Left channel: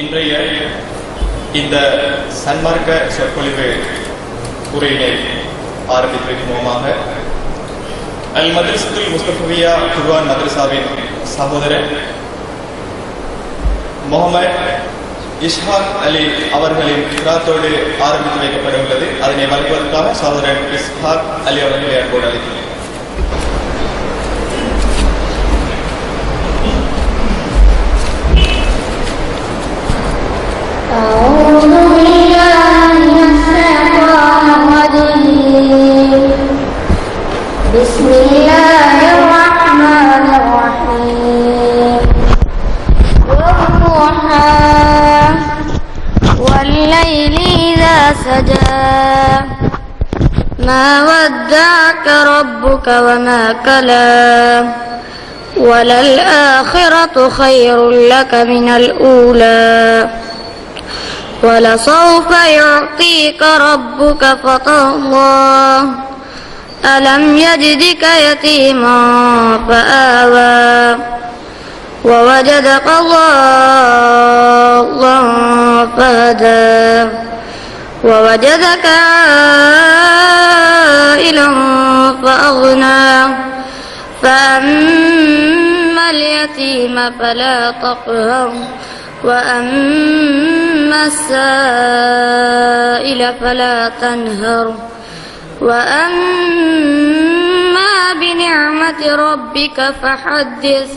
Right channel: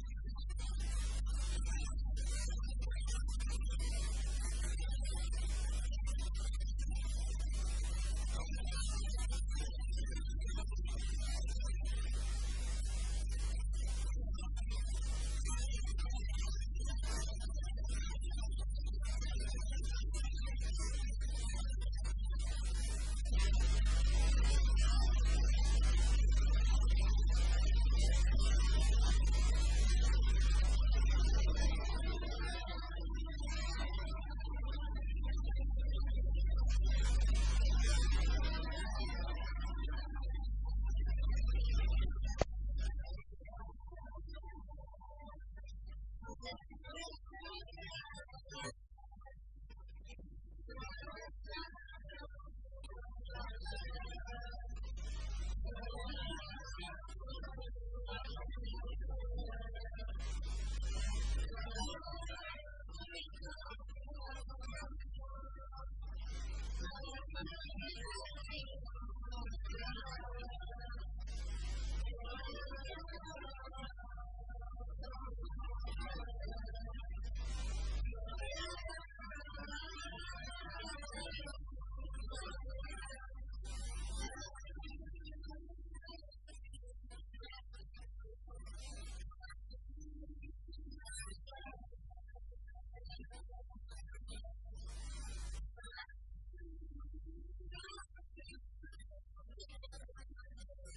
இன்றைய இந்த சன்மார்க்க சொற்பொழிவு உரையினை ஆரம்பிப்பதற்கு மூலமாக அல் மத்ரஸத்துல் முஸ்தஃபவியா குர்ஆன் மத்ரஸாவின் சகோதரர் முகமது இஸ்ஹாக் அலி அவர்களின் கிராத்தோடு ஆரம்பித்து வைக்கப்பட உள்ளது. அதனை வழங்குவதற்காக சகோதரர் இஸ்ஹாக் அலி அவர்களை அன்போடு அழைக்கிறேன். بسم الله الرحمن الرحيم والضحى والليل إذا سجى ما ودعك ربك وما قلى وللآخرة خير لك من الأولى ولسوف يعطيك ربك فترضى ألم يجدك يتيما فآوى ووجدك ضالا فهدى ووجدك عائلا فأغنى فأما اليتيم فلا تقهر وأما السائل فلا تنهر وأما بنعمة ربك فحدث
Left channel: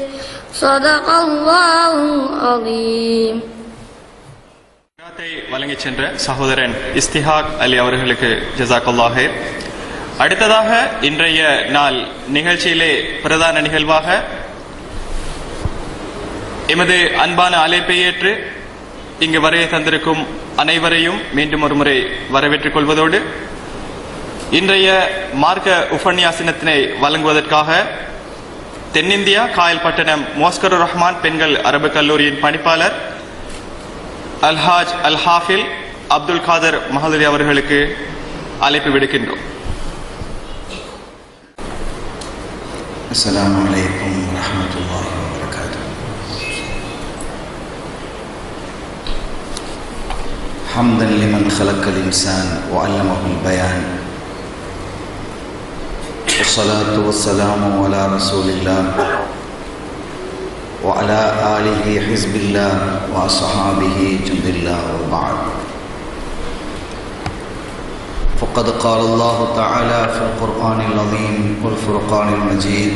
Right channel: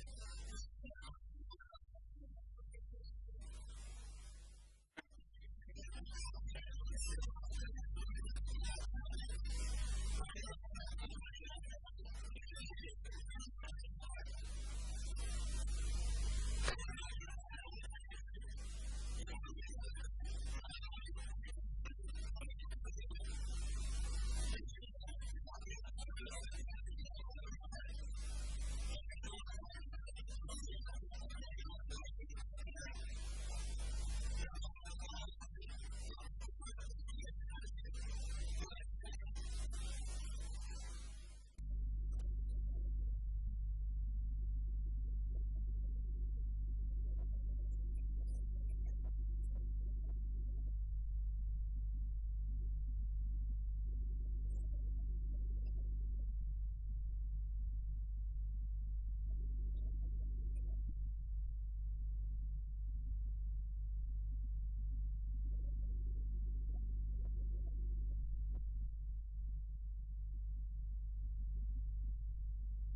صدق الله العظيم. வழங்கிச் சென்ற சகோதரன் இஸ்திஹாக் அலி அவர்களுக்கு ஜஸாக்கல்லாஹ் ஹைர். அடுத்ததாக இன்றைய நாள் நிகழ்ச்சியிலே பிரதான நிகழ்வாக எமது அன்பான அழைப்பை ஏற்று இங்கு வருகை தந்திருக்கும் அனைவரையும் மீண்டும் ஒரு முறை வரவேற்றுக் கொள்வதோடு இன்றைய மார்க்க உபன்யாசனத்தினை வழங்குவதற்காக தென்னிந்தியா காயல்பட்டணம் மோஸ்கருர் ரஹ்மான் பெண்கள் அரபு கல்லூரியின் பணிப்பாளர் அல்ஹாஜ் அல் ஹாஃபில் அப்துல் காதர் மஹதுரி அவர்களுக்கு அழைப்பு விடுக்கின்றோம். அஸ்ஸலாமு அலைக்கும் வரஹ்மத்துல்லாஹி வபரகாத்துஹு. ஹம்தன் லிமன் ஹலக்கல் இன்சான் வஅல்லமஹுல் பயான் والصلاة والسلام على رسول الله وعلى آله حزب الله وأصحابه جند الله وبعد. فقد قال الله تعالى في القرآن العظيم والفرقان المجيد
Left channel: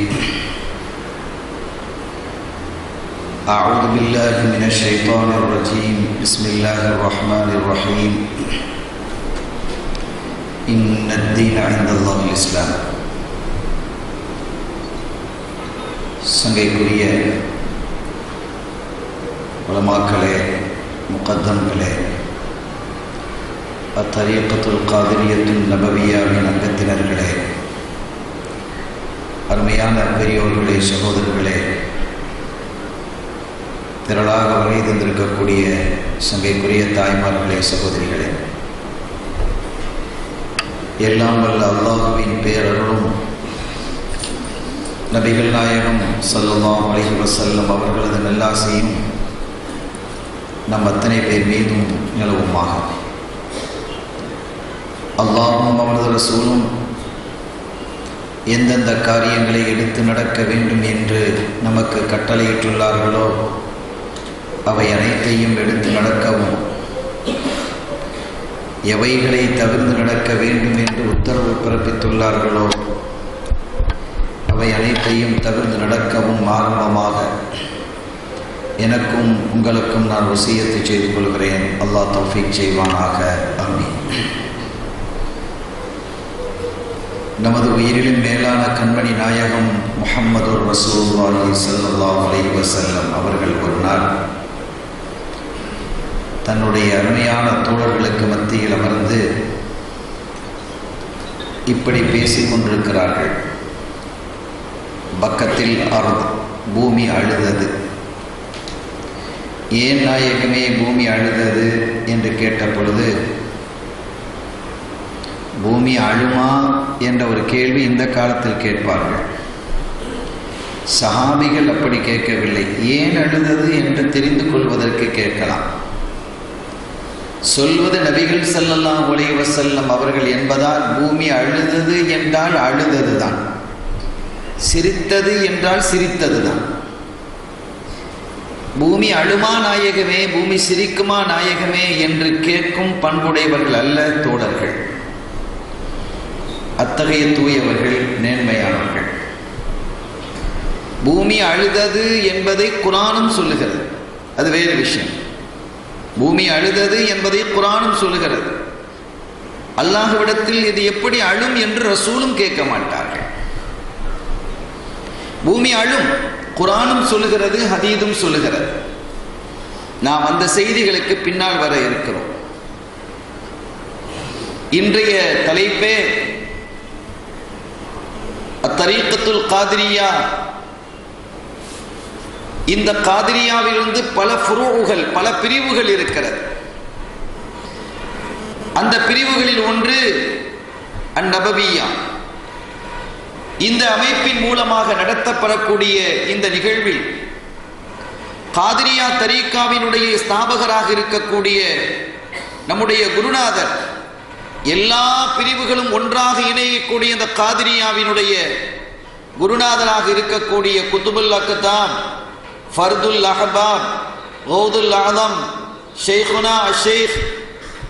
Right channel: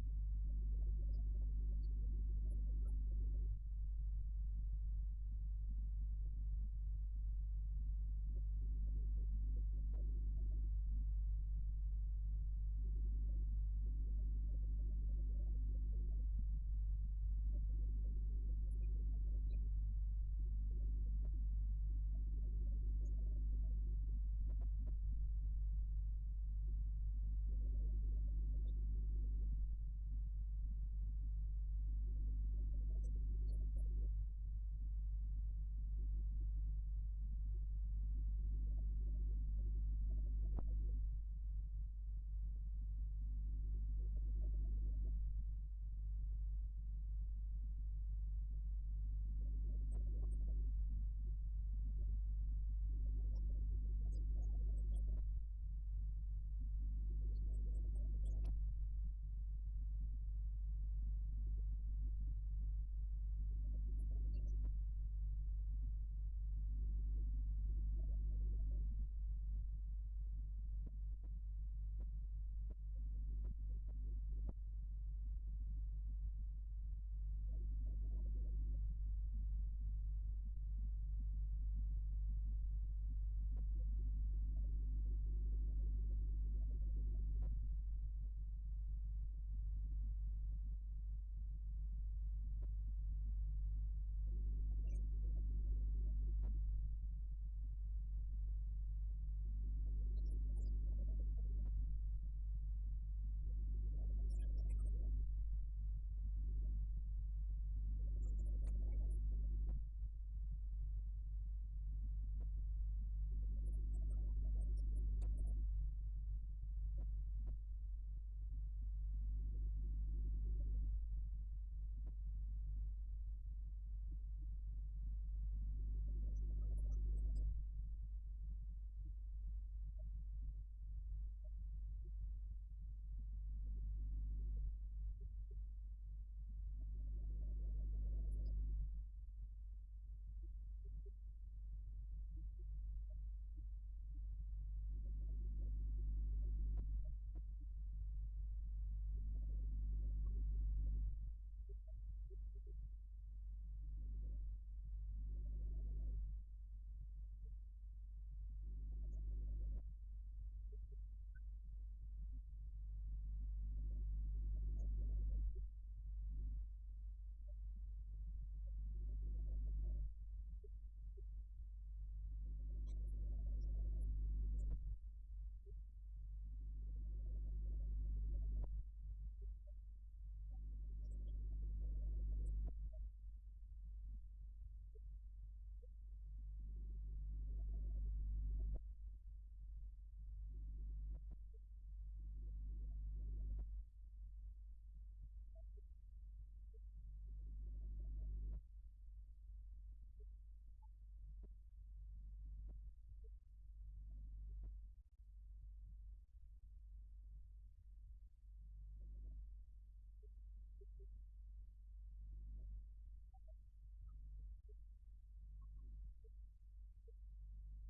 أعوذ بالله من الشيطان الرجيم بسم الله الرحمن الرحيم إن الدين عند الله الإسلام. சங்கைக்குரிய உலமாக்களே, முகத்தம்களே, அத்தரீகத்துல் காதிரியத்துல் நபவியாவின் அங்கத்தினர்களே, அருமையான பெரியோர்களே, சகோதரர்களே, திரளாக வருகை தந்திருக்கக்கூடிய சங்கைக்குரிய தாய்மார்களே, சகோதரிகளே, எல்லாம் வல்ல அல்லாஹுவின் பேரருளும் நபிகள் நாயகம் ஸல்லல்லாஹு அலைஹி வஸல்லம் அவர்களது நல்லாசியும் நம் அத்தனை பேர் மீதும் நிலவுமாக. அல்லாஹும் அவரது ரசூலும் எந்தெந்த காரியங்களை எடுத்து நடக்க வேண்டும் என்று நமக்கு கட்டளையிட்டுள்ளார்களோ அவை அனைத்தையும் எடுத்து நடக்கவும், எவைகளை தவிர்த்து நடக்க வேண்டும் என்று உத்தரவு பிறப்பித்துள்ளார்களோ அவை அனைத்தையும் தவிர்த்து நடக்கவும் ஆரம்பமாக எனக்கும் உங்களுக்கும் நான் வசியத்தை செய்து கொள்கிறேன். அல்லாஹ் தௌஃபீக் செய்வானாக. ஆமீன். நமது உயிரிலும் மேலான கண்மணி நாயகம் முஹம்மது ரசூலுல்லாஹி ஸல்லல்லாஹு அலைஹி வஸல்லம் அவர்கள் ஒரு நாள் தன்னுடைய அருமையான தோழர்களுக்கு மத்தியில் அமர்ந்து இப்படி பேசிக் கொண்டிருக்கிறார்கள். பக்கத்தில் பூமி அழுதது. ஏன் நாயகமே பூமி அழுதது என்று கேட்ட பொழுது, பூமி அழுமா என்ற ஒரு கேள்வி இந்த காலத்தில் கேட்பார்கள். சஹாபிகள் அப்படி கேட்கவில்லை. ஏன் அழுதது என்று தெரிந்து கொள்வதற்கு கேட்கலாம். சொல்வது நபிகள் ஸல்லல்லாஹு அலைஹி வஸல்லம் அவர்கள் என்பதால் பூமி அழுதது என்றால் அழுததுதான், சிரித்தது என்றால் சிரித்ததுதான். பூமி அழுமா நாயகமே, பூமி சிரிக்குமா நாயகமே என்று கேட்கும் பண்புடையவர்கள் அல்ல தோழர்கள். அத்தகைய தூயவர்கள், நேர்மையானவர்கள். பூமி அழுதது என்பதை குர்ஆனும் சொல்லுகிறது, அது வேறு விஷயம். பூமி அழுதது என்பதை குர்ஆனும் சொல்லுகிறது. அல்லாஹ்விடத்தில் இது எப்படி அழும் என்று ரசூலும் கேட்க மாட்டார்கள். பூமி அழும், குர்ஆனும் சொல்லுகிறது, ஹதீதும் சொல்லுகிறது. நாம் அந்த செய்திகளுக்கு பின்னால் வர இருக்கிறோம். இன்றைய தலைப்பே அத்தரீக்கத்துல் காதிரியா. இந்த காதிரியாவிலிருந்து பல ஃபுரூகள், பல பிரிவுகள் இருக்கிறது. அந்த பிரிவுகளில் ஒன்று அந்நபவியா. இந்த அமைப்பின் மூலமாக நடத்தப்படக்கூடிய இந்த நிகழ்வில் காதிரியா தரீக்காவினுடைய ஸ்தாபகராக இருக்கக்கூடிய நம்முடைய குருநாதர், எல்லா பிரிவுகளும் ஒன்றாக இணையக்கூடிய இந்த காதிரியாவினுடைய குருநாதராக இருக்கக்கூடிய குதுபுல் அக்தாம், ஃபர்துல் அஹ்பாப், கௌதுல் ஆதம், ஷேகுனா ஷேக்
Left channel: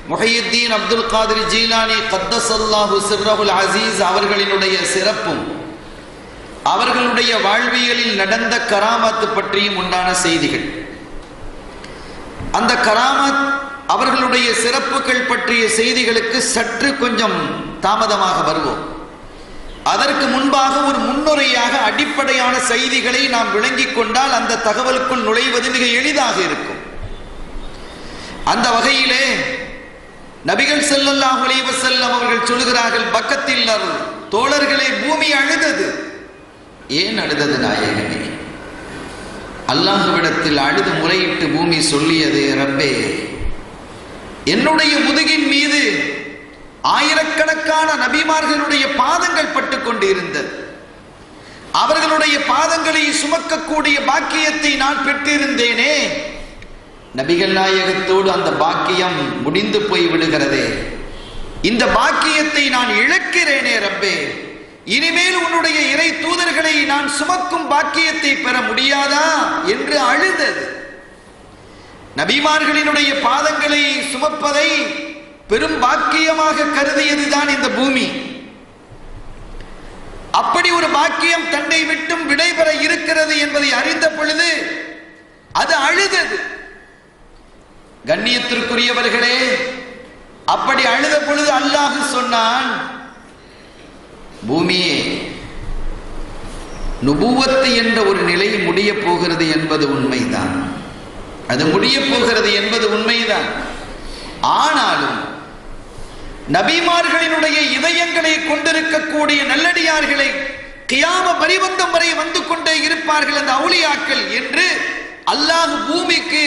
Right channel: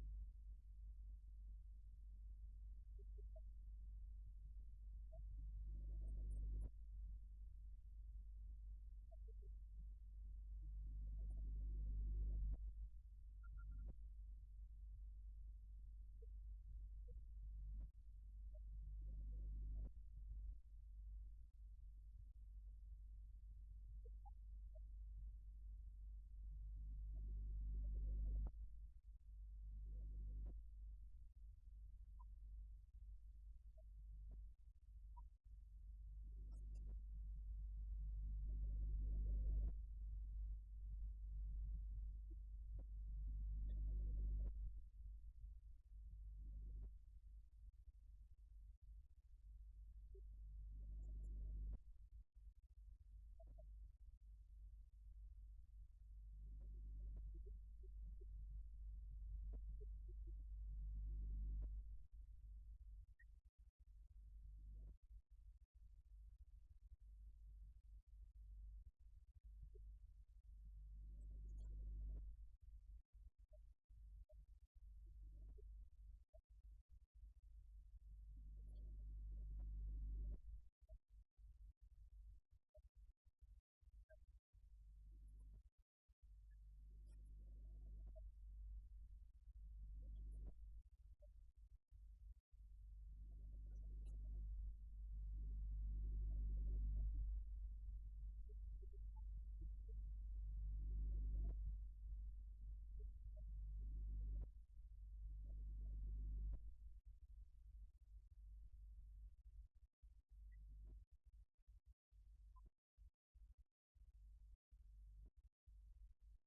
முஹையுத்தீன் அப்துல் காதிர் ஜீலானி கத்தஸல்லாஹு சிர்ரஹுல் அசீஸ் அவர்களினுடைய சிறப்பும் அவர்களுடைய வாழ்வியலில் நடந்த கராமத்து பற்றியும் உண்டான செய்திகள். அந்த கராமத், அவர்களுடைய சிறப்புகள் பற்றிய செய்திகளுக்கு சற்று கொஞ்சம் தாமதமாக வருவோம். அதற்கு முன்பாக ஒரு முன்னுரையாக அடிப்படையான செய்திகளை நாம் விளங்கிக் கொண்டால் அந்த தகவலுக்குள் நுழைவது மிக எளிதாக இருக்கும். அந்த வகையிலே நபிகள் ஸல்லல்லாஹு அலைஹி வஸல்லம் அவர்கள் சொல்கிறார்கள், பக்கத்தில் தோழர்களே, பூமி அழுதது. ஏன் அழுதது நாயகமே? அல்லாஹ்விடத்தில் அழுது முறையிட்டு பூமி சொல்லியது, ரப்பே, என்னுடைய முதுகின் மீது ஆயிரக்கணக்கான நபிமார்களுடைய பாதங்கள் பட்டுக் கொண்டு இருந்தது. அவர்களுடைய பாதங்களை சுமக்கக்கூடிய பாக்கியத்தை நான் பெற்றிருந்தேனே, நபிகள் நாயகத்தோடு அந்த பாக்கியம் முடிந்து போய் விடுகிறதே. இந்த பாக்கியத்தை நான் இழக்கிறேனே ரப்பே, இனிமேல் உன்னுடைய இறை தூதர்களை நான் சுமக்கும் பாக்கியத்தை பெற முடியாதா என்று அழுதது. நபிமார்களினுடைய பாதங்களை சுமப்பதை பெரும் பாக்கியமாக கருதியதுதான் இந்த பூமி. அப்படி ஒரு பாக்கியம் தன்னை விட்டும் விடைபெற இருக்கிறது என்பதை அறிந்த பொழுது அது அழுதது. கண்ணியத்திற்குரியவர்களே, அப்படி அழுத பொழுது அல்லாஹ் சொன்னான், பூமியே, நுபுவத்து என்ற ஒரு நிலை முடிய போகிறது என்பது உண்மைதான். அது முடிய போகிறது என்பது உண்மைதான். ஆனாலும் நபிமார்களினுடைய இதயங்களை கொண்டிருக்கக்கூடிய நல்லடியார்களை கியாம பரிபந்தம் வரை வந்து கொண்டே இருப்பார்கள் அந்த அவுலியாக்கள் என்று அல்லாஹ் பூமிக்கு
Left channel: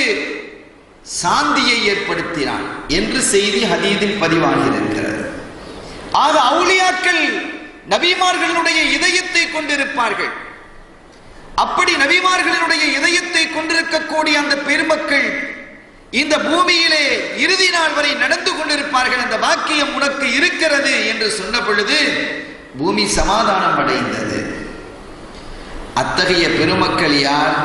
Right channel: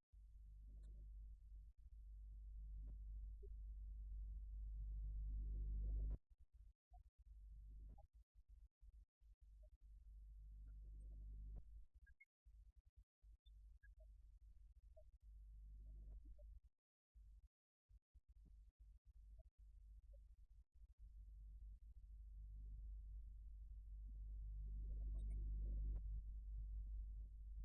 சாந்தியை ஏற்படுத்தினான் என்று செய்தி ஹதீஸில் பதிவாகி இருக்கிறது. ஆக அவுலியாக்கள் நபிமார்களுடைய இதயத்தை கொண்டிருப்பார்கள். அப்படி நபிமார்களுடைய இதயத்தை கொண்டிருக்கக்கூடிய அந்த பெருமக்கள் இந்த பூமியிலே இறுதி நாள் வரை நடந்து கொண்டிருப்பார்கள். அந்த வாக்கியம் உனக்கு இருக்கிறது என்று சொன்ன பொழுது பூமி சமாதானம் அடைந்தது. அத்தகைய பெருமக்கள் யார்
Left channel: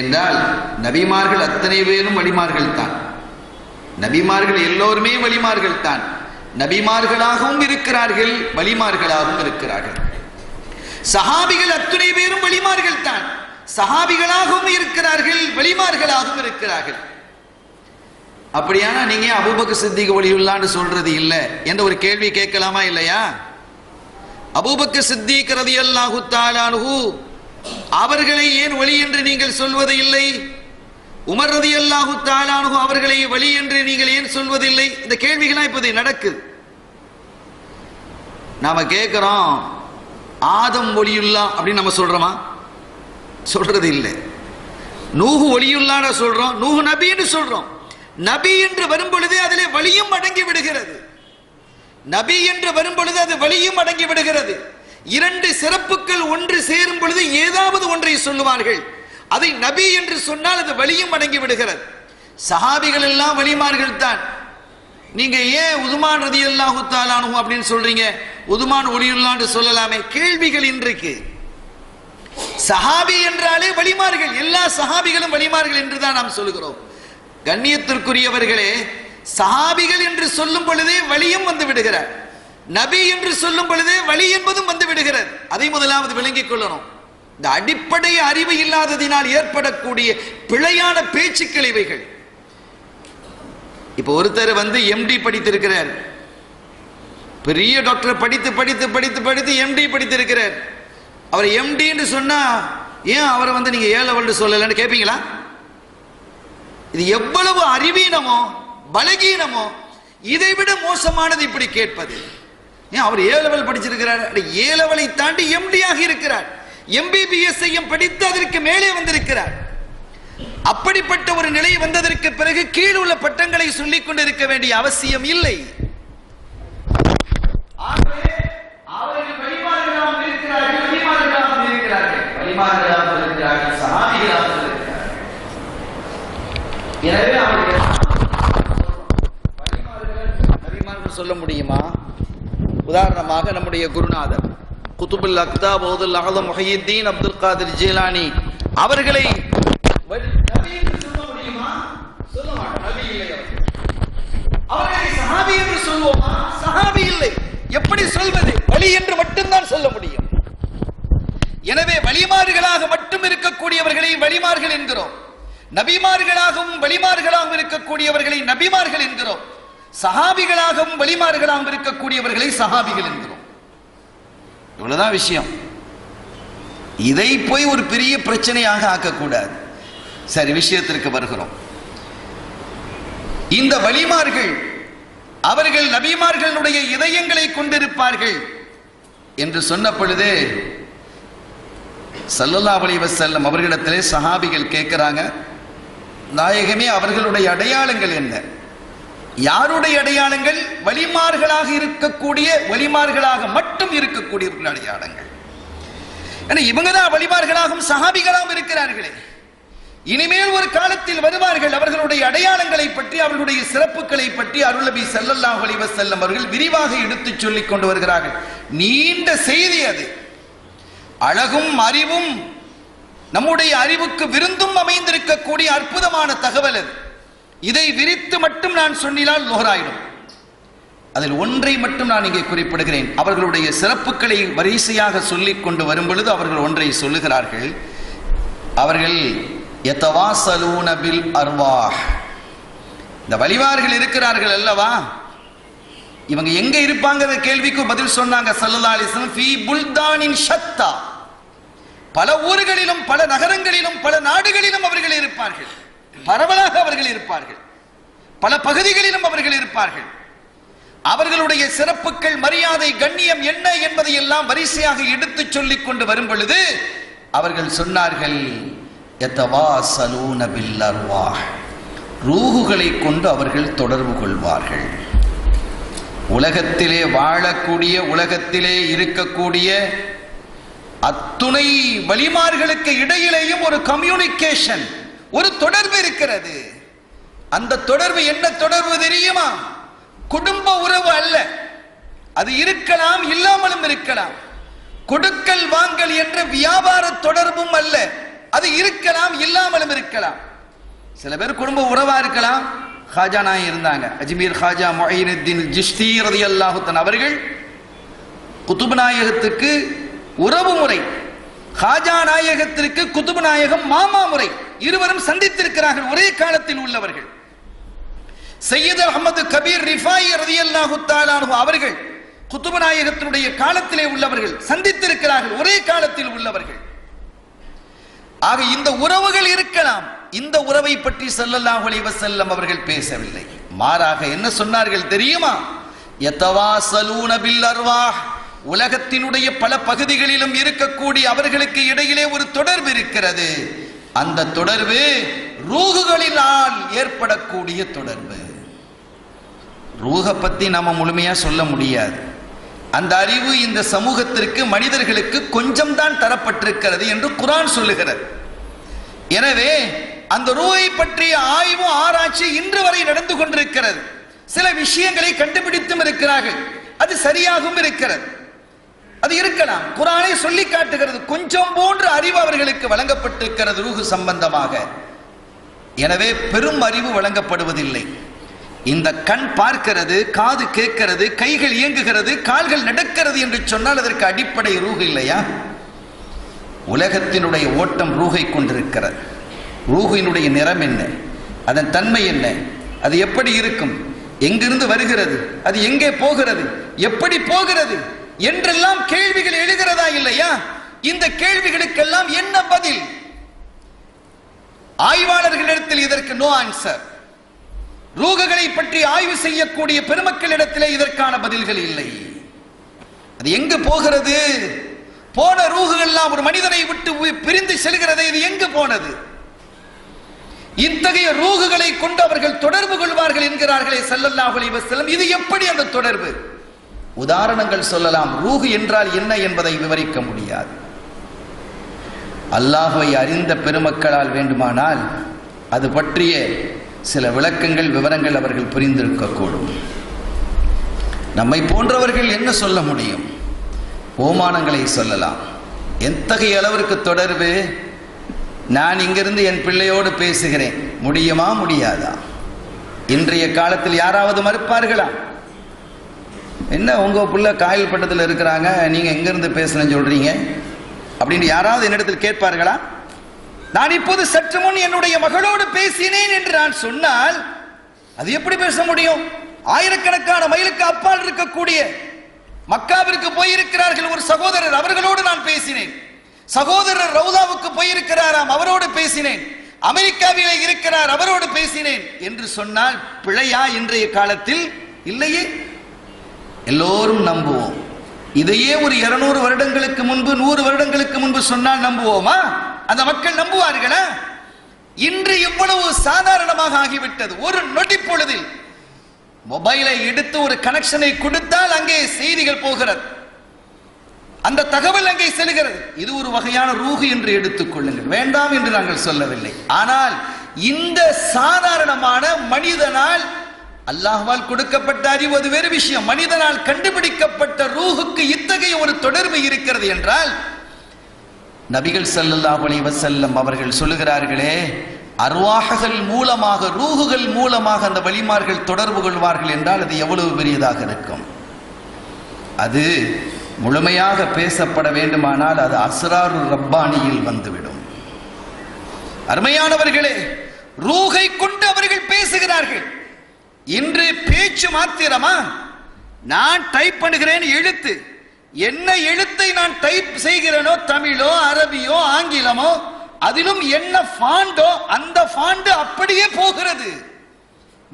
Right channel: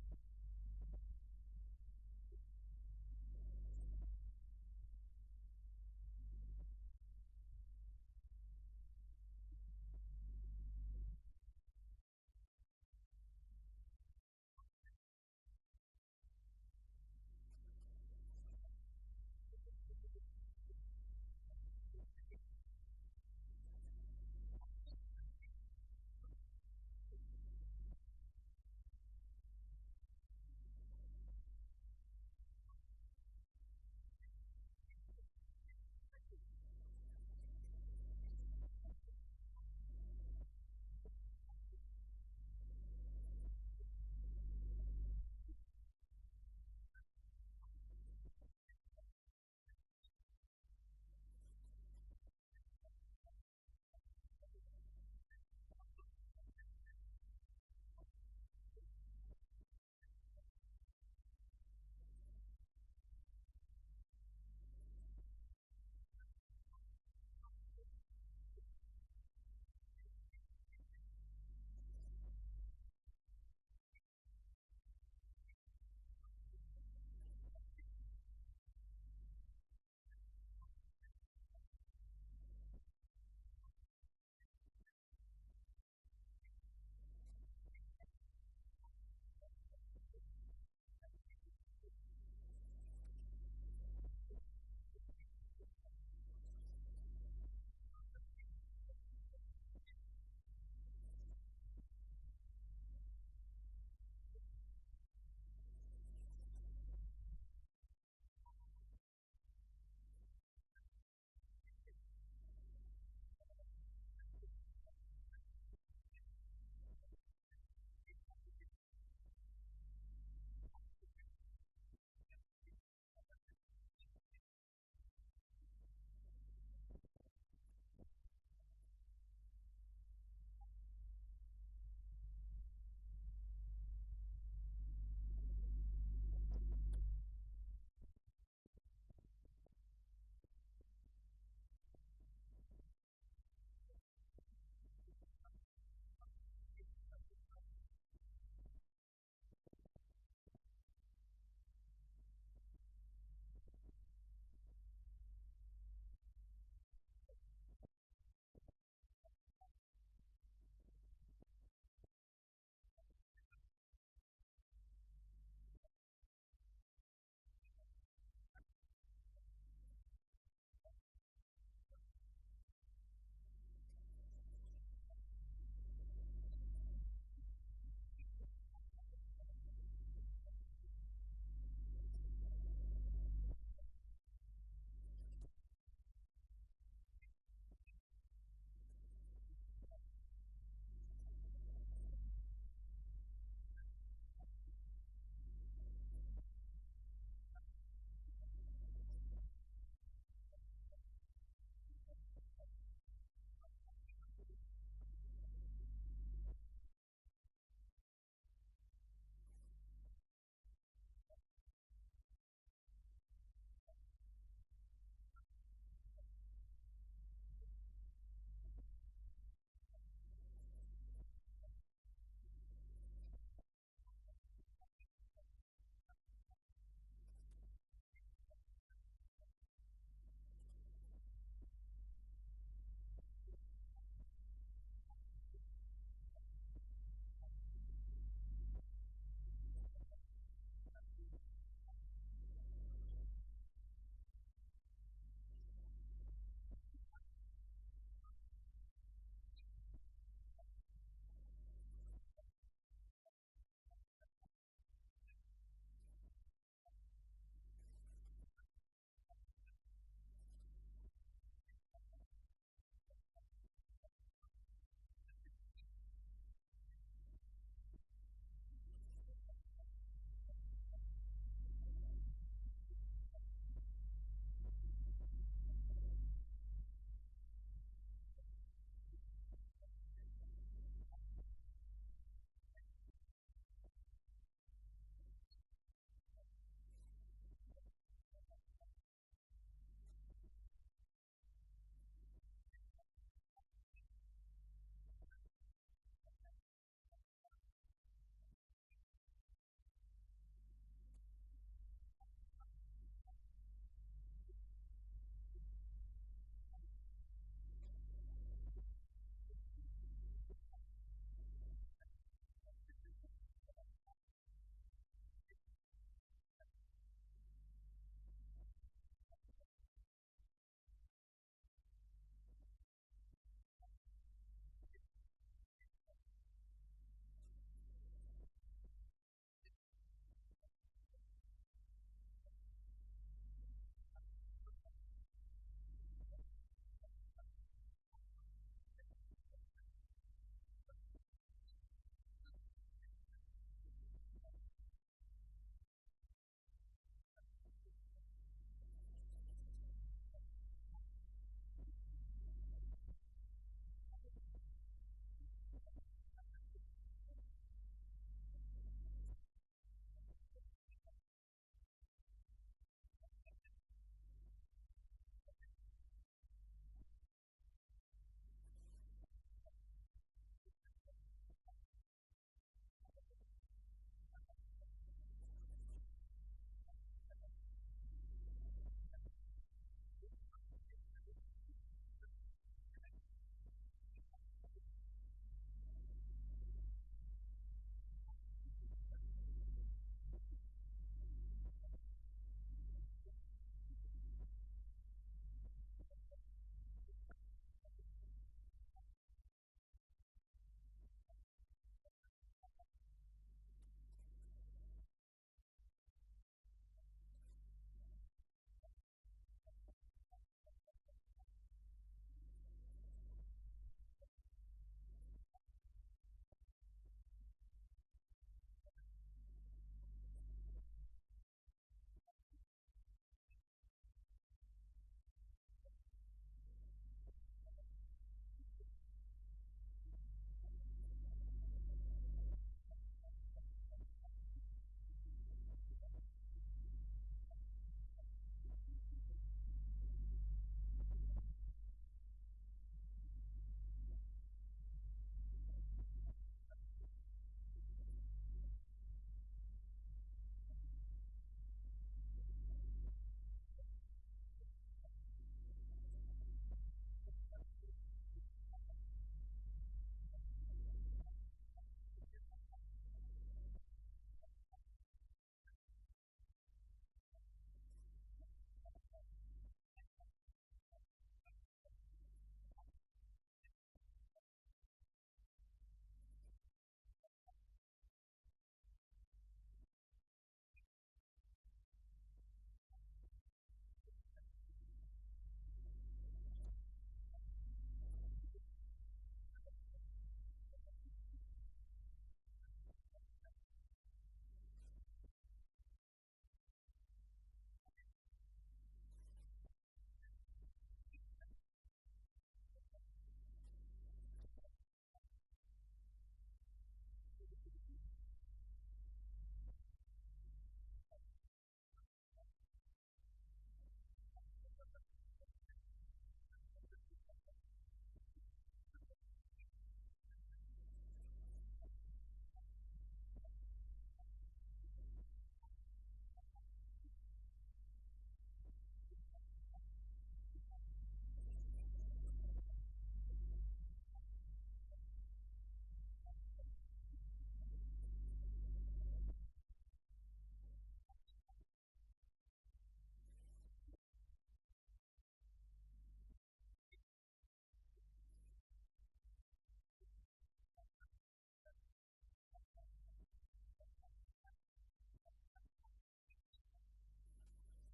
என்றால், நபிமார்கள் அத்தனை பேரும் வலிமார்கள் தான். நபிமார்கள் எல்லோருமே வலிமார்கள் தான். நபிமார்களாகவும் இருக்கிறார்கள், வலிமார்களாகவும் இருக்கிறார்கள். சஹாபிகள் அத்தனை பேரும் வலிமார்கள் தான். சஹாபிகளாகவும் இருக்கிறார்கள், வலிமார்களாகவும் இருக்கிறார்கள். அப்படியானா நீங்க அபூபக்கர் சித்திக் வலியுல்லான்னு சொல்றது இல்லை என்ற ஒரு கேள்வி கேட்கலாமா இல்லையா? அபூபக்கர் சித்திக் ரலியல்லாஹு தஆலா அன்ஹு அவர்களை ஏன் வலி என்று நீங்கள் சொல்வது இல்லை? உமர் ரலியல்லாஹு தஆலா அன்ஹு அவர்களை வலி என்று நீங்கள் ஏன் சொல்வதில்லை? இந்த கேள்விகள்லாம் இப்போது நடக்குது. நாம கேட்கிறோம், ஆதம் ஒலியுல்லா அப்படின்னு நம்ம சொல்றோமா? சொல்றது இல்லை. நூஹு ஒலியுல்லான்னு சொல்றோம், நூஹு நபின்னு சொல்றோம். நபி என்று வரும் பொழுது அதிலே வலியும் அடங்கி விடுகிறது. நபி என்று வரும் பொழுது அது வலியும் அடங்கி விடுகிறது. இரண்டு சிறப்புகள் ஒன்று சேரும் பொழுது ஏதாவது ஒன்றை சொல்லுவார்கள். அதை நபி என்று சொன்னால் அது வலியும் அடங்கி விடுகிறது. சஹாபிகள் எல்லாம் வலிமார்கள் தான். நீங்க ஏன் உதுமான் ரலியல்லாஹு தஆலா அன்ஹு அப்படின்னு சொல்றீங்க? உதுமான் ஒலியுல்லான்னு சொல்லலாமே. கேள்விகள் இன்றைக்கு. சஹாபி என்றாலே வலிமார்கள், எல்லா சஹாபிகளும் வலிமார்கள் என்றுதான் நாம் சொல்லுகிறோம். கண்ணியத்திற்குரியவர்களே, சஹாபிகள் என்று சொல்லும் பொழுதே வலியும் வந்து விடுகிறார், நபி என்று சொல்லும் பொழுதே வலி என்பதும் வந்து விடுகிறது. அதை முதலாவது விளங்கிக் கொள்ளணும். இந்த அடிப்படை அறிவு இல்லாததினால் ஏற்படக்கூடிய பிழையான பேச்சுக்கள் இவைகள். இப்ப ஒருத்தர் வந்து எம்டி படித்திருக்கிறார், பெரிய டாக்டர் படித்து படித்து படித்து படித்து எம்டி படித்திருக்கிறார். அவர் எம்டி என்று சொன்னா ஏன் அவரை வந்து நீங்க ஏ லெவல் சொல்லலன்னு கேட்பீங்களா? இது எவ்வளவு அறிவீனமோ பலகீனமோ, இதை விட மோசமானது இப்படி கேட்பது. ஏன் அவர் ஏ லெவல் படிச்சிருக்கிறார், ஏ லெவலை தாண்டி எம்டி ஆகி இருக்கிறார், எம்பிபிஎஸ் படித்து அதற்கு மேலே வந்திருக்கிறார். அப்படிப்பட்ட ஒரு நிலை வந்ததற்கு பிறகு கீழ் உள்ள பட்டங்களை சொல்லிக் கொண்டிருக்க வேண்டிய அவசியம் இல்லை. சொல்ல முடியுமா? உதாரணமாக நம்முடைய குருநாதர் குதுபுல் அக்தாப் பௌதுல் அஹ்லம் முஹையீத்தீன் அப்துல் காதிர் ஜீலானி அவர்களை நபி என்று சொல்ல முடியுமா? சொல்ல மாட்டோம். நபி இல்லை. அவர்களை சஹாபி என்று சொல்வோமா? சஹாபி இல்லை. எப்படி சொல்வது? வலி என்று மட்டும்தான் சொல்ல முடியும். எனவே வலிமார்களாக மட்டும் இருக்கக்கூடியவர்களை வலிமார்கள் என்கிறோம். நபிமார்களாகவும் வலிமார்களாகவும் இருக்கக்கூடியவர்களை நபிமார்கள் என்கிறோம். சஹாபிகளாகவும் வலிமார்களாகவும் இருக்கக்கூடியவர்களை சஹாபிகள் என்கிறோம். இவ்வளவுதான் விஷயம். இதை போய் ஒரு பெரிய பிரச்சனையாக ஆக்கக்கூடாது. சரி, விஷயத்திற்கு வருகிறோம். இந்த வலிமார்கள் அவர்கள் நபிமார்களுடைய இதயங்களை கொண்டிருப்பார்கள் என்று சொன்ன பொழுது ஸல்லல்லாஹு அலைஹி வஸல்லம் அவர்களிடத்திலே சஹாபிகள் கேட்கிறாங்க, நாயகமே அவர்களுடைய அடையாளங்கள் என்ன? யாருடைய அடையாளங்கள்? வலிமார்களாக இருக்கக்கூடிய, வலிமார்களாக மட்டும் இருக்கக்கூடியவர்கள் அடையாளங்கள். ஏன்னா இவங்க தான் வலிமார்களாகவும் சஹாபிகளாகவும் இருக்கிறார்களே. இனிமேல் ஒரு காலத்தில் வருவார்கள். அவர்களுடைய அடையாளங்களை பற்றி, அவர்களுடைய சிறப்புகளை பற்றி அருள் நபி ஸல்லல்லாஹு அலைஹி வஸல்லம் அவர்கள் விரிவாக எடுத்துச் சொல்லிக் கொண்டு வருகிறார்கள். நீண்ட செய்தி அது. அழகும் அறிவும் நம்முடைய அறிவுக்கு விருந்தும் அமைந்திருக்கக்கூடிய அற்புதமான தகவல் அது. இதை விரித்து மட்டும் நான் சொன்னால் லோகராயிடும். அதில் ஒன்றை மட்டும் நான் இங்கே குறிப்பிடுகிறேன். அவர்களுடைய சிறப்புகளை வரிசையாக சொல்லிக் கொண்டு வரும் பொழுது அவர்கள் ஒன்றை சொல்லுகிறார்கள். அவர்கள் யதவாஸலூன பில் அர்வாஹ். இந்த வலிமார்கள் இருக்கிறார்கள் அல்லவா, இவங்க எங்க இருப்பாங்க கேள்விக்கு பதில் சொன்னாங்க ஸல்லல்லாஹு அலைஹி வஸல்லம், ஃபீ புல்தானின் ஷத்தா. பல ஊர்களிலும் பல நகரங்களிலும் பல நாடுகளிலும் அவர்கள் இருப்பார்கள். பரவலாக அவர்கள் இருப்பார்கள். பல பகுதிகளிலும் அவர்கள் இருப்பார்கள். அவர்களுடைய சிறப்புகள், மரியாதை, கண்ணியம் என்ன என்பதை எல்லாம் வரிசையாக எடுத்துச் சொல்லிக் கொண்டு வரும் பொழுது அவர்கள் சொன்னார்கள், யதவாஸலூன பில் அர்வாஹ். ரூஹுகளை கொண்டு அவர்கள் தொடர்பு கொள்வார்கள். உலகத்திலே வாழக்கூடிய, உலகத்திலே இருக்கக்கூடிய அத்துணை வலிமார்களுக்கு இடையிலேயும் ஒரு கம்யூனிகேஷன், ஒரு தொடர்பு இருக்கிறது. அந்த தொடர்பு என்ன தொடர்பு தெரியுமா? குடும்ப உறவு அல்ல. அது இருக்கலாம், இல்லாமலும் இருக்கலாம். கொடுக்கல் வாங்கல் என்ற வியாபார தொடர்பும் அல்ல. அது இருக்கலாம், இல்லாமலும் இருக்கலாம். சில பேர் குடும்ப உறவா இருக்கலாம். காஜா நாயகம் இருந்தாங்க, அஜ்மீர் காஜா முஹையினுத்தீன் ஜிஷ்தி ரலியல்லாஹு தஆலா அவர்கள் குதுப் நாயகத்துக்கு உறவு முறை, காஜா நாயகத்திற்கு குதுப் நாயகம் மாமா முறை. இருவரும் சந்தித்திருக்கிறார்கள், ஒரே காலத்தில் உள்ளவர்கள். சையத் அஹ்மது கபீர் ரிஃபாயி ரலியல்லாஹு தஆலா அன்ஹு அவர்கள் குதுப் நாயகத்தினுடைய காலத்திலே உள்ளவர்கள், சந்தித்திருக்கிறார்கள், ஒரே காலத்தில் உள்ளவர்கள். ஆக இந்த உறவுகள் இருக்கலாம். இந்த உறவை பற்றி ஸல்லல்லாஹு அலைஹி வஸல்லம் அவர்கள் பேசவில்லை. மாறாக என்ன சொன்னார்கள் தெரியுமா? யதவாஸலூன பில் அர்வாஹ். உலகத்தினுடைய பல பகுதிகளிலும் இருக்கக்கூடிய அவர்களுக்கு இடையிலே ஒரு தொடர்பு இருக்கிறது. அந்த தொடர்பு ரூஹுகளினால் ஏற்படக்கூடிய தொடர்பு. ரூஹை பத்தி நாம முழுமையா சொல்ல முடியாது. அந்த அறிவு இந்த சமூகத்திற்கு, மனிதர்களுக்கு கொஞ்சம் தான் தரப்பட்டிருக்கிறது என்று குர்ஆன் சொல்லுகிறது. எனவே அந்த ரூஹை பற்றிய ஆய்வு, ஆராய்ச்சி இன்று வரை நடந்து கொண்டிருக்கிறது. சில விஷயங்களை கண்டுபிடித்தும் இருக்கிறார்கள். அது சரியாகவும் இருக்கிறது. அது இருக்கலாம். குர்ஆனே சொல்லி காட்டுகிறது, கொஞ்சம் போன்ற அறிவு அவர்களுக்கு வழங்கப்பட்டிருக்கிறது ரூஹ் சம்பந்தமாக. எனவே பெரும் அறிவு வழங்கப்படுவதில்லை. இந்த கண் பார்க்கிறது, காது கேட்கிறது, கைகள் இயங்குகிறது, கால்கள் நடக்கிறது என்று சொன்னால் அதற்கு அடிப்படை ரூஹ் இல்லையா? உலகத்தினுடைய ஓட்டம் ரூஹை கொண்டிருக்கிறது. ரூஹினுடைய நிறம் என்ன, அதன் தன்மை என்ன, அது எப்படி இருக்கும், எங்கிருந்து வருகிறது, அது எங்கே போகிறது, எப்படி போகிறது என்றெல்லாம் கேள்விகள் எழுகிறதா இல்லையா? இந்த கேள்விகளுக்கெல்லாம் என்ன பதில்? ஆய்வாளர்களிடத்தில் இதற்கு நோ ஆன்சர். ரூஹுகளை பற்றி ஆய்வு செய்யக்கூடிய பெருமக்களிடத்திலே இதற்கான பதில்கள் இல்லை. அது எங்கு போகிறது? போன ரூஹுகள் எல்லாம் ஒரு மனிதனை விட்டு பிரிந்து செல்கிறது. இது எங்கு போனது? இத்தகைய ரூஹுகளை கொண்டு அவர்கள் தொடர்பு கொள்வார்கள் என்கிறார்களே ஸல்லல்லாஹு அலைஹி வஸல்லம். இது எப்படி அந்த தொடர்பு? உதாரணங்கள் சொல்லலாம். ரூஹ் என்றால் என்ன என்பதை விவரிக்க முடியாது. அல்லாஹ்வை அறிந்த பெருமக்களால் வேண்டுமானால் அது பற்றிய சில விளக்கங்கள், விவரங்கள் அவர்கள் புரிந்திருக்கக்கூடும். நம்மை போன்றவர்கள் என்ன சொல்ல முடியும்? ஓமானங்களை சொல்லலாம். எத்தகைய அளவிற்கு தொடர்பு? நான் இங்கிருந்து என் பிள்ளையோடு பேசுகிறேன், முடியுமா முடியாதா? இன்றைய காலத்தில் யாராவது மறுப்பார்களா? என்ன உங்க பிள்ளை காயல் பட்டத்தில் இருக்கிறாங்க, நீங்க எங்கிருந்து பேசணும்னு சொல்றீங்க அப்படின்னு யாராவது என்னிடத்தில் கேட்பார்களா? நான் இப்போது சற்று முன் என்னுடைய மகளோடு பேசினேன் என்று நான் சொன்னால் அது எப்படி பேச முடியும்? ஆயிரக்கணக்கான மைலுக்கு அப்பால் இருக்கக்கூடிய மக்காவிற்கு போயிருக்கிறார்கள் ஒரு சகோதரர், அவர்களோடு நான் பேசினேன். சகோதரர் ரவுதாவுக்கு போயிருக்கிறாராம், அவரோடு பேசினேன். அமெரிக்காவிலே இருக்கிறார், அவரோடு பேசினேன் என்று சொன்னால் பிழையா? இன்றைய காலத்தில் இல்லையே. எல்லோரும் நம்புவோம். இதையே ஒரு 200 வருடங்களுக்கு முன்பு, 100 வருடங்களுக்கு முன்பு சொன்னால் நம்புவோமா? அந்த மக்கள் நம்புவார்களா? இன்று இவ்வளவு சாதாரணமாக ஆகிவிட்டது. ஒரு நொடி பொழுதில் மொபைலை எடுத்து ஒரு கனெக்ஷனை கொடுத்தால் அங்கே செய்திகள் போகிறது, அந்த தகவல் அங்கே செல்கிறது. இது ஒரு வகையான ரூஹ் என்று எடுத்துக் கொள்ளுங்கள், வேண்டாம் என்று நாங்கள் சொல்லவில்லை. ஆனால் இந்த சாதாரணமான மனிதனால், அல்லாஹ்வால் கொடுக்கப்பட்ட அறிவு அது வேறு விஷயம், மனிதனால் கண்டுபிடிக்கப்பட்ட ரூஹுக்கு இத்தகைய ஒரு தொடர்பு இருக்கிறது என்றால், நபிகள் ஸல்லல்லாஹு அலைஹி வஸல்லம் அவர்கள் சொல்லுகிறார்களே, அர்வாஹுகள் மூலமாக, ரூஹுகள் மூலமாக அந்த வலிமார்கள் தொடர்பு கொள்வார்கள் என்றால் அது எவ்வளவு பெரியதாக இருக்கும். அது முழுமையாக பேசப்பட வேண்டுமானால் அது அஸ்ராரு ரப்பானியில் வந்துவிடும். அருமையானவர்களே, ரூஹை கொண்டு அவர்கள் பேசுகிறார்கள். இன்று பேச்சு மாத்திரமா? நான் டைப் பண்ணுகிறேன் எழுத்து, என்ன எழுத்தை நான் டைப் செய்கிறேனோ, தமிழோ அரபியோ ஆங்கிலமோ, அதிலும் என்ன ஃபாண்டோ அந்த ஃபாண்ட் அப்படியே போகிறது.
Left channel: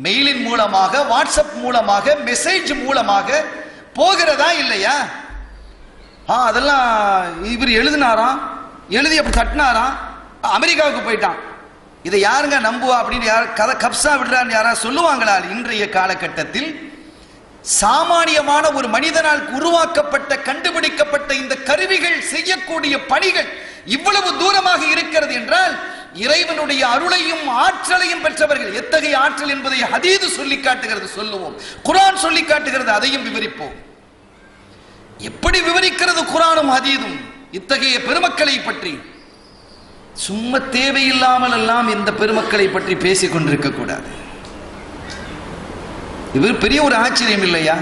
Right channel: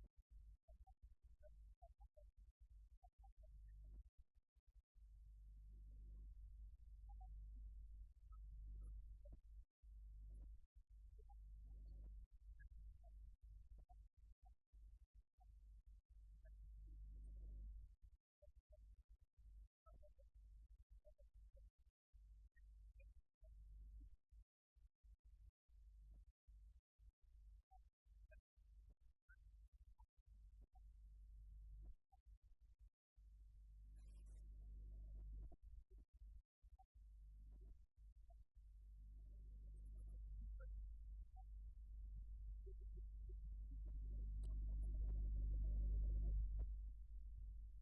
மெயிலின் மூலமாக, வாட்ஸ்அப் மூலமாக, மெசேஜ் மூலமாக போகிறதா இல்லையா? அதெல்லாம் இவர் எழுதினாராம், எழுதி அப்படி தட்டினாராம், அமெரிக்காவுக்கு போயிட்டான். இதை யாருங்க நம்புவா அப்படின்னு யார் கதை கப்சா விடுறான்னு யாராவது சொல்லுவாங்களா? இன்றைய காலகட்டத்தில் சாமானியமான ஒரு மனிதனால் உருவாக்கப்பட்ட, கண்டுபிடிக்கப்பட்ட இந்த கருவிகள் செய்யக்கூடிய பணிகள் இவ்வளவு தூரமாக இருக்கிறது என்றால், இறைவனுடைய அருளையும் ஆற்றலையும் பெற்றவர்கள். எத்தகைய ஆற்றல் என்பதை ஹதீது சொல்லி காட்டுகிறது, சொல்லுவோம். குர்ஆன் சொல்லி காட்டுகிறது, அதையும் விவரிப்போம். எப்படி விவரிக்கிறது குர்ஆனும் ஹதீதும் இத்தகைய பெருமக்களை பற்றி? சும்மா தேவையில்லாமல் எல்லாம் இந்த பெருமக்களை பற்றி பேசிக் கொண்டிருக்க கூடாது. இது பெரிய ஒரு ஆச்சரியம் இல்லையா?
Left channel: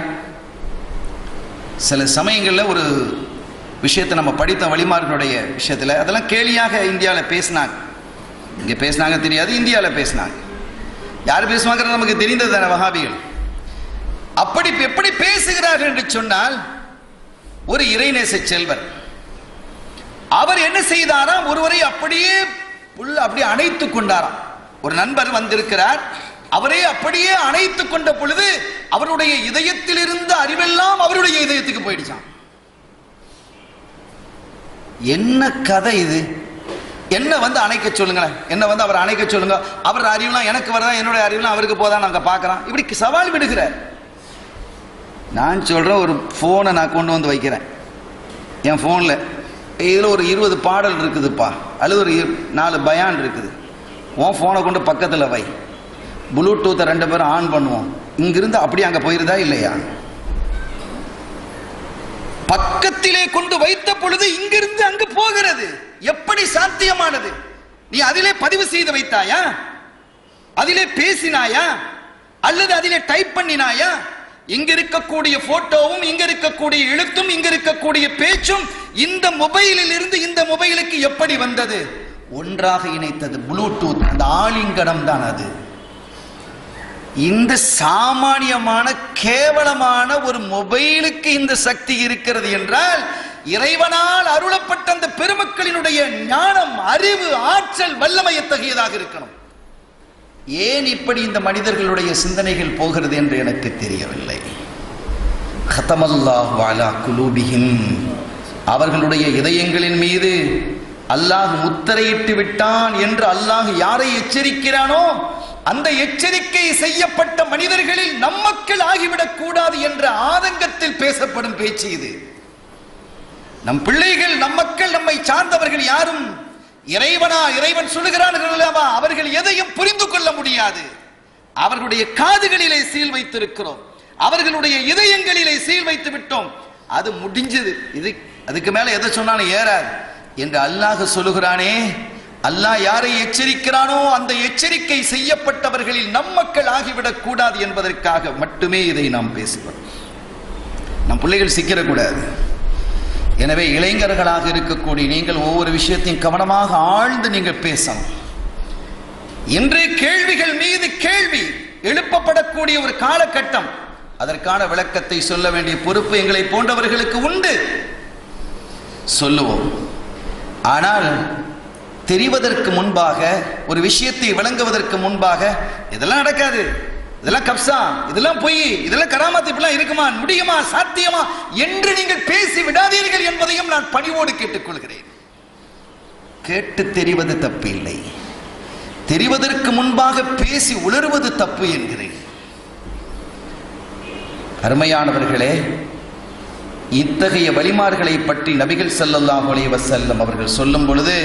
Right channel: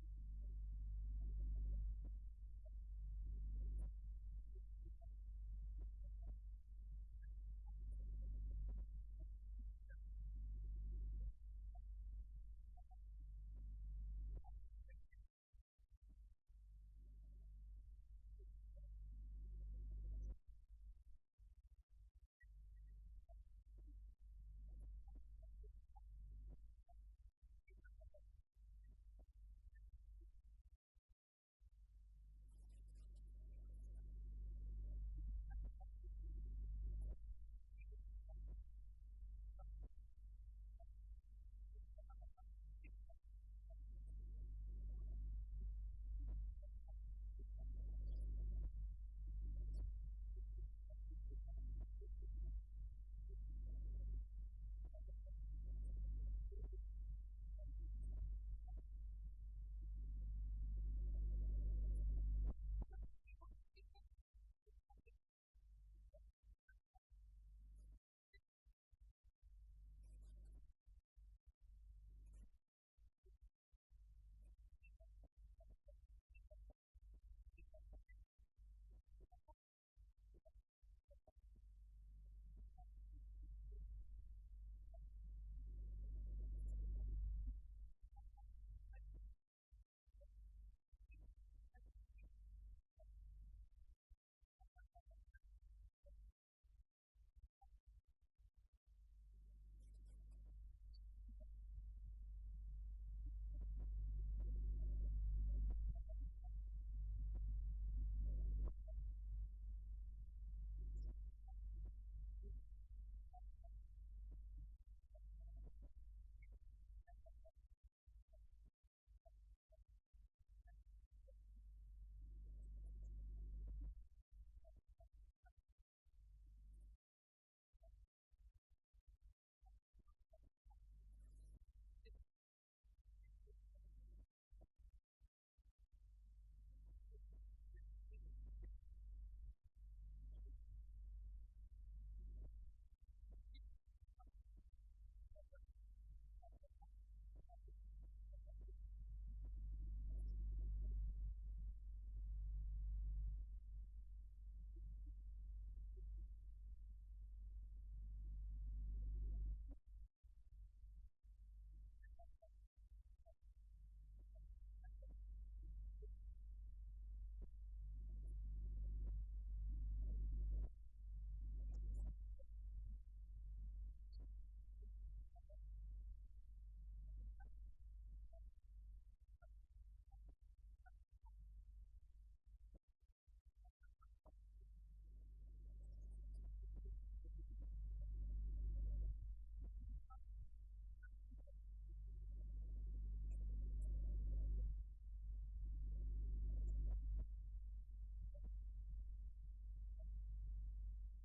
சில சமயங்களில் ஒரு விஷயத்தை நம்ம படித்த வழிமார்களுடைய விஷயத்தில் அதெல்லாம் கேலியாக இந்தியாவில் பேசினாங்க. இங்கே பேசினாங்க தெரியாது, இந்தியாவில் பேசினாங்க. யார் பேசுவாங்கிறது நமக்கு தெரிந்தது தானே, வஹாபிகள். அப்படி எப்படி பேசுகிறார்கள் என்று சொன்னால், ஒரு இறைநேச செல்வர் அவர் என்ன செய்தாராம், ஒருவரை அப்படியே அணைத்துக் கொண்டாராம். ஒரு நண்பர் வந்திருக்கிறார், அவரே அப்படியே அணைத்துக் கொண்ட பொழுது அவருடைய இதயத்தில் இருந்த அறிவெல்லாம் அவருடைய இதயத்துக்கு போயிடுச்சான். என்ன கதை இது? என்ன வந்து அணைக்க சொல்லுங்களேன், என்ன வந்து அவர் அணைக்க சொல்லுங்க, அவர் அறிவுலாம் எனக்கு வரதா, என்னுடைய அறிவுலாம் அவருக்கு போதான் நாங்க பார்க்கிறோம். இப்படி சவால் விடுகிறார். நான் சொல்றேன், ஒரு போனை நான் கொண்டு வந்து வைக்கிறேன் என் போன்ல, இதுல ஒரு 20 பாடல் இருக்குதுப்பா, அல்லது ஒரு 4 பயான் இருக்குது, உன் போனை கொண்டு பக்கத்துல வை, ப்ளூடூத்தை 2 பேரும் ஆன் பண்ணுவோம், இங்கிருந்து அப்படி அங்க போயிருதா இல்லையா? பக்கத்திலே கொண்டு வைத்த பொழுது இங்கிருந்து அங்கு போகிறது. எப்படி சாத்தியமானது? நீ அதிலே பதிவு செய்து வைத்தாயா? அதிலே பேசினாயா? அல்லது அதிலே டைப் பண்ணினாயா? இங்க இருக்கக்கூடிய போட்டோவும் இங்க இருக்கக்கூடிய எழுத்தும் இங்க இருக்கக்கூடிய பேச்சும் இந்த மொபைலில் இருந்து இந்த மொபைலுக்கு எப்படி வந்தது? ஒன்றாக இணைத்தது ப்ளூடூத், அந்த ஆலிங்கனம் தான் அது. இந்த சாமானியமான கேவலமான ஒரு மொபைலுக்கு இந்த சக்தி இருக்கிறது என்றால், இறைவனால் அருளப்பட்ட அந்த பெருமக்களினுடைய ஞானம், அறிவு, ஆற்றல், வல்லமை எத்தகையதாக இருக்கணும். ஏன் இப்படி இந்த மனிதர்களுடைய சிந்தனைகள் போகிறது என்று எனக்கு தெரியவில்லை. கதமல்லாஹு அலா குலூபிஹிம், அவர்களுடைய இதயங்களின் மீது அல்லாஹ் முத்திரையிட்டு விட்டான் என்று அல்லாஹ் யாரை எச்சரிக்கிறானோ அந்த எச்சரிக்கை செய்யப்பட்ட மனிதர்களில் நம் மக்கள் ஆகிவிடக் கூடாது என்ற ஆதங்கத்தில் பேசப்படும் பேச்சு இது. நம் பிள்ளைகள், நம் மக்கள், நம்மை சார்ந்தவர்கள் யாரும் இறைவன் சொல்லுகிறார்கள், அவர்கள் எதையும் புரிந்து கொள்ள முடியாது. அவர்களுடைய காதுகளிலே சீல் வைத்திருக்கிறோம், அவர்களுடைய இதயங்களிலே சீல் வைத்து விட்டோம். அது முடிஞ்சது, இது அதுக்கு மேல எதை சொன்னாலும் ஏறாது என்று அல்லாஹ் சொல்லுகிறானே. அல்லாஹ் யாரை எச்சரிக்கிறானோ அந்த எச்சரிக்கை செய்யப்பட்டவர்களில் நம் மக்கள் ஆகிவிடக் கூடாது என்பதற்காக மட்டுமே இதை நாம் பேசுவோம். நம் பிள்ளைகள் சிக்கிடக்கூடாது. எனவே இளைஞர்களாக இருக்கக்கூடிய நீங்கள் ஒவ்வொரு விஷயத்தையும் கவனமாக ஆழ்ந்து நீங்கள் பேசணும். இன்று கேள்விகள் மீது கேள்வி எழுப்பப்படக்கூடிய ஒரு காலகட்டம். அதற்கான விளக்கத்தை சொல்ல வேண்டிய பொறுப்பு எங்களை போன்றவர்களுக்கு உண்டு. சொல்லுவோம். ஆனால் தெரிவதற்கு முன்பாக, ஒரு விஷயத்தை விளங்குவதற்கு முன்பாக, இதெல்லாம் நடக்காது, இதெல்லாம் கப்சா, இதெல்லாம் பொய், இதெல்லாம் கராமத்து, இப்படிலாம் இருக்குமா, முடியுமா, சாத்தியமா என்று நீங்கள் பேசி விடாதீர்கள் என்பதையும் நான் பணிவோடு கேட்டுக்கொள்கிறேன். கேட்டு தெரிவது தப்பு இல்லை, தெரிவதற்கு முன்பாக பேசி உளறுவது தப்பு என்கிறேன். அருமையானவர்களே, இத்தகைய வலிமார்களை பற்றி நபிகள் ஸல்லல்லாஹு அலைஹி வஸல்லம் அவர்கள் சொல்லும் பொழுது,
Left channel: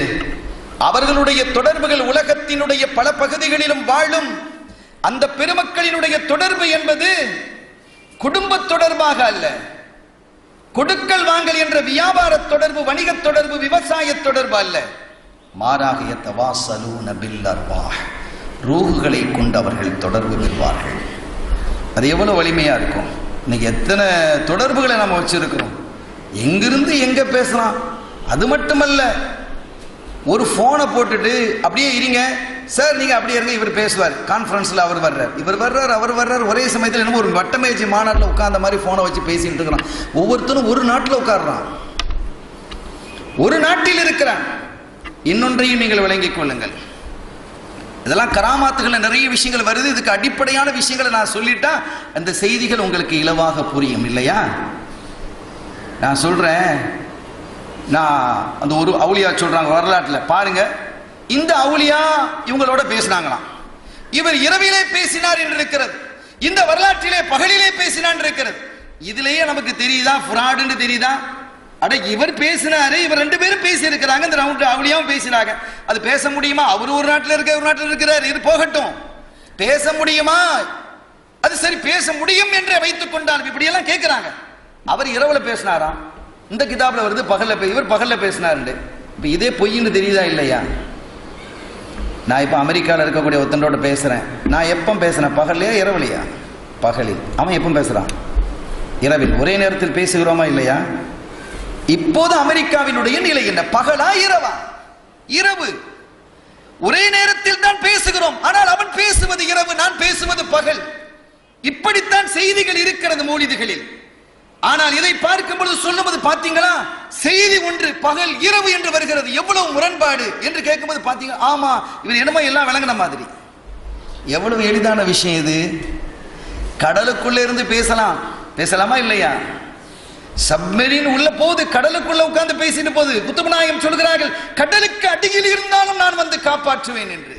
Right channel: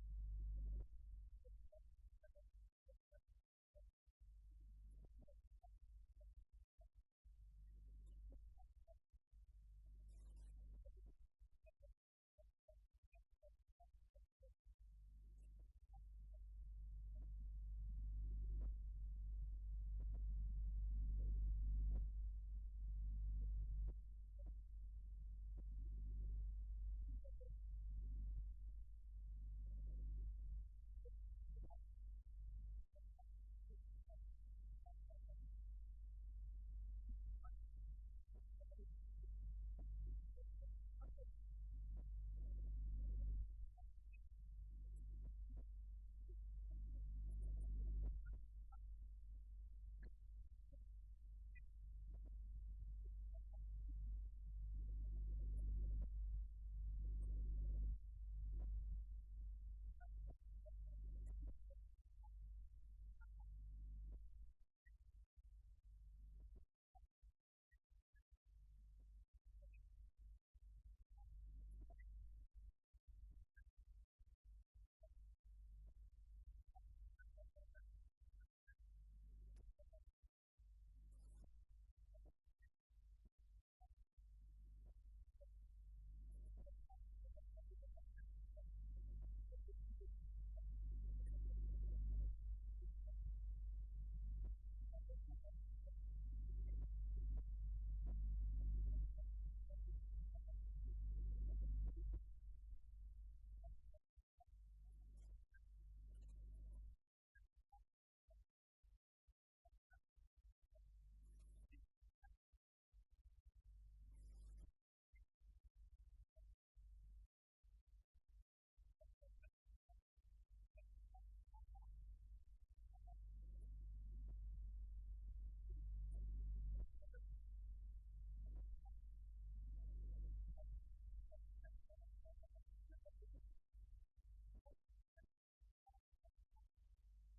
அவர்களுடைய தொடர்புகள் உலகத்தினுடைய பல பகுதிகளிலும் வாழும் அந்த பெருமக்களினுடைய தொடர்பு என்பது குடும்ப தொடர்பாக அல்ல, கொடுக்கல் வாங்கல் என்ற வியாபார தொடர்பு, வணிக தொடர்பு, விவசாய தொடர்பு அல்ல. மாறாக யதவாஸலூன பில் அர்வாஹ், ரூஹுகளை கொண்டு அவர்கள் தொடர்பு பெறுவார்கள். அது எவ்வளவு வலிமையா இருக்கும். இன்னைக்கு எத்தனை தொடர்புகளை நம்ம வச்சிருக்கிறோம், எங்கிருந்து எங்க பேசலாம். அது மட்டுமல்ல, ஒரு போனை போட்டுட்டு அப்படியே இருங்க சார், நீங்க அப்படியே இருங்க, இவர் பேசுவார், கான்ஃபரன்ஸ்ல அவர் வர்றார், இவர் வர்றார், அவர் வர்றார், ஒரே சமயத்தில் என்னமோ ஒரு வட்டமேஜி மாநாட்டில் உட்கார்ந்த மாதிரி போனை வச்சு பேசிட்டு இருக்கிறான். ஒவ்வொருத்தரும் ஒரு நாட்டில் உட்கார்றான், ஒரு நாட்டில் இருக்கிறான். இன்னொன்றையும் நீங்கள் விளங்கிக் கொள்ளுங்கள். இதெல்லாம் கராமாத்துகள், நிறைய விஷயங்கள் வருது. இதுக்கு அடிப்படையான விஷயங்களை நான் சொல்லிட்டா அந்த செய்திகள் உங்களுக்கு இலவாக புரியும் இல்லையா? நான் சொல்றேன், நான் அந்த ஒரு அவுலியா சொல்றாங்க வரலாற்றில் பாருங்க. இந்த அவுலியா இவங்களோட பேசினாங்களாம், இவர் இரவிலே பேசினார் என்று இருக்கிறது, இந்த வரலாற்றிலே பகலிலே பேசினான் இருக்கிறது. இதுலயே நமக்கு தெரியுதா ஃப்ராடுன்னு தெரியுதா? அட, இவர் பேசினாரு, இவர் 2 பேரும் பேசி இருக்கிறாங்க, இந்த அவுலியாவும் பேசினாங்க. அது பேச முடியுமா? அவரு ஒரு நாட்டில் இருக்க, ஒரு நாட்டில் இருக்கிறார், இது போகட்டும். பேச முடியுமா? அது சரி, பேச முடியும் என்று வைத்துக் கொண்டால் இப்படி எல்லாம் கேட்கிறாங்க. அவர் இரவுல பேசினாராம், இந்த கிதாப்ல வருது பகல்ல, இவர் பகல்ல பேசினாரு. இப்ப இதே பொய்ன்னு தெரியுதா இல்லையா? நான் இப்ப அமெரிக்காவில் இருக்கக்கூடிய ஒருத்தனோட பேசுறேன். நான் எப்ப பேசுறேன்? பகல்லையா இரவுலையா? பகலில். அவன் எப்ப பேசுறான்? இரவில். ஒரே நேரத்தில் பேசுகிறோமா இல்லையா? இப்போது அமெரிக்காவினுடைய நிலை என்ன? பகலா இரவா? இரவு. ஒரே நேரத்தில் தான் பேசுகிறோம், ஆனால் அவன் பேசுவது இரவு, நான் பேசுவது பகல். இப்படித்தான் செய்திகள் இருக்கிறது மௌலிதுகளில். ஆனால் இதை பார்க்கும் பொழுது சொல்லுவது பாத்தீங்களா, செய்தி ஒன்று பகல் இரவு என்று வருகிறது, எவ்வளவு முரண்பாடு என்று கேட்கும்போது பாத்தீங்க, ஆமா இவர் என்னமோ எல்லாம் விளங்கின மாதிரி. எவ்வளவு எளிதான விஷயம் இது. கடலுக்குள்ள இருந்து பேசலாம், பேசலாமா இல்லையா? சப்மெரின் உள்ள போது, கடலுக்குள்ள உட்கார்ந்து பேசிட்டு போது குத்துபு நாயகம் சொல்கிறார்கள், கடலுக்கு அடியில் இருந்தாலும் நான் வந்து காப்பாற்றுவேன் என்று.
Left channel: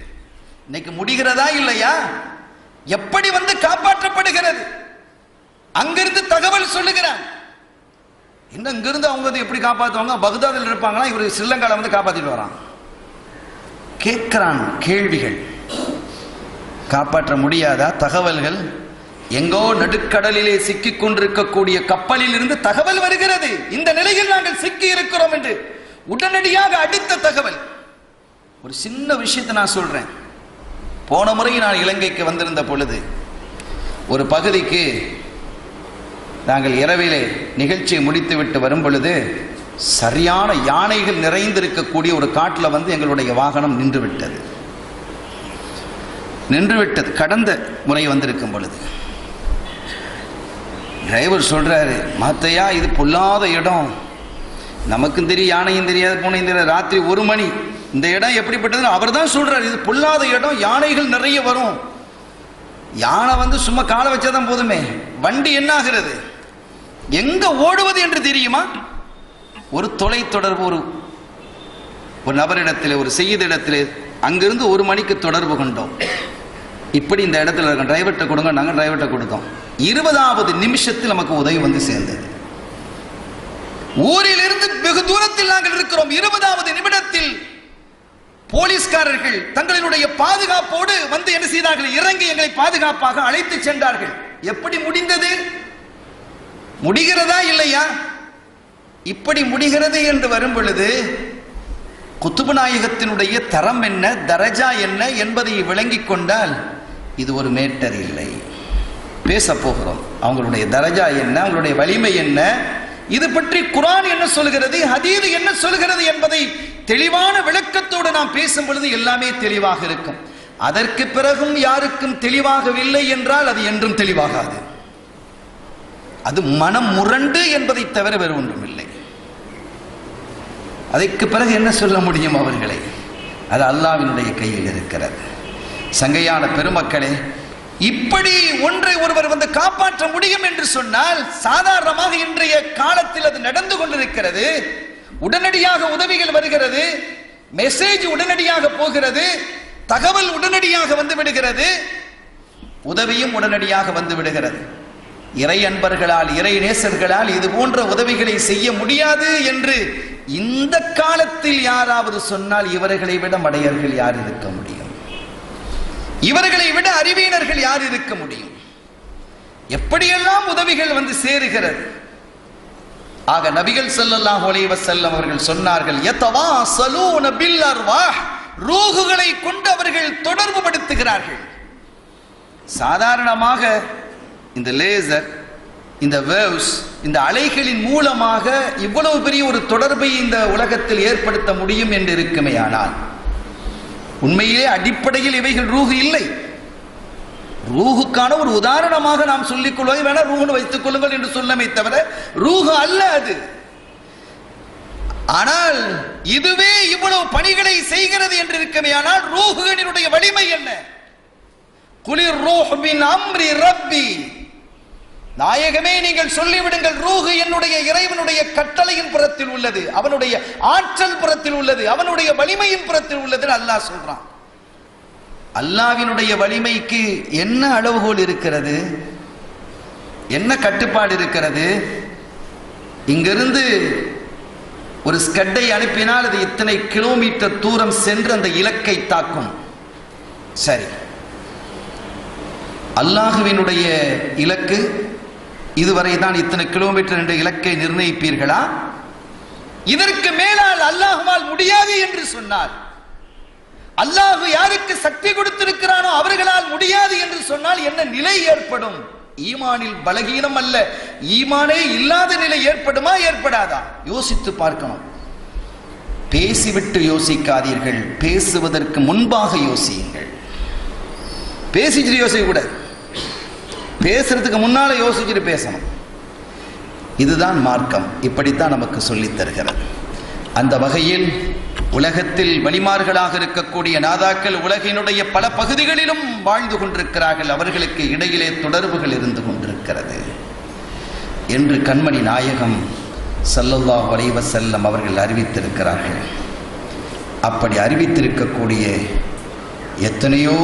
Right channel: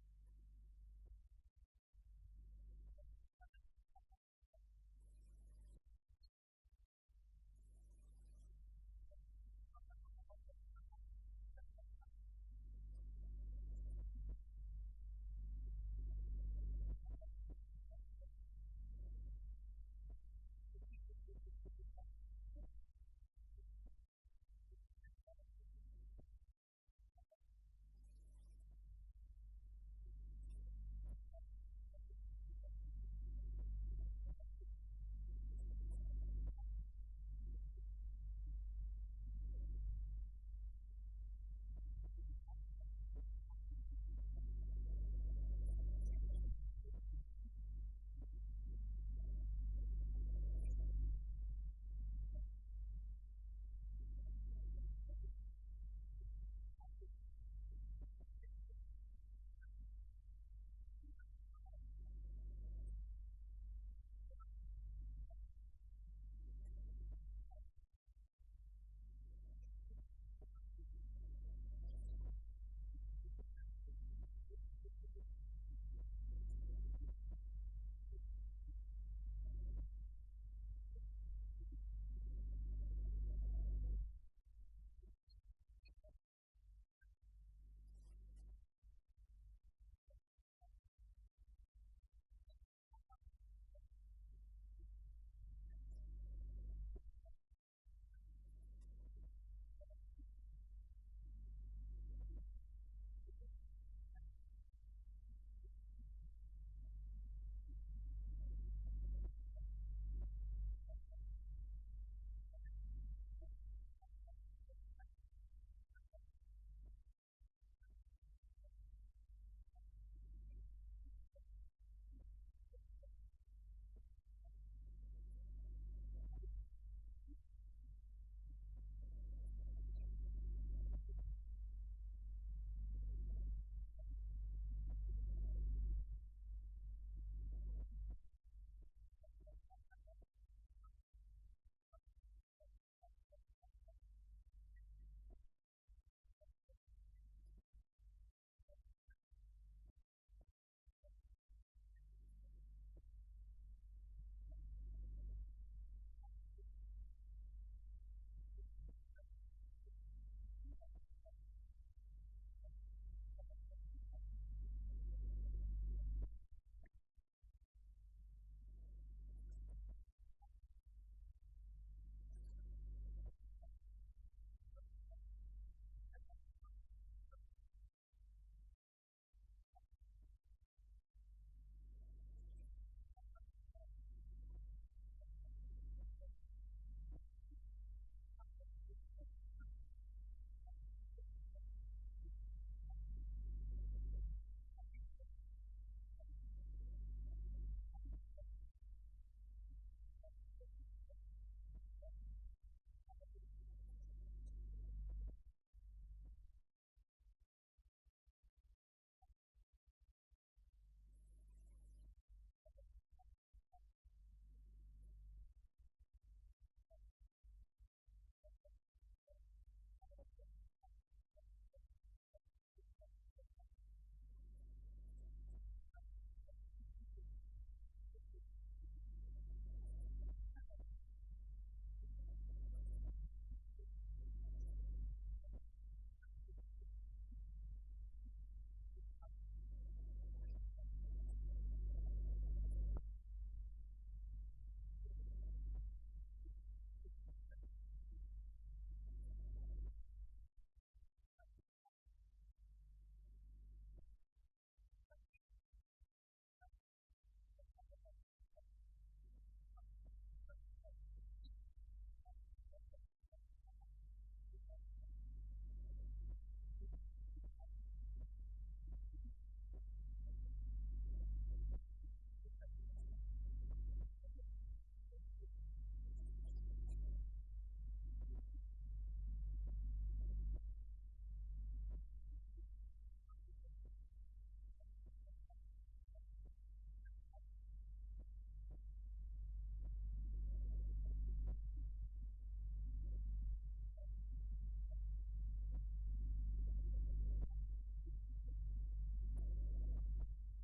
இன்னைக்கு முடிகிறதா இல்லையா? எப்படி வந்து காப்பாற்றப்படுகிறது? அங்கிருந்து தகவல் சொல்லுகிறான். இன்னும் இங்கிருந்து அவங்க வந்து எப்படி காப்பாற்றுவாங்க? பக்தாதில் இருப்பாங்களா, இவர் ஸ்ரீலங்கால வந்து காப்பாத்திட்டு வரான். கேட்கிறான் கேள்விகள். காப்பாற்ற முடியாதா? தகவல்கள் எங்கோ நடுக்கடலிலே சிக்கிக் கொண்டிருக்கக்கூடிய கப்பலில் இருந்து தகவல் வருகிறது, இந்த நிலையில் நாங்கள் சிக்கி இருக்கிறோம் என்று. உடனடியாக அடித்த தகவல். ஒரு சின்ன விஷயத்தை நான் சொல்றேன். போன முறை நான் இலங்கைக்கு வந்திருந்த பொழுது ஒரு பகுதிக்கு நாங்கள் இரவிலே நிகழ்ச்சியை முடித்துவிட்டு வரும் பொழுது சரியான யானைகள் நிறைந்திருக்கக்கூடிய ஒரு காட்டில் வந்து எங்களுடைய வாகனம் நின்றுவிட்டது. கடந்த முறை வந்திருக்கும் பொழுது டிரைவர் சொல்றாரு, மாத்தையா இது பொல்லாத இடம், நமக்கும் தெரியும், யானையும் தெரியாது, பூனையும் தெரியாது. ராத்திரி 1 மணி, இந்த இடம் எப்படிப்பட்டது அவர் தான் சொல்றாரு, இது பொல்லாத இடம், யானைகள் நிறைய வரும். யானை வந்து சும்மா காலை வச்சாதான் போதுமே, வண்டி என்ன ஆகிறது, எங்க ஓடுவது என்று தெரியுமா? ஒரு தொலை தொடர்பு ஒரு நபரிடத்தில், ஒரு செய்திடத்தில் அங்கிருந்து 1 மணிக்கு தொடர்பு கொண்டோம். இப்படி இந்த இடத்துல இருக்க டிரைவர்கிட்ட கொடுங்க, நாங்கள் டிரைவர்கிட்ட கொடுத்தோம். 20வது நிமிஷத்தில் நமக்கு உதவி வந்து சேர்ந்தது. ஊரிலிருந்து வெகு தூரத்தில் நாங்கள் இருக்கிறோம். 20வது நிமிடத்தில் போலீஸ்காரர்கள் தங்களுடைய பாதுகாப்போடு வந்து என்ன செய்தார்கள், இறங்கி எங்களை பாதுகாப்பாக அழைத்து சென்றார்கள். எப்படி முடிந்தது? முடிகிறதா இல்லையா? இப்படி முடிகிறது என்று வரும் பொழுது குத்துபு நாயகத்தினுடைய தரம் என்ன, தரஜா என்ன என்பதை விளங்கிக் கொண்டால் இது ஒரு மேட்டர் இல்லை. பேச போகிறோம் அவங்களுடைய தரஜா என்ன, அவங்களுடைய வலிமை என்ன, இது பற்றி குர்ஆன் என்ன சொல்கிறது, ஹதீஸ் என்ன சொல்கிறது என்பதை தெளிவான விளக்கத்தோடு நாம் பேசும் பொழுது எல்லாமே தெளிவாக இருக்கும். அதற்கு பிறகும் யாருக்கும் தெளிவாகவில்லை என்றால் அது என்றும் தெளிவாகாது. அது மனம் முரண்டு என்பதை தவிர வேறு ஒன்றும் இல்லை. அதற்கு பிறகு என்ன சொல்ல முடியும் அவர்களை? அது அல்லாஹ்வினுடைய கையில் இருக்கிறது. சங்கையான பெருமக்களே, இப்படி ஒன்றை ஒருவர் வந்து காப்பாற்ற முடியும் என்று சொன்னால் சாதாரணமாக இன்றைய காலத்தில் அது நடந்து கொண்டிருக்கிறது. உடனடியாக உதவிகள் வருகிறது, மெசேஜ் உடனடியாக போகிறது, தகவல் உடனடியாக வந்து விடுகிறது, உதவியும் உடனடியாக வந்து விடுகிறது. இறை அன்பர்களால், இறை நேசர்களால் இது போன்ற உதவிகளை செய்ய முடியாது என்று இந்த காலத்தில் யாராவது சொன்னால் இவர்களை விட மடையர்கள் யார் இருக்க முடியும்? இவர்களை விட அறிவியனர்கள் யார் இருக்க முடியும்? எப்படியெல்லாம் உதவிகள் வந்து சேருகிறது. ஆக நபிகள் ஸல்லல்லாஹு அலைஹி வஸல்லம் அவர்கள் சொன்னார்கள், யதவாஸலூன பில் அர்வாஹ், ரூஹுகளை கொண்டு அவர்கள் தொடர்பு படுத்துகிறார்கள். சாதாரணமாக இந்த லேசர், இந்த வேவ்ஸ், இந்த அலைகளின் மூலமாக இவ்வளவு பெரிய ஒரு தொடர்பை இந்த உலகத்தில் ஏற்படுத்த முடியும் என்று இருக்குமே, ஆனால் உண்மையிலே அடிப்படையில் இவைகள் ரூஹு இல்லை. ரூஹுக்கான ஒரு உதாரணமாக நாம் சொல்லிக் கொள்வதை வேணா ரூஹுன்னு வைத்துக் கொள்ளுங்கள் என்று சொல்லமே தவிர ரூஹு அல்ல அது. ஆனால் இதுவே இவ்வளவு பணிகளை செய்கிறது என்று இருக்குமே, ஆனால் ரூஹுகளினுடைய வலிமை என்ன? குலிர் ரூஹ் மின் அம்ரி ரப்பி, நாயகமே நீங்கள் சொல்லிவிடுங்கள், ரூஹு என்னுடைய இறைவனுடைய கட்டளையின் புறத்தில் உள்ளது, அவனுடைய ஆற்றல் புறத்தில் உள்ளது, அவனுடைய வலிமையின் புறத்தில் உள்ளது அல்லாஹ் சொல்றான். அல்லாஹ்வினுடைய வலிமைக்கு என்ன அளவுகோல் இருக்கிறது, என்ன கட்டுப்பாடு இருக்கிறது? இங்கிருந்து ஒரு ஸ்கட்டை அனுப்பினால் அது இத்தனை கிலோமீட்டர் தூரம் சென்று அந்த இலக்கை தாக்கும். சரி, அல்லாஹ்வினுடைய இலக்கு இதுவரை தான் இத்தனை கிலோமீட்டர் என்ற இலக்கை நிர்ணயிப்பீர்களா? இதற்கு மேலால் அல்லாஹ்வால் முடியாது என்று சொன்னார். அல்லாஹ் யாருக்கு சக்தி கொடுத்திருக்கிறானோ அவர்களால் முடியாது என்று சொன்னால் என்ன நிலை ஏற்படும்? ஈமானில் பலகீனம் அல்ல, ஈமானே இல்லாத நிலை ஏற்படுமா, ஏற்படாதா? யோசித்து பார்க்கணும். பேசிவிட்டு யோசிக்காதீர்கள், பேசுவதற்கு முன்பாக யோசியுங்கள். பேசிட்டு யோசிக்க கூடாது, பேசுறதுக்கு முன்னால யோசிச்சுட்டு பேசணும். இதுதான் மார்க்கம், இப்படித்தான் நமக்கு சொல்லித் தருகிறது. அந்த வகையில் உலகத்தில் வலிமார்களாக இருக்கக்கூடிய நாதாக்கள் உலகினுடைய பல பகுதிகளிலும் வாழ்ந்து கொண்டிருக்கிறார்கள். அவர்களுக்கு இடையிலே தொடர்புகள் இருந்து கொண்டிருக்கிறது என்று கண்மணி நாயகம் ஸல்லல்லாஹு அலைஹி வஸல்லம் அவர்கள் அறிவித்திருக்கிறார்கள். அப்படி அறிவித்திருக்கக்கூடிய எத்தனையோ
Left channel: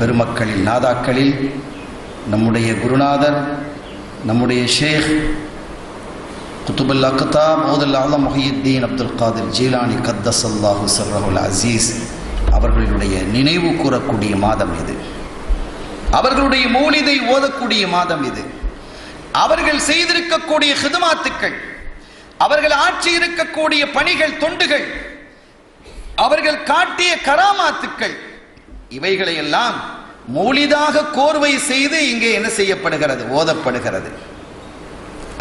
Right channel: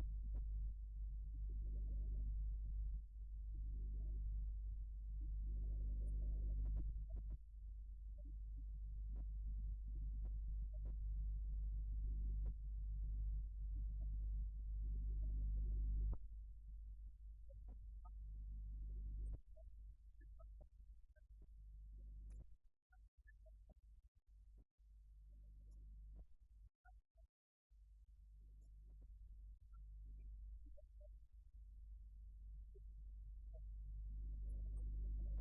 பெருமக்களில், நாதாக்களில் நம்முடைய குருநாதர், நம்முடைய ஷேக் குத்துபுல் அக்தாப் மௌதுல் ஆலம் முஹியுத்தீன் அப்துல் காதிர் ஜீலானி கத்தஸல்லாஹு ஸர்ரஹுல் அஸீஸ் அவர்களுடைய நினைவு கூறக்கூடிய மாதம் இது. அவர்களுடைய மௌலிதை ஓதக்கூடிய மாதம் இது. அவர்கள் செய்திருக்கக்கூடிய ஹிதுமாத்துக்கள், அவர்கள் ஆட்சி இருக்கக்கூடிய பணிகள், தொண்டுகள், அவர்கள் காட்டிய கராமாத்துக்கள், இவைகளை எல்லாம் மௌலிதாக கோர்வை செய்து இங்கே என்ன செய்யப்படுகிறது? ஓதப்படுகிறது.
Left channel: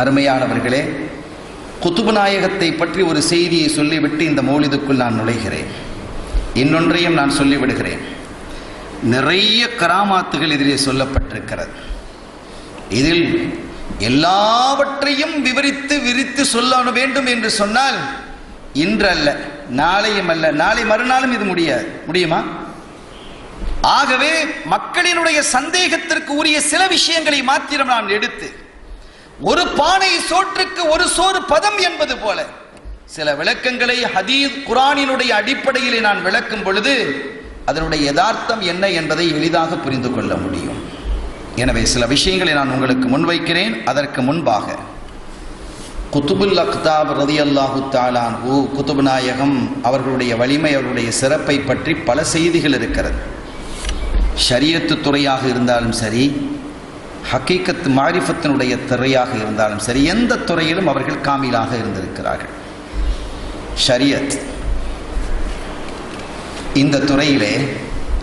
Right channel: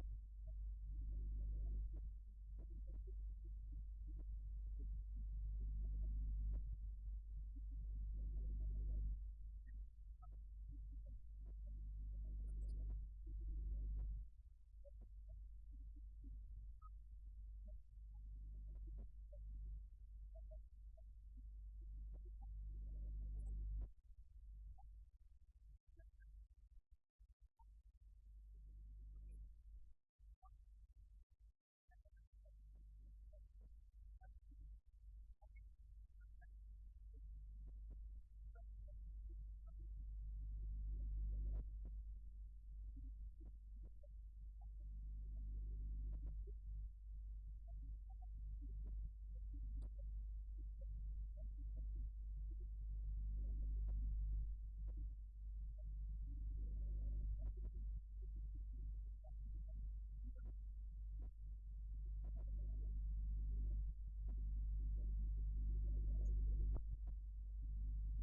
அருமையானவர்களே, குத்துபு நாயகத்தை பற்றி ஒரு செய்தியை சொல்லிவிட்டு இந்த மௌலிதுக்குள் நான் நுழைகிறேன். இன்னொன்றையும் நான் சொல்லிவிடுகிறேன். நிறைய கராமாத்துகள் இதிலே சொல்லப்பட்டிருக்கிறது. இதில் எல்லாவற்றையும் விரித்து சொல்ல வேண்டும் என்று சொன்னால் இன்று அல்ல, நாளையும் அல்ல, நாளை மறுநாளும் இது முடியுமா? ஆகவே மக்களினுடைய சந்தேகத்திற்கு உரிய சில விஷயங்களை மாத்திரம் நான் எடுத்து, ஒரு பானை சோற்றுக்கு ஒரு சோறு பதம் என்பது போல சில விளக்கங்களை ஹதீஸ் குர்ஆனினுடைய அடிப்படையிலே நான் விளக்கும் பொழுது அதனுடைய யதார்த்தம் என்ன என்பதை எளிதாக புரிந்து கொள்ள முடியும். எனவே சில விஷயங்களை நான் உங்களுக்கு முன்வைக்கிறேன். அதற்கு முன்பாக குத்துபுல் அக்தாப் ரலியல்லாஹு தஆலா அன்ஹு, குத்துபு நாயகம் அவர்களுடைய வலிமை, அவர்களுடைய சிறப்பை பற்றி பல செய்திகள் இருக்கிறது. ஷரியத்து துறையாக இருந்தாலும் சரி, ஹக்கீகத் மாரிஃபத்தினுடைய துறையாக இருந்தாலும் சரி, எந்த துறையிலும் அவர்கள் காமிலாக இருந்திருக்கிறார்கள். ஷரியத் இந்த துறையிலே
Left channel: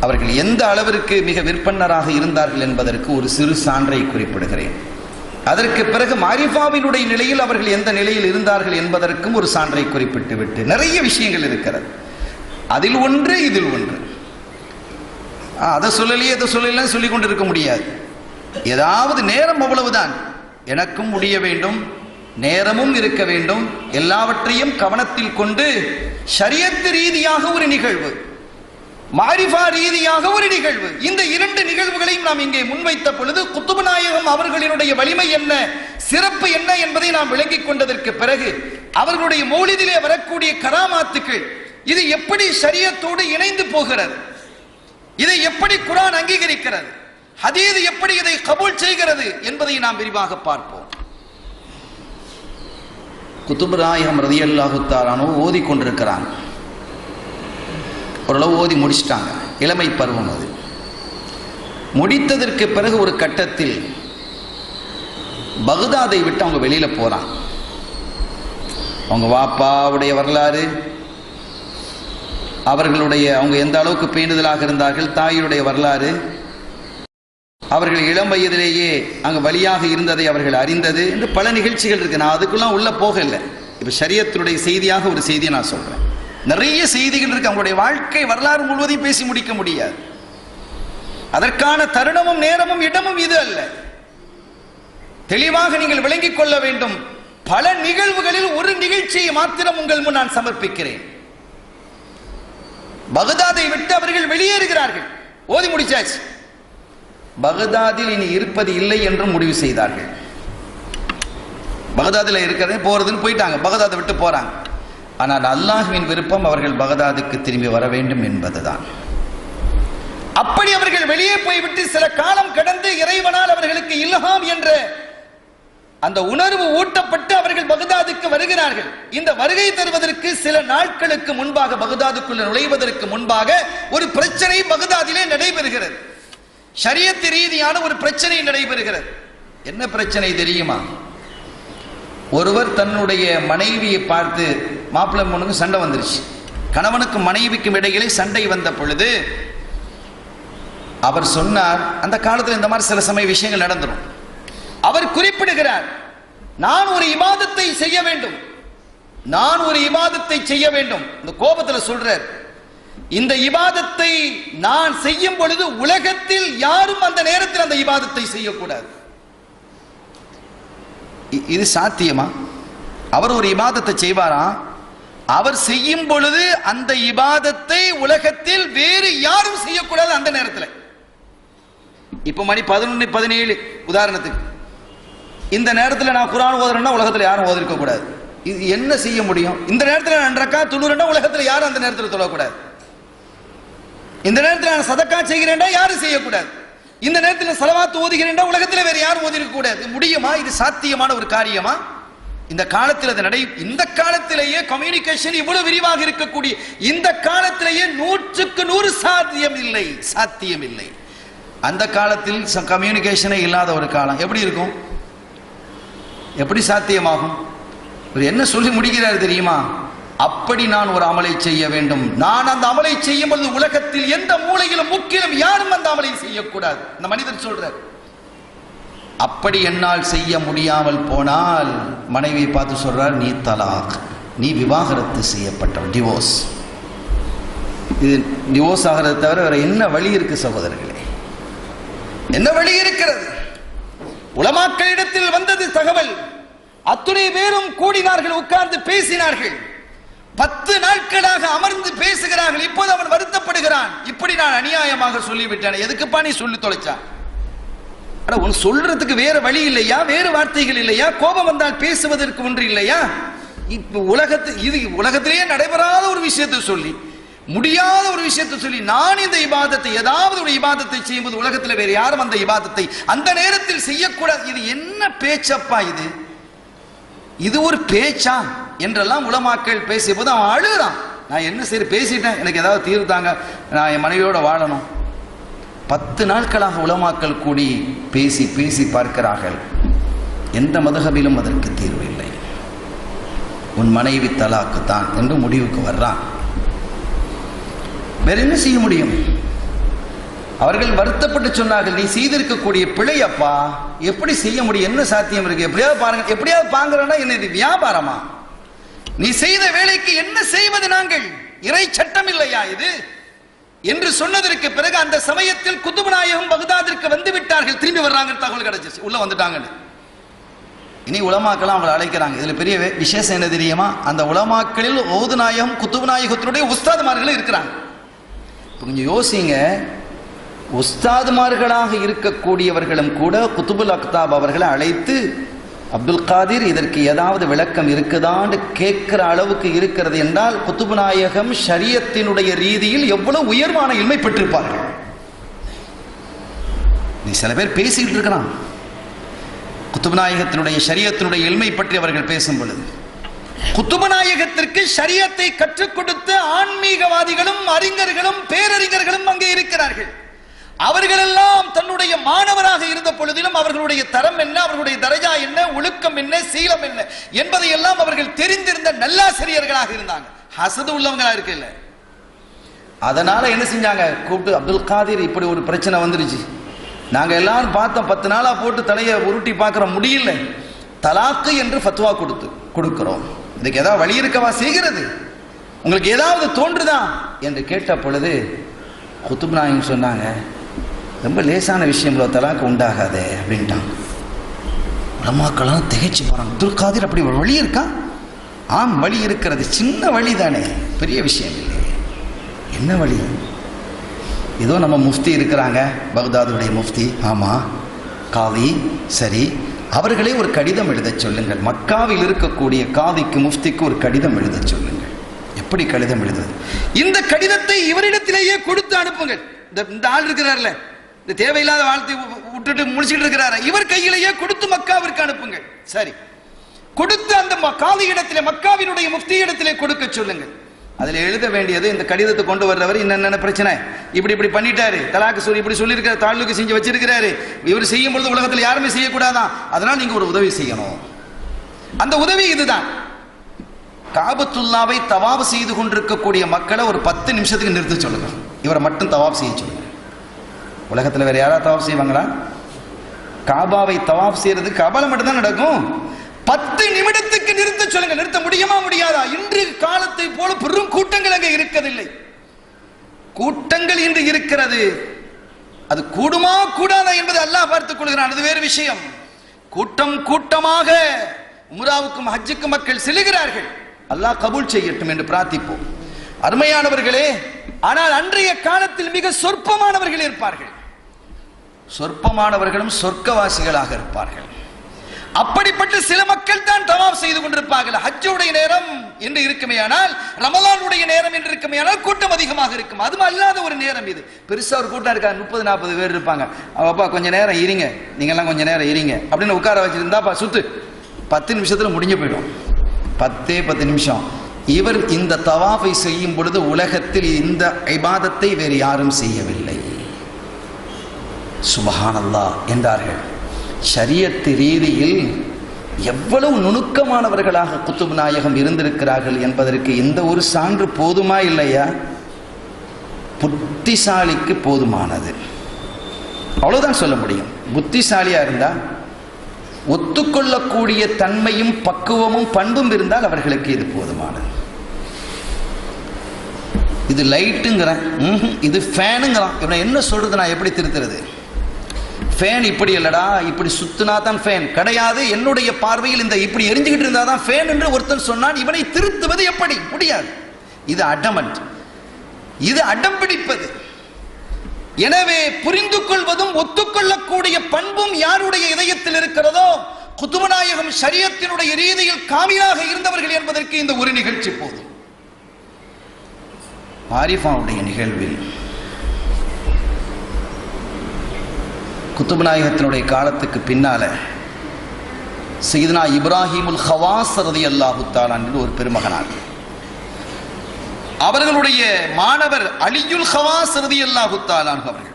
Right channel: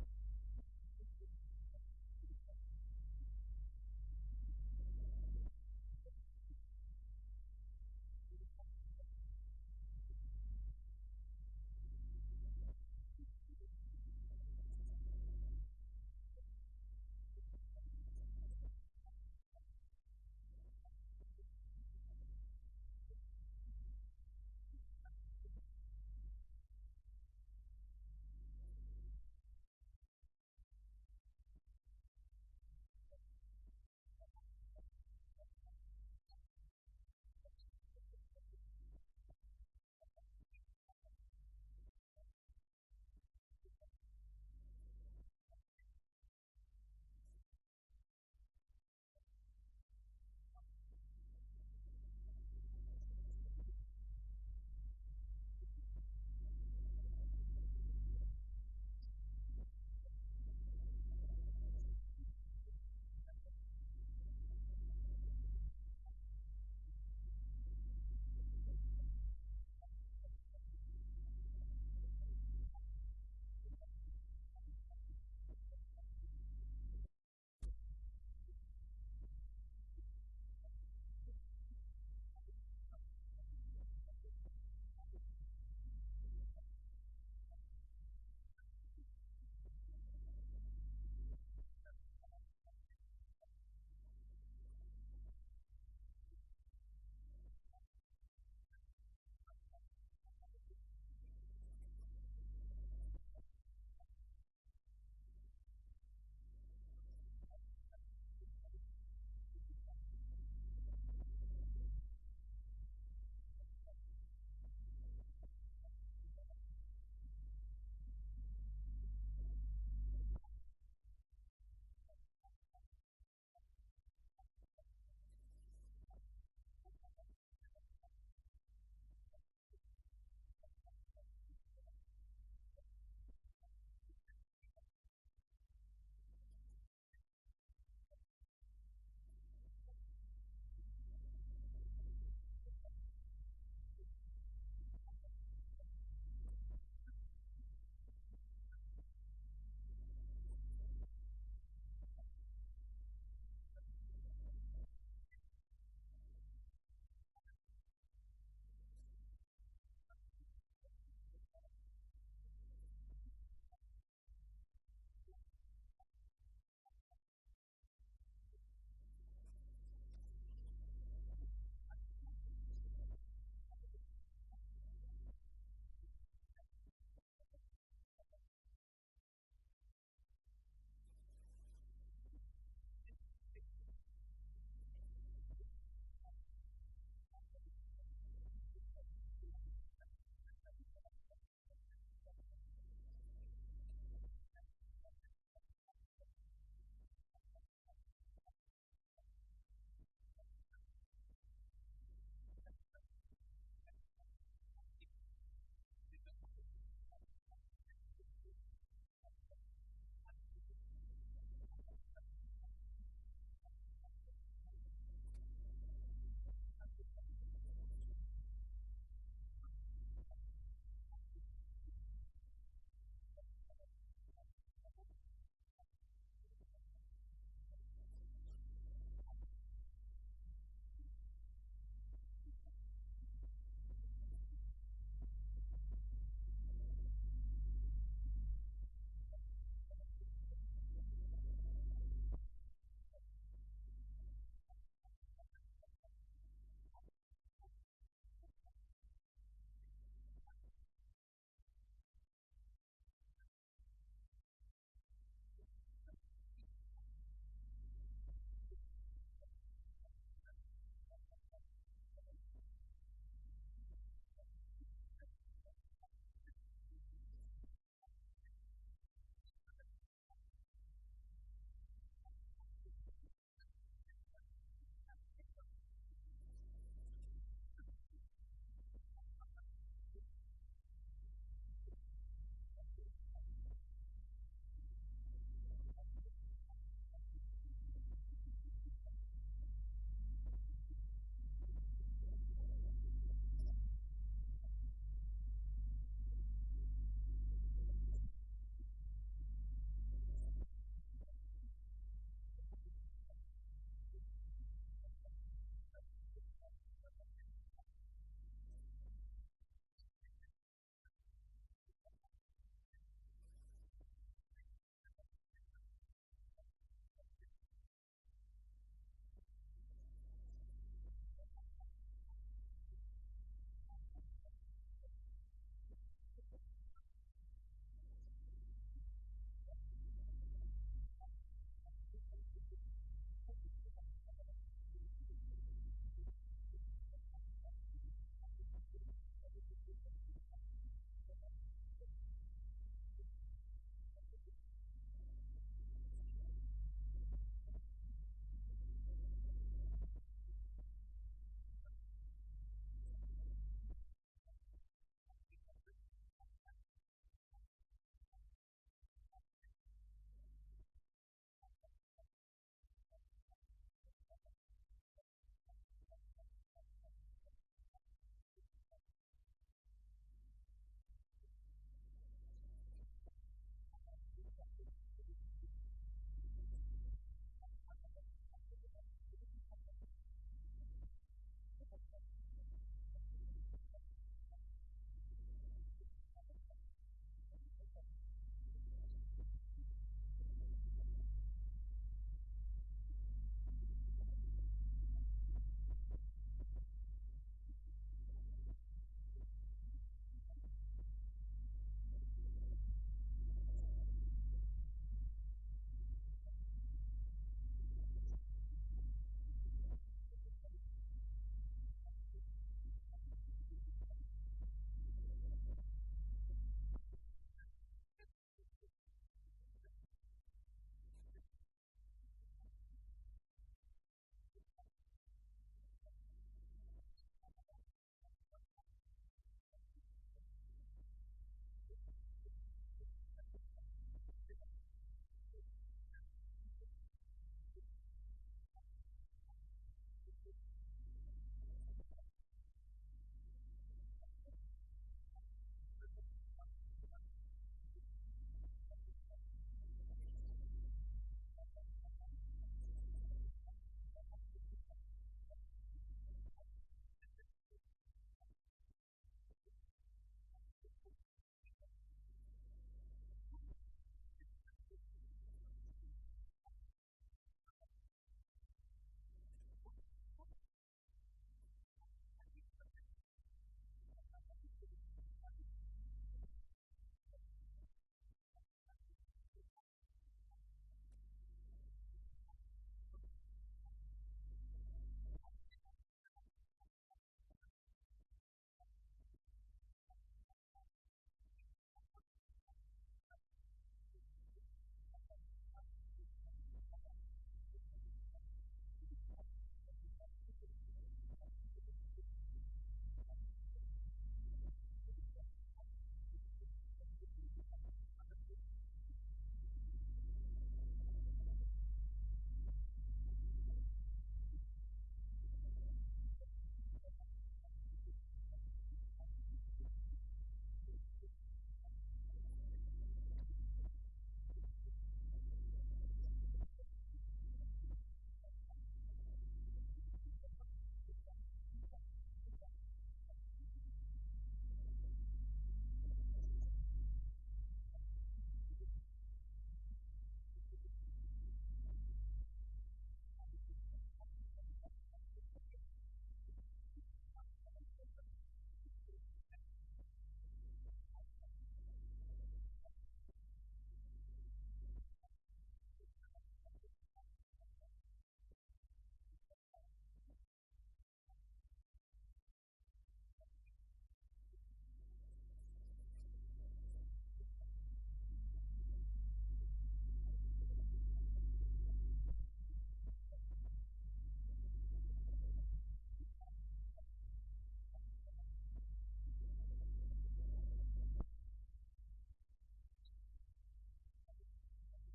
அவர்கள் எந்த அளவிற்கு மிக விற்பன்னராக இருந்தார்கள் என்பதற்கு ஒரு சிறு சான்றை குறிப்பிடுகிறேன். அதற்கு பிறகு மாரிஃபாவினுடைய நிலையில் அவர்கள் எந்த நிலையில் இருந்தார்கள் என்பதற்கும் ஒரு சான்றை குறிப்பிட்டு விட்டு நிறைய விஷயங்கள் இருக்கிறது. அதில் ஒன்று, இதில் ஒன்று. அதை சொல்லலையே இதை சொல்லல சொல்லிக் கொண்டிருக்க முடியாது. ஏதாவது நேரம் அவ்வளவுதான். எனக்கும் முடிய வேண்டும், நேரமும் இருக்க வேண்டும். எல்லாவற்றையும் கவனத்தில் கொண்டு ஷரியத் ரீதியாக ஒரு நிகழ்வு, மாரிஃபா ரீதியாக ஒரு நிகழ்வு, இந்த இரண்டு நிகழ்வுகளையும் நாம் இங்கே முன்வைத்த பொழுது குத்துபு நாயகம் அவர்களினுடைய வலிமை என்ன, சிறப்பு என்ன என்பதை நாம் விளங்கிக் கொண்டதற்கு பிறகு அவர்களுடைய மௌலிதிலே வரக்கூடிய கராமாத்துக்கள் இது எப்படி ஷரியத்தோடு இணைந்து போகிறது, இதை எப்படி குர்ஆன் அங்கீகரிக்கிறது, ஹதீஸ் எப்படி இதை கபூல் செய்கிறது என்பதை நாம் விரிவாக பார்ப்போம். குத்துபு நாயகம் ரலியல்லாஹு தஆலா அன்ஹு ஓதி கொண்டிருக்கிறாங்க. ஓரளவு ஓதி முடிச்சிட்டாங்க. இளமை பருவம் அது. முடித்ததற்கு பிறகு ஒரு கட்டத்தில் பக்தாதை விட்டு அவங்க வெளியில போறாங்க. அவங்க வாப்பாவுடைய வரலாறு, அவர்களுடைய அவங்க எந்த அளவுக்கு பேணுதலாக இருந்தார்கள், தாயுடைய வரலாறு, அவர்கள் இளம் வயதிலேயே அங்கு வழியாக இருந்ததை அவர்கள் அறிந்தது என்று பல நிகழ்ச்சிகள் இருக்கு. நான் அதுக்குலாம் உள்ள போகல. இப்ப ஷரியத்துடைய செய்தியாக ஒரு செய்தியை நான் சொல்றேன். நிறைய செய்திகள் இருக்கு. அவங்களுடைய வாழ்க்கை வரலாறு முழுவதையும் பேசி முடிக்க முடியாது. அதற்கான தருணமும் நேரமும் இடமும் இது அல்ல. தெளிவாக நீங்கள் விளங்கிக் கொள்ள வேண்டும். பல நிகழ்வுகளில் ஒரு நிகழ்ச்சியை மாத்திரம் உங்கள் முன் நான் சமர்ப்பிக்கிறேன். பக்தாதை விட்டு அவர்கள் வெளியேறுகிறார்கள். ஓதி முடிச்சாச்சு. பக்தாதில் இனி இருப்பது இல்லை என்று முடிவு செய்தார்கள். பக்தாதில் இருக்கிறது போறதுன்னு போயிட்டாங்க. பக்தாதை விட்டு போறாங்க. ஆனால் அல்லாஹ்வின் விருப்பம் அவர்கள் பக்தாதுக்கு திரும்பி வர வேண்டும் என்பதுதான். அப்படி அவர்கள் வெளியே போய்விட்டு சில காலம் கடந்து இறைவனால் அவர்களுக்கு இல்ஹாம் என்ற அந்த உணர்வு ஊட்டப்பட்டு அவர்கள் பக்தாதுக்கு வருகிறார்கள். இந்த வருகை தருவதற்கு சில நாட்களுக்கு முன்பாக, பக்தாதுக்குள்ள நுழைவதற்கு முன்பாக ஒரு பிரச்சனை பக்தாதிலே நடைபெறுகிறது. ஷரியத் ரீதியான ஒரு பிரச்சனை நடைபெறுகிறது. என்ன பிரச்சனை தெரியுமா? ஒருவர் தன்னுடைய மனைவியை பார்த்து, மாப்பிள்ளை பொண்ணுக்கு சண்டை வந்துருச்சு. கணவனுக்கும் மனைவிக்கும் இடையிலே சண்டை வந்த பொழுது அவர் சொன்னார், அந்த காலத்தில் இந்த மாதிரி சில சமய விஷயங்கள் நடந்துடும். அவர் குறிப்பிடுகிறார், நான் ஒரு இபாதத்தை செய்ய வேண்டும், நான் ஒரு இபாதத்தை செய்ய வேண்டும். இந்த கோபத்தில் சொல்றார், இந்த இபாதத்தை நான் செய்யும் பொழுது உலகத்தில் யாரும் அந்த நேரத்தில் அந்த இபாதத்தை செய்யக்கூடாது. இது சாத்தியமா? அவர் ஒரு இபாதத்தை செய்வாரா, அவர் செய்யும் பொழுது அந்த இபாதத்தை உலகத்தில் வேறு யாரும் செய்யக்கூடாது அந்த நேரத்தில். இப்ப மணி 11:17 உதாரணத்துக்கு, இந்த நேரத்தில் நான் குர்ஆன் ஓதுறேன்னா உலகத்தில் யாரும் ஓதிருக்க கூடாது. இது என்ன செய்ய முடியும்? இந்த நேரத்தில் நான் ரக்காத் தொழுறேன்னா உலகத்தில் யாரும் அந்த நேரத்தில் தொழக்கூடாது. இந்த நேரத்தில் நான் சதக்கா செய்கிறேன்டா யாரும் செய்யக்கூடாது. இந்த நேரத்தில் ஸலவாத் ஓதுகிறேன்டா உலகத்தில் வேற யாரும் ஓதிருக்க கூடாது. முடியுமா? இது சாத்தியமான ஒரு காரியமா? இந்த காலத்தில் அது இந்த காலத்திலேயே கம்யூனிகேஷன் இவ்வளவு விரிவாக இருக்கக்கூடிய இந்த காலத்திலேயே 100% சாத்தியம் இல்லை. அந்த காலத்தில் கம்யூனிகேஷனே இல்லாத ஒரு காலம் எப்படி இருக்கும்? எப்படி சாத்தியமாகும்? என்ன சொல்லி முடிக்கிறார் தெரியுமா? அப்படி நான் ஒரு அமலை செய்ய வேண்டும். நான் அந்த அமலை செய்யும் பொழுது உலகத்தில் எந்த மூலையிலும் முக்கிலும் யாரும் அந்த அமலை செய்யக்கூடாது. அந்த மனிதன் சொல்றார். அப்படி என்னால் செய்ய முடியாமல் போனால் மனைவியை பார்த்து சொல்றார், நீ தலாக், நீ விவாகரத்து செய்யப்பட்ட டிவோர்ஸ். இது டிவோர்ஸ் ஆகிறது தவிர வேற என்ன வழி இருக்கு சகோதரர்களே? என்ன வழி இருக்கிறது? உலமாக்களிடத்தில் வந்தது தகவல். அத்துணை பேரும் கூடினார்கள், உட்கார்ந்து பேசினார்கள். 10 நாட்களாக அமர்ந்து பேசுகிறார்கள். இப்போது அவன் வருத்தப்படுகிறான். இப்படி நான் அநியாயமாக சொல்லிவிட்டேன். எதுக்குப்பா நீ சொல்லி தொலைச்சான்? உன் சொல்றதுக்கு வேற வழி இல்லையா? வேறு வார்த்தைகள் இல்லையா? கோபம் வந்தால் பேசுவதற்கு ஒன்று இல்லையா? இப்ப உலகத்திலேயே நடைபெறாத ஒரு விஷயத்தை சொல்லி, முடியாத ஒரு விஷயத்தை சொல்லி, நான் இந்த இபாதத்தை ஏதாவது ஒரு இபாதத்தை செய்யும்போது உலகத்தில் வேற யாரும் அந்த இபாதத்தை அந்த நேரத்தில் செய்யக்கூடாது. இது என்ன பேச்சப்பா? இது ஒரு பேச்சா என்றெல்லாம் உலமாக்கள் பேசிய போது அவன் அழுகிறான். நான் என்ன சரி பேசிட்டேன், எனக்கு ஏதாவது தீர்வு தாங்க, நான் என் மனைவியோட வாழணும். 10 நாட்களாக உலமாக்கள் கூடி பேசி பேசி பார்க்கிறார்கள். எந்த மதகபிலும் அதற்கு தீர்வு இல்லை. உன் மனைவி தலாக்கு தான் என்று முடிவுக்கு வர்றான். வேற என்ன செய்ய முடியும்? அவர்கள் வருத்தப்பட்டு சொன்னார்கள், நீ செய்திருக்கக்கூடிய பிழை அப்பா, எப்படி செய்ய முடியும்? என்ன சாத்தியம் இருக்கு? எப்படியாவது பாருங்க. எப்படியாவது பாங்குறேன்னா என்ன இது வியாபாரமா? நீ செய்த வேலைக்கு என்ன செய்வது? நாங்கள் இறை சட்டம் இல்லையா இது என்று சொன்னதற்கு பிறகு அந்த சமயத்தில் குதுப் நாயகம் பகதாதிற்கு வந்து விட்டார்கள். திரும்பி வர்றாங்க, தகவல் கிடைச்சிச்சு, உள்ள வந்துட்டாங்க. இனி உலமாக்கெல்லாம் அவங்களை அழைக்கிறாங்க. இதுல பெரிய விசேஷம் என்ன தெரியுமா? அந்த உலமாக்களில் ஓது நாயகம் குதுப் நாயகத்தினுடைய உஸ்தாதுமார்கள் இருக்கிறாங்க. கொஞ்சம் யோசிங்க, உஸ்தாதுமார்களாக இருக்கக்கூடியவர்களும் கூட குதுபுல் அக்தாப் அவர்களை அழைத்து, அப்துல் காதிர் இதற்கு ஏதாவது விளக்கம் இருக்குதான்னு கேட்கிற அளவுக்கு இருக்கிறது என்றால் குதுப் நாயகம் ஷரியத்தினுடைய ரீதியில் எவ்வளவு உயர்வான இல்மை பெற்றிருப்பார்கள். நீ சில பேர் பேசிக்கிட்டு இருக்கிறான் குதுப் நாயகத்தினுடைய ஷரியத்தினுடைய இல்மை பற்றி அவர்கள் பேசும் பொழுது, குதுப் நாயகத்திற்கு ஷரியத்தை கற்றுக் கொடுத்த ஆன்மீகவாதிகளும் அறிஞர்களும் பேரறிஞர்களும் அங்கே இருக்கிறார்கள். அவர்களெல்லாம் தன்னுடைய மாணவராக இருந்த பொழுதிலும் அவர்களுடைய தரம் என்ன, அவர்களுடைய தரஜா என்ன, ஒழுக்கம் என்ன, சீலம் என்ன என்பதை எல்லாம் அவர்கள் தெரிந்திருந்த நல்லாசிரியர்களாக இருந்தாங்க. ஹசது உள்ளவங்களா இருக்கு இல்ல. அதனால என்ன செஞ்சாங்க? கூப்பிட்டு, அப்துல் காதிர் இப்படி ஒரு பிரச்சனை வந்துருச்சு, நாங்க எல்லாரும் பார்த்தோம், 10 நாளா போட்டு தலையை உருட்டி பார்க்கிற முடியல, தலாக்கு என்று ஃபத்வா கொடுக்கிறோம், இதுக்கு ஏதாவது வழி இருக்கவா செய்கிறது? உங்களுக்கு ஏதாவது தோன்றுதா என்று கேட்ட பொழுது குதுப் நாயகம் சொன்னாங்க, ரொம்ப லேசான விஷயம், தலாக்கு உண்டாகாதே அப்படின்ட்டாங்க. உலமாக்கெல்லாம் திகைச்சு போறாங்க. அப்துல் காதிர் அப்படி ஒரு வழி இருக்கா? ஆம், வழி இருக்கிறது. சின்ன வழி தானே, பெரிய விஷயம் இல்லை. என்ன வழி? ஏதோ நம்ம முஃப்தி இருக்கிறாங்க, பக்தாதுடைய முஃப்தி, ஆமா, காதி, சரி, அவர்களே ஒரு கடிதம் எழுத சொல்லுங்கள். மக்காவில் இருக்கக்கூடிய காதிக்கு முஃப்திக்கு ஒரு கடிதம் எழுத சொல்லுங்கள். எப்படி கடிதம் எழுதுவது? இந்த கடிதத்தை இவரிடத்திலேயே கொடுத்து அனுப்புங்கள். இந்த ஆள் இருக்கிறார்ல, இந்த தேவையில்லாத வாழ்த்தை விட்டுட்டு முடிச்சுட்டு இருக்கிறார, இவர் கையிலேயே கொடுத்து மக்காவிற்கு அனுப்புங்கள். சரி, கொடுத்து அந்த காதி இடத்திலே, மக்காவினுடைய முஃப்தி இடத்திலே கொடுக்க சொல்லுங்கள். அதுல எழுத வேண்டியது, இந்த கடிதத்தை கொண்டு வர்றவர் என்னென்ன பிரச்சனை, இப்படி பண்ணிட்டாரு, தலாக்கு சொல்லி இப்படி சொல்லியிருக்காரு, தாழ்வுக்கு செஞ்சு வச்சிருக்கிறாரு, இவர் செய்யும் பொழுது உலகத்தில் யாருமே செய்யக்கூடாதான், அதனால் நீங்க ஒரு உதவி செய்யணும். அந்த உதவி இதுதான். காபத்துல்லாவை தவாப் செய்து கொண்டிருக்கக்கூடிய மக்களை ஒரு 10 நிமிஷத்துக்கு நிறுத்த சொல்லுங்க. இவரை மட்டும் தவாப் செய்ய சொல்லுங்க. உலகத்தில் வேற யாராவது தவாப் செய்வாங்களா? காபாவை தவாப் செய்யறதுக்கு காபால மட்டும் தான் நடக்கும். 10 நிமிடத்துக்கு நிறுத்த சொல்லுங்க. நிறுத்த முடியுமா? முடியாதா? இன்று காலத்தை போல பெரும் கூட்டங்கள் அங்கே இருக்கவில்லை. கூட்டங்கள் இன்று இருக்கிறது. அது கூடுமா கூடாதா என்பது அல்லாஹ் பார்த்துக் கொள்கிறான், அது வேறு விஷயம். கூட்டமாக உம்ராவுக்கும் ஹஜ்ஜுக்கும் மக்கள் செல்கிறார்கள். அல்லாஹ் கபூல் செய்யட்டும் என்று பிரார்த்திப்போம். அருமையானவர்களே, ஆனால் அன்றைய காலத்தில் மிக சொற்பமானவர்கள் இருப்பார்கள். சொற்பமானவர்களும் சொர்க்கவாசிகளாக இருப்பார்கள். அப்படிப்பட்ட சில மக்கள் தான் தவாப் செய்து கொண்டிருப்பார்கள். ஹஜ்ஜுடைய நேரம் என்று இருக்குமே ஆனால், ரமலானுடைய நேரம் என்று இருக்குமே ஆனால் கூட்டம் அதிகமாக இருக்கும். அதுவும் அல்லாத ஒரு நேரம் இது. பெருசா ஒரு கூட்டம் இருக்கா, 30-40 பேர் இருப்பாங்க. அப்பா கொஞ்ச நேரம் இருங்க, நீங்க எல்லாம் கொஞ்ச நேரம் இருங்க அப்படின்னு உட்கார வச்சிருந்தாப்பா சுத்து 10 நிமிஷத்தில் முடிஞ்சு போயிடும். 10 நிமிஷம். இவர் இந்த தவாஃபை செய்யும் பொழுது உலகத்தில் இந்த இபாதத்தை வேறு யாரும் செய்யவில்லை. சுப்ஹானல்லாஹ் என்றார்கள். ஷரியத் ரீதியில் எவ்வளவு நுணுக்கமானவர்களாக குத்துப் நாயகம் இருந்திருக்கிறார்கள் என்பதற்கு இந்த ஒரு சான்று போதுமா இல்லையா? புத்திசாலிக்கு போதுமானது, அவ்வளவுதான் சொல்ல முடியும். புத்திசாலியா இருந்தா, ஒத்துக்கொள்ளக்கூடிய தன்மையும் பக்குவமும் பண்பும் இருந்தால் அவர்களுக்கு இது போதுமானது. இது லைட்டுங்கிறேன், இது ஃபேனுங்கிறான். இவனை என்ன சொல்றது, நான் எப்படி திருத்துறது? ஃபேன் இப்படி இல்லடா, இப்படி சுத்தினா தான் ஃபேன் கிடையாது. என்னுடைய பார்வையில் இந்த இப்படி எரிஞ்சுக்கிட்டு இருந்தா தான் ஃபேன் என்று ஒருத்தன் சொன்னான். இவனை திருத்துவது எப்படி? முடியாது. இது அடமன்ட், இது அடம் பிடிப்பது. எனவே புரிந்து கொள்வதும் ஒத்துக்கொள்ளக்கூடிய பண்பும் யாருடைய இதயத்தில் இருக்கிறதோ, குத்துப நாயகம் ஷரியத்தினுடைய ரீதியில் காமிலாக இருந்தவர்கள் என்பதற்கு இந்த ஒரு நிகழ்ச்சி போதும். ஆரிஃபாவுடைய நிகழ்வில் குத்துப நாயகத்தினுடைய காலத்துக்கு பின்னால சையதுனா இப்ராஹிமுல் ஹவாஸ் ரலியல்லாஹு தஆலா என்று ஒரு பெருமகனார். அவர்களுடைய மாணவர் அலியுல் ஹவாஸ் ரலியல்லாஹு தஆலா அவர்கள்.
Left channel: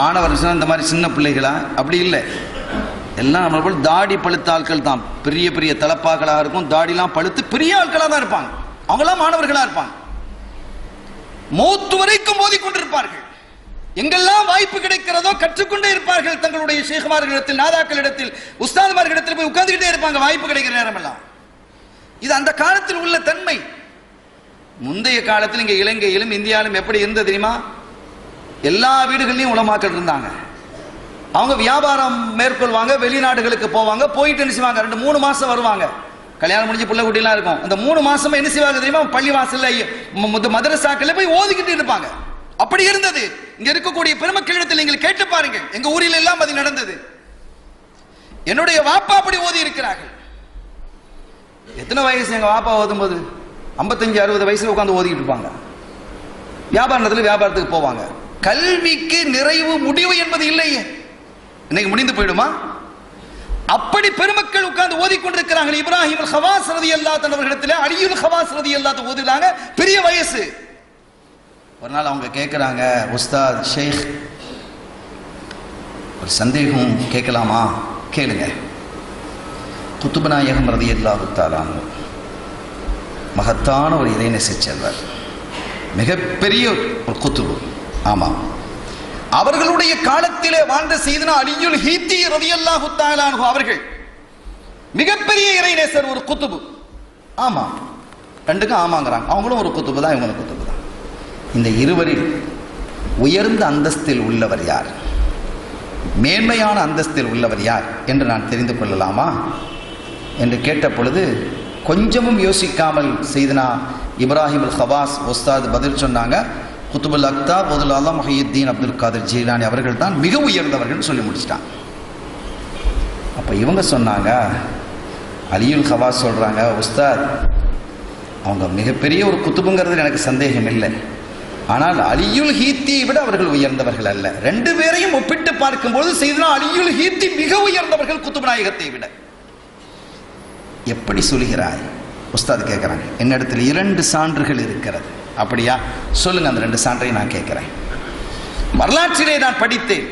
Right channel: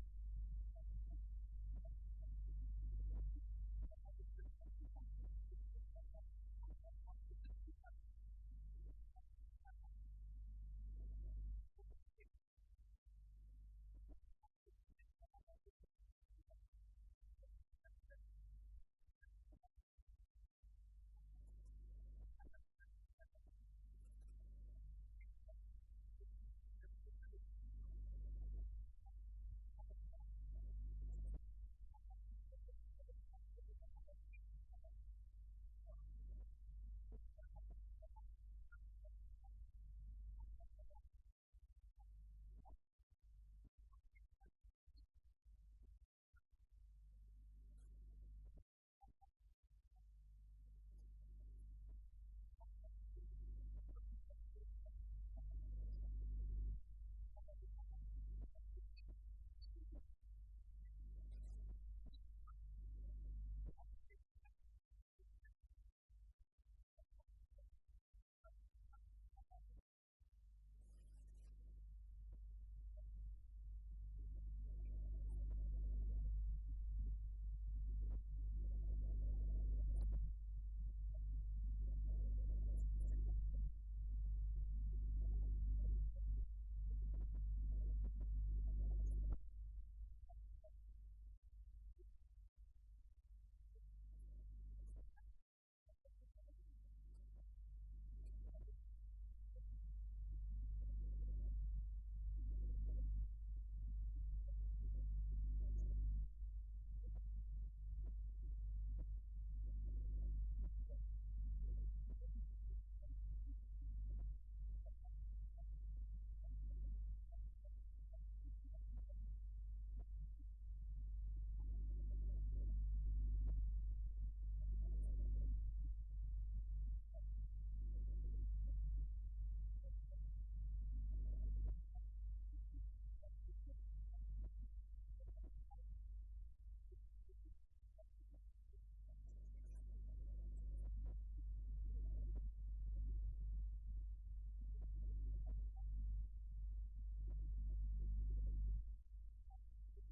மாணவர் இந்த மாதிரி சின்ன பிள்ளைகளா? அப்படி இல்லை, எல்லாம் நம்மளை போல் தாடி பழுத்த ஆட்கள் தான். பெரிய பெரிய தலப்பாக்களாக இருக்கும், தாடிலாம் பழுத்து பெரிய ஆட்களாக தான் இருப்பாங்க. அவங்களாம் மாணவர்களாக இருப்பாங்க. மௌத்து வரைக்கும் மோதிக்கொண்டிருப்பார்கள். எங்கெல்லாம் வாய்ப்பு கிடைக்கிறதோ கற்றுக்கொண்டே இருப்பார்கள். தங்களுடைய ஷேகுமார்களிடத்தில், நாதாக்களிடத்தில், உஸ்தாதுமார்களிடத்தில் போய் உட்கார்ந்துகிட்டே இருப்பாங்க வாய்ப்பு கிடைக்கிற நேரம் எல்லாம். இது அந்த காலத்தில் உள்ள தன்மை. முந்தைய காலத்தில் இங்க இலங்கையிலும் இந்தியாவிலும் எப்படி இருந்தது தெரியுமா? எல்லா வீடுகள்லையும் உலமாக்கள் இருந்தாங்க. அவங்க வியாபாரம் மேற்கொள்வாங்க, வெளிநாடுகளுக்கு போவாங்க. போயிட்டு என்ன செய்வாங்க, 2-3 மாசம் வருவாங்க. கல்யாணம் முடிஞ்சு புள்ள குட்டிலாம் இருக்கும். அந்த 3 மாசமா என்ன செய்வாங்க தெரியுமா? பள்ளி வாசல்ல மதரசாக்கள் போய் ஓதிக்கிட்டு இருப்பாங்க. அப்படி இருந்தது. இங்க இருக்கக்கூடிய பெருமக்களிடத்தில் நீங்கள் கேட்டு பாருங்கள். எங்க ஊரில் எல்லாம் அது நடந்தது. என்னுடைய வாப்பா அப்படி ஓதி இருக்கிறார்கள். எத்தனை வயசு எங்க வாப்பா ஓதும் போது? 55-60 வயசுல உட்கார்ந்து ஓதிக்கிட்டு இருப்பாங்க. வியாபாரத்தில் வியாபாரத்துக்கு போவாங்க. கல்விக்கு நிறைவு முடிவு என்பது இல்லையே. இன்னைக்கு முடிந்து போயிடுமா? அப்படி பெருமக்கள் உட்கார்ந்து ஓதிக்கொண்டிருக்கிறார்கள். இப்ராஹிம் ஹவாஸ் ரலியல்லாஹு தஆலா அவர்களிடத்தில் அலியுல் ஹவாஸ் ரலியல்லாஹு தஆலா ஓதுறாங்க. பெரிய வயசு. ஒரு நாள் அவங்க கேட்குறாங்க, உஸ்தாத் ஷேக் ஒரு சந்தேகம் கேட்கலாமா? கேளுங்க. குத்துப நாயகம் ரலியல்லாஹு தஆலா மகத்தான ஒரு இறைநேச செல்வர், மிகப்பெரிய ஒரு குத்துபு. ஆமாம், அவர்களுடைய காலத்திலே வாழ்ந்த சையதுனா அலியுல் ஹீத்தி ரலியல்லாஹு தஆலா அவர்கள் மிகப்பெரிய இறைநேசர், ஒரு குத்துபு. ஆமாம், ரெண்டுக்கும் ஆமாங்கிறாங்க. அவங்களும் ஒரு குத்துபு தான், இவங்களும் குத்துபு தான். இந்த இருவரில் உயர்ந்த அந்தஸ்தில் உள்ளவர் யார், மேன்மையான அந்தஸ்தில் உள்ளவர் யார் என்று நான் தெரிந்து கொள்ளலாமா என்று கேட்ட பொழுது கொஞ்சமும் யோசிக்காமல் சையதுனா இப்ராஹிம் அல் ஹவாஸ் உஸ்தாத் பதில் சொன்னாங்க, குத்துபுல் அக்தாப் அல்லாஹ் முஹியுத்தீன் அப்துல் காதிர் ஜீலானி அவர்கள் தான் மிக உயர்ந்தவர்கள் சொல்லி முடிச்சிட்டாங்க. அப்போ இவங்க சொன்னாங்க, அலியுல் ஹவாஸ் சொல்கிறாங்க, உஸ்தாத் அவங்க மிகப்பெரிய ஒரு குத்துபுங்கிறது எனக்கு சந்தேகம் இல்லை. ஆனால் அலியுல் ஹீத்தியை விட அவர்கள் உயர்ந்தவர்கள் அல்ல. 2 பேரையும் ஒப்பிட்டு பார்க்கும்போது சையதுனா அலியுல் ஹீத்தி மிக உயர்ந்தவர்கள் குத்துப நாயகத்தை விட. எப்படி சொல்கிறாய் உஸ்தாத் கேட்குறாங்க. என்னிடத்தில் 2 சான்றுகள் இருக்கிறது. அப்படியா? சொல்லுங்க, அந்த 2 சான்றை நான் கேட்கிறேன். வரலாற்றிலே நான் படித்தேன்.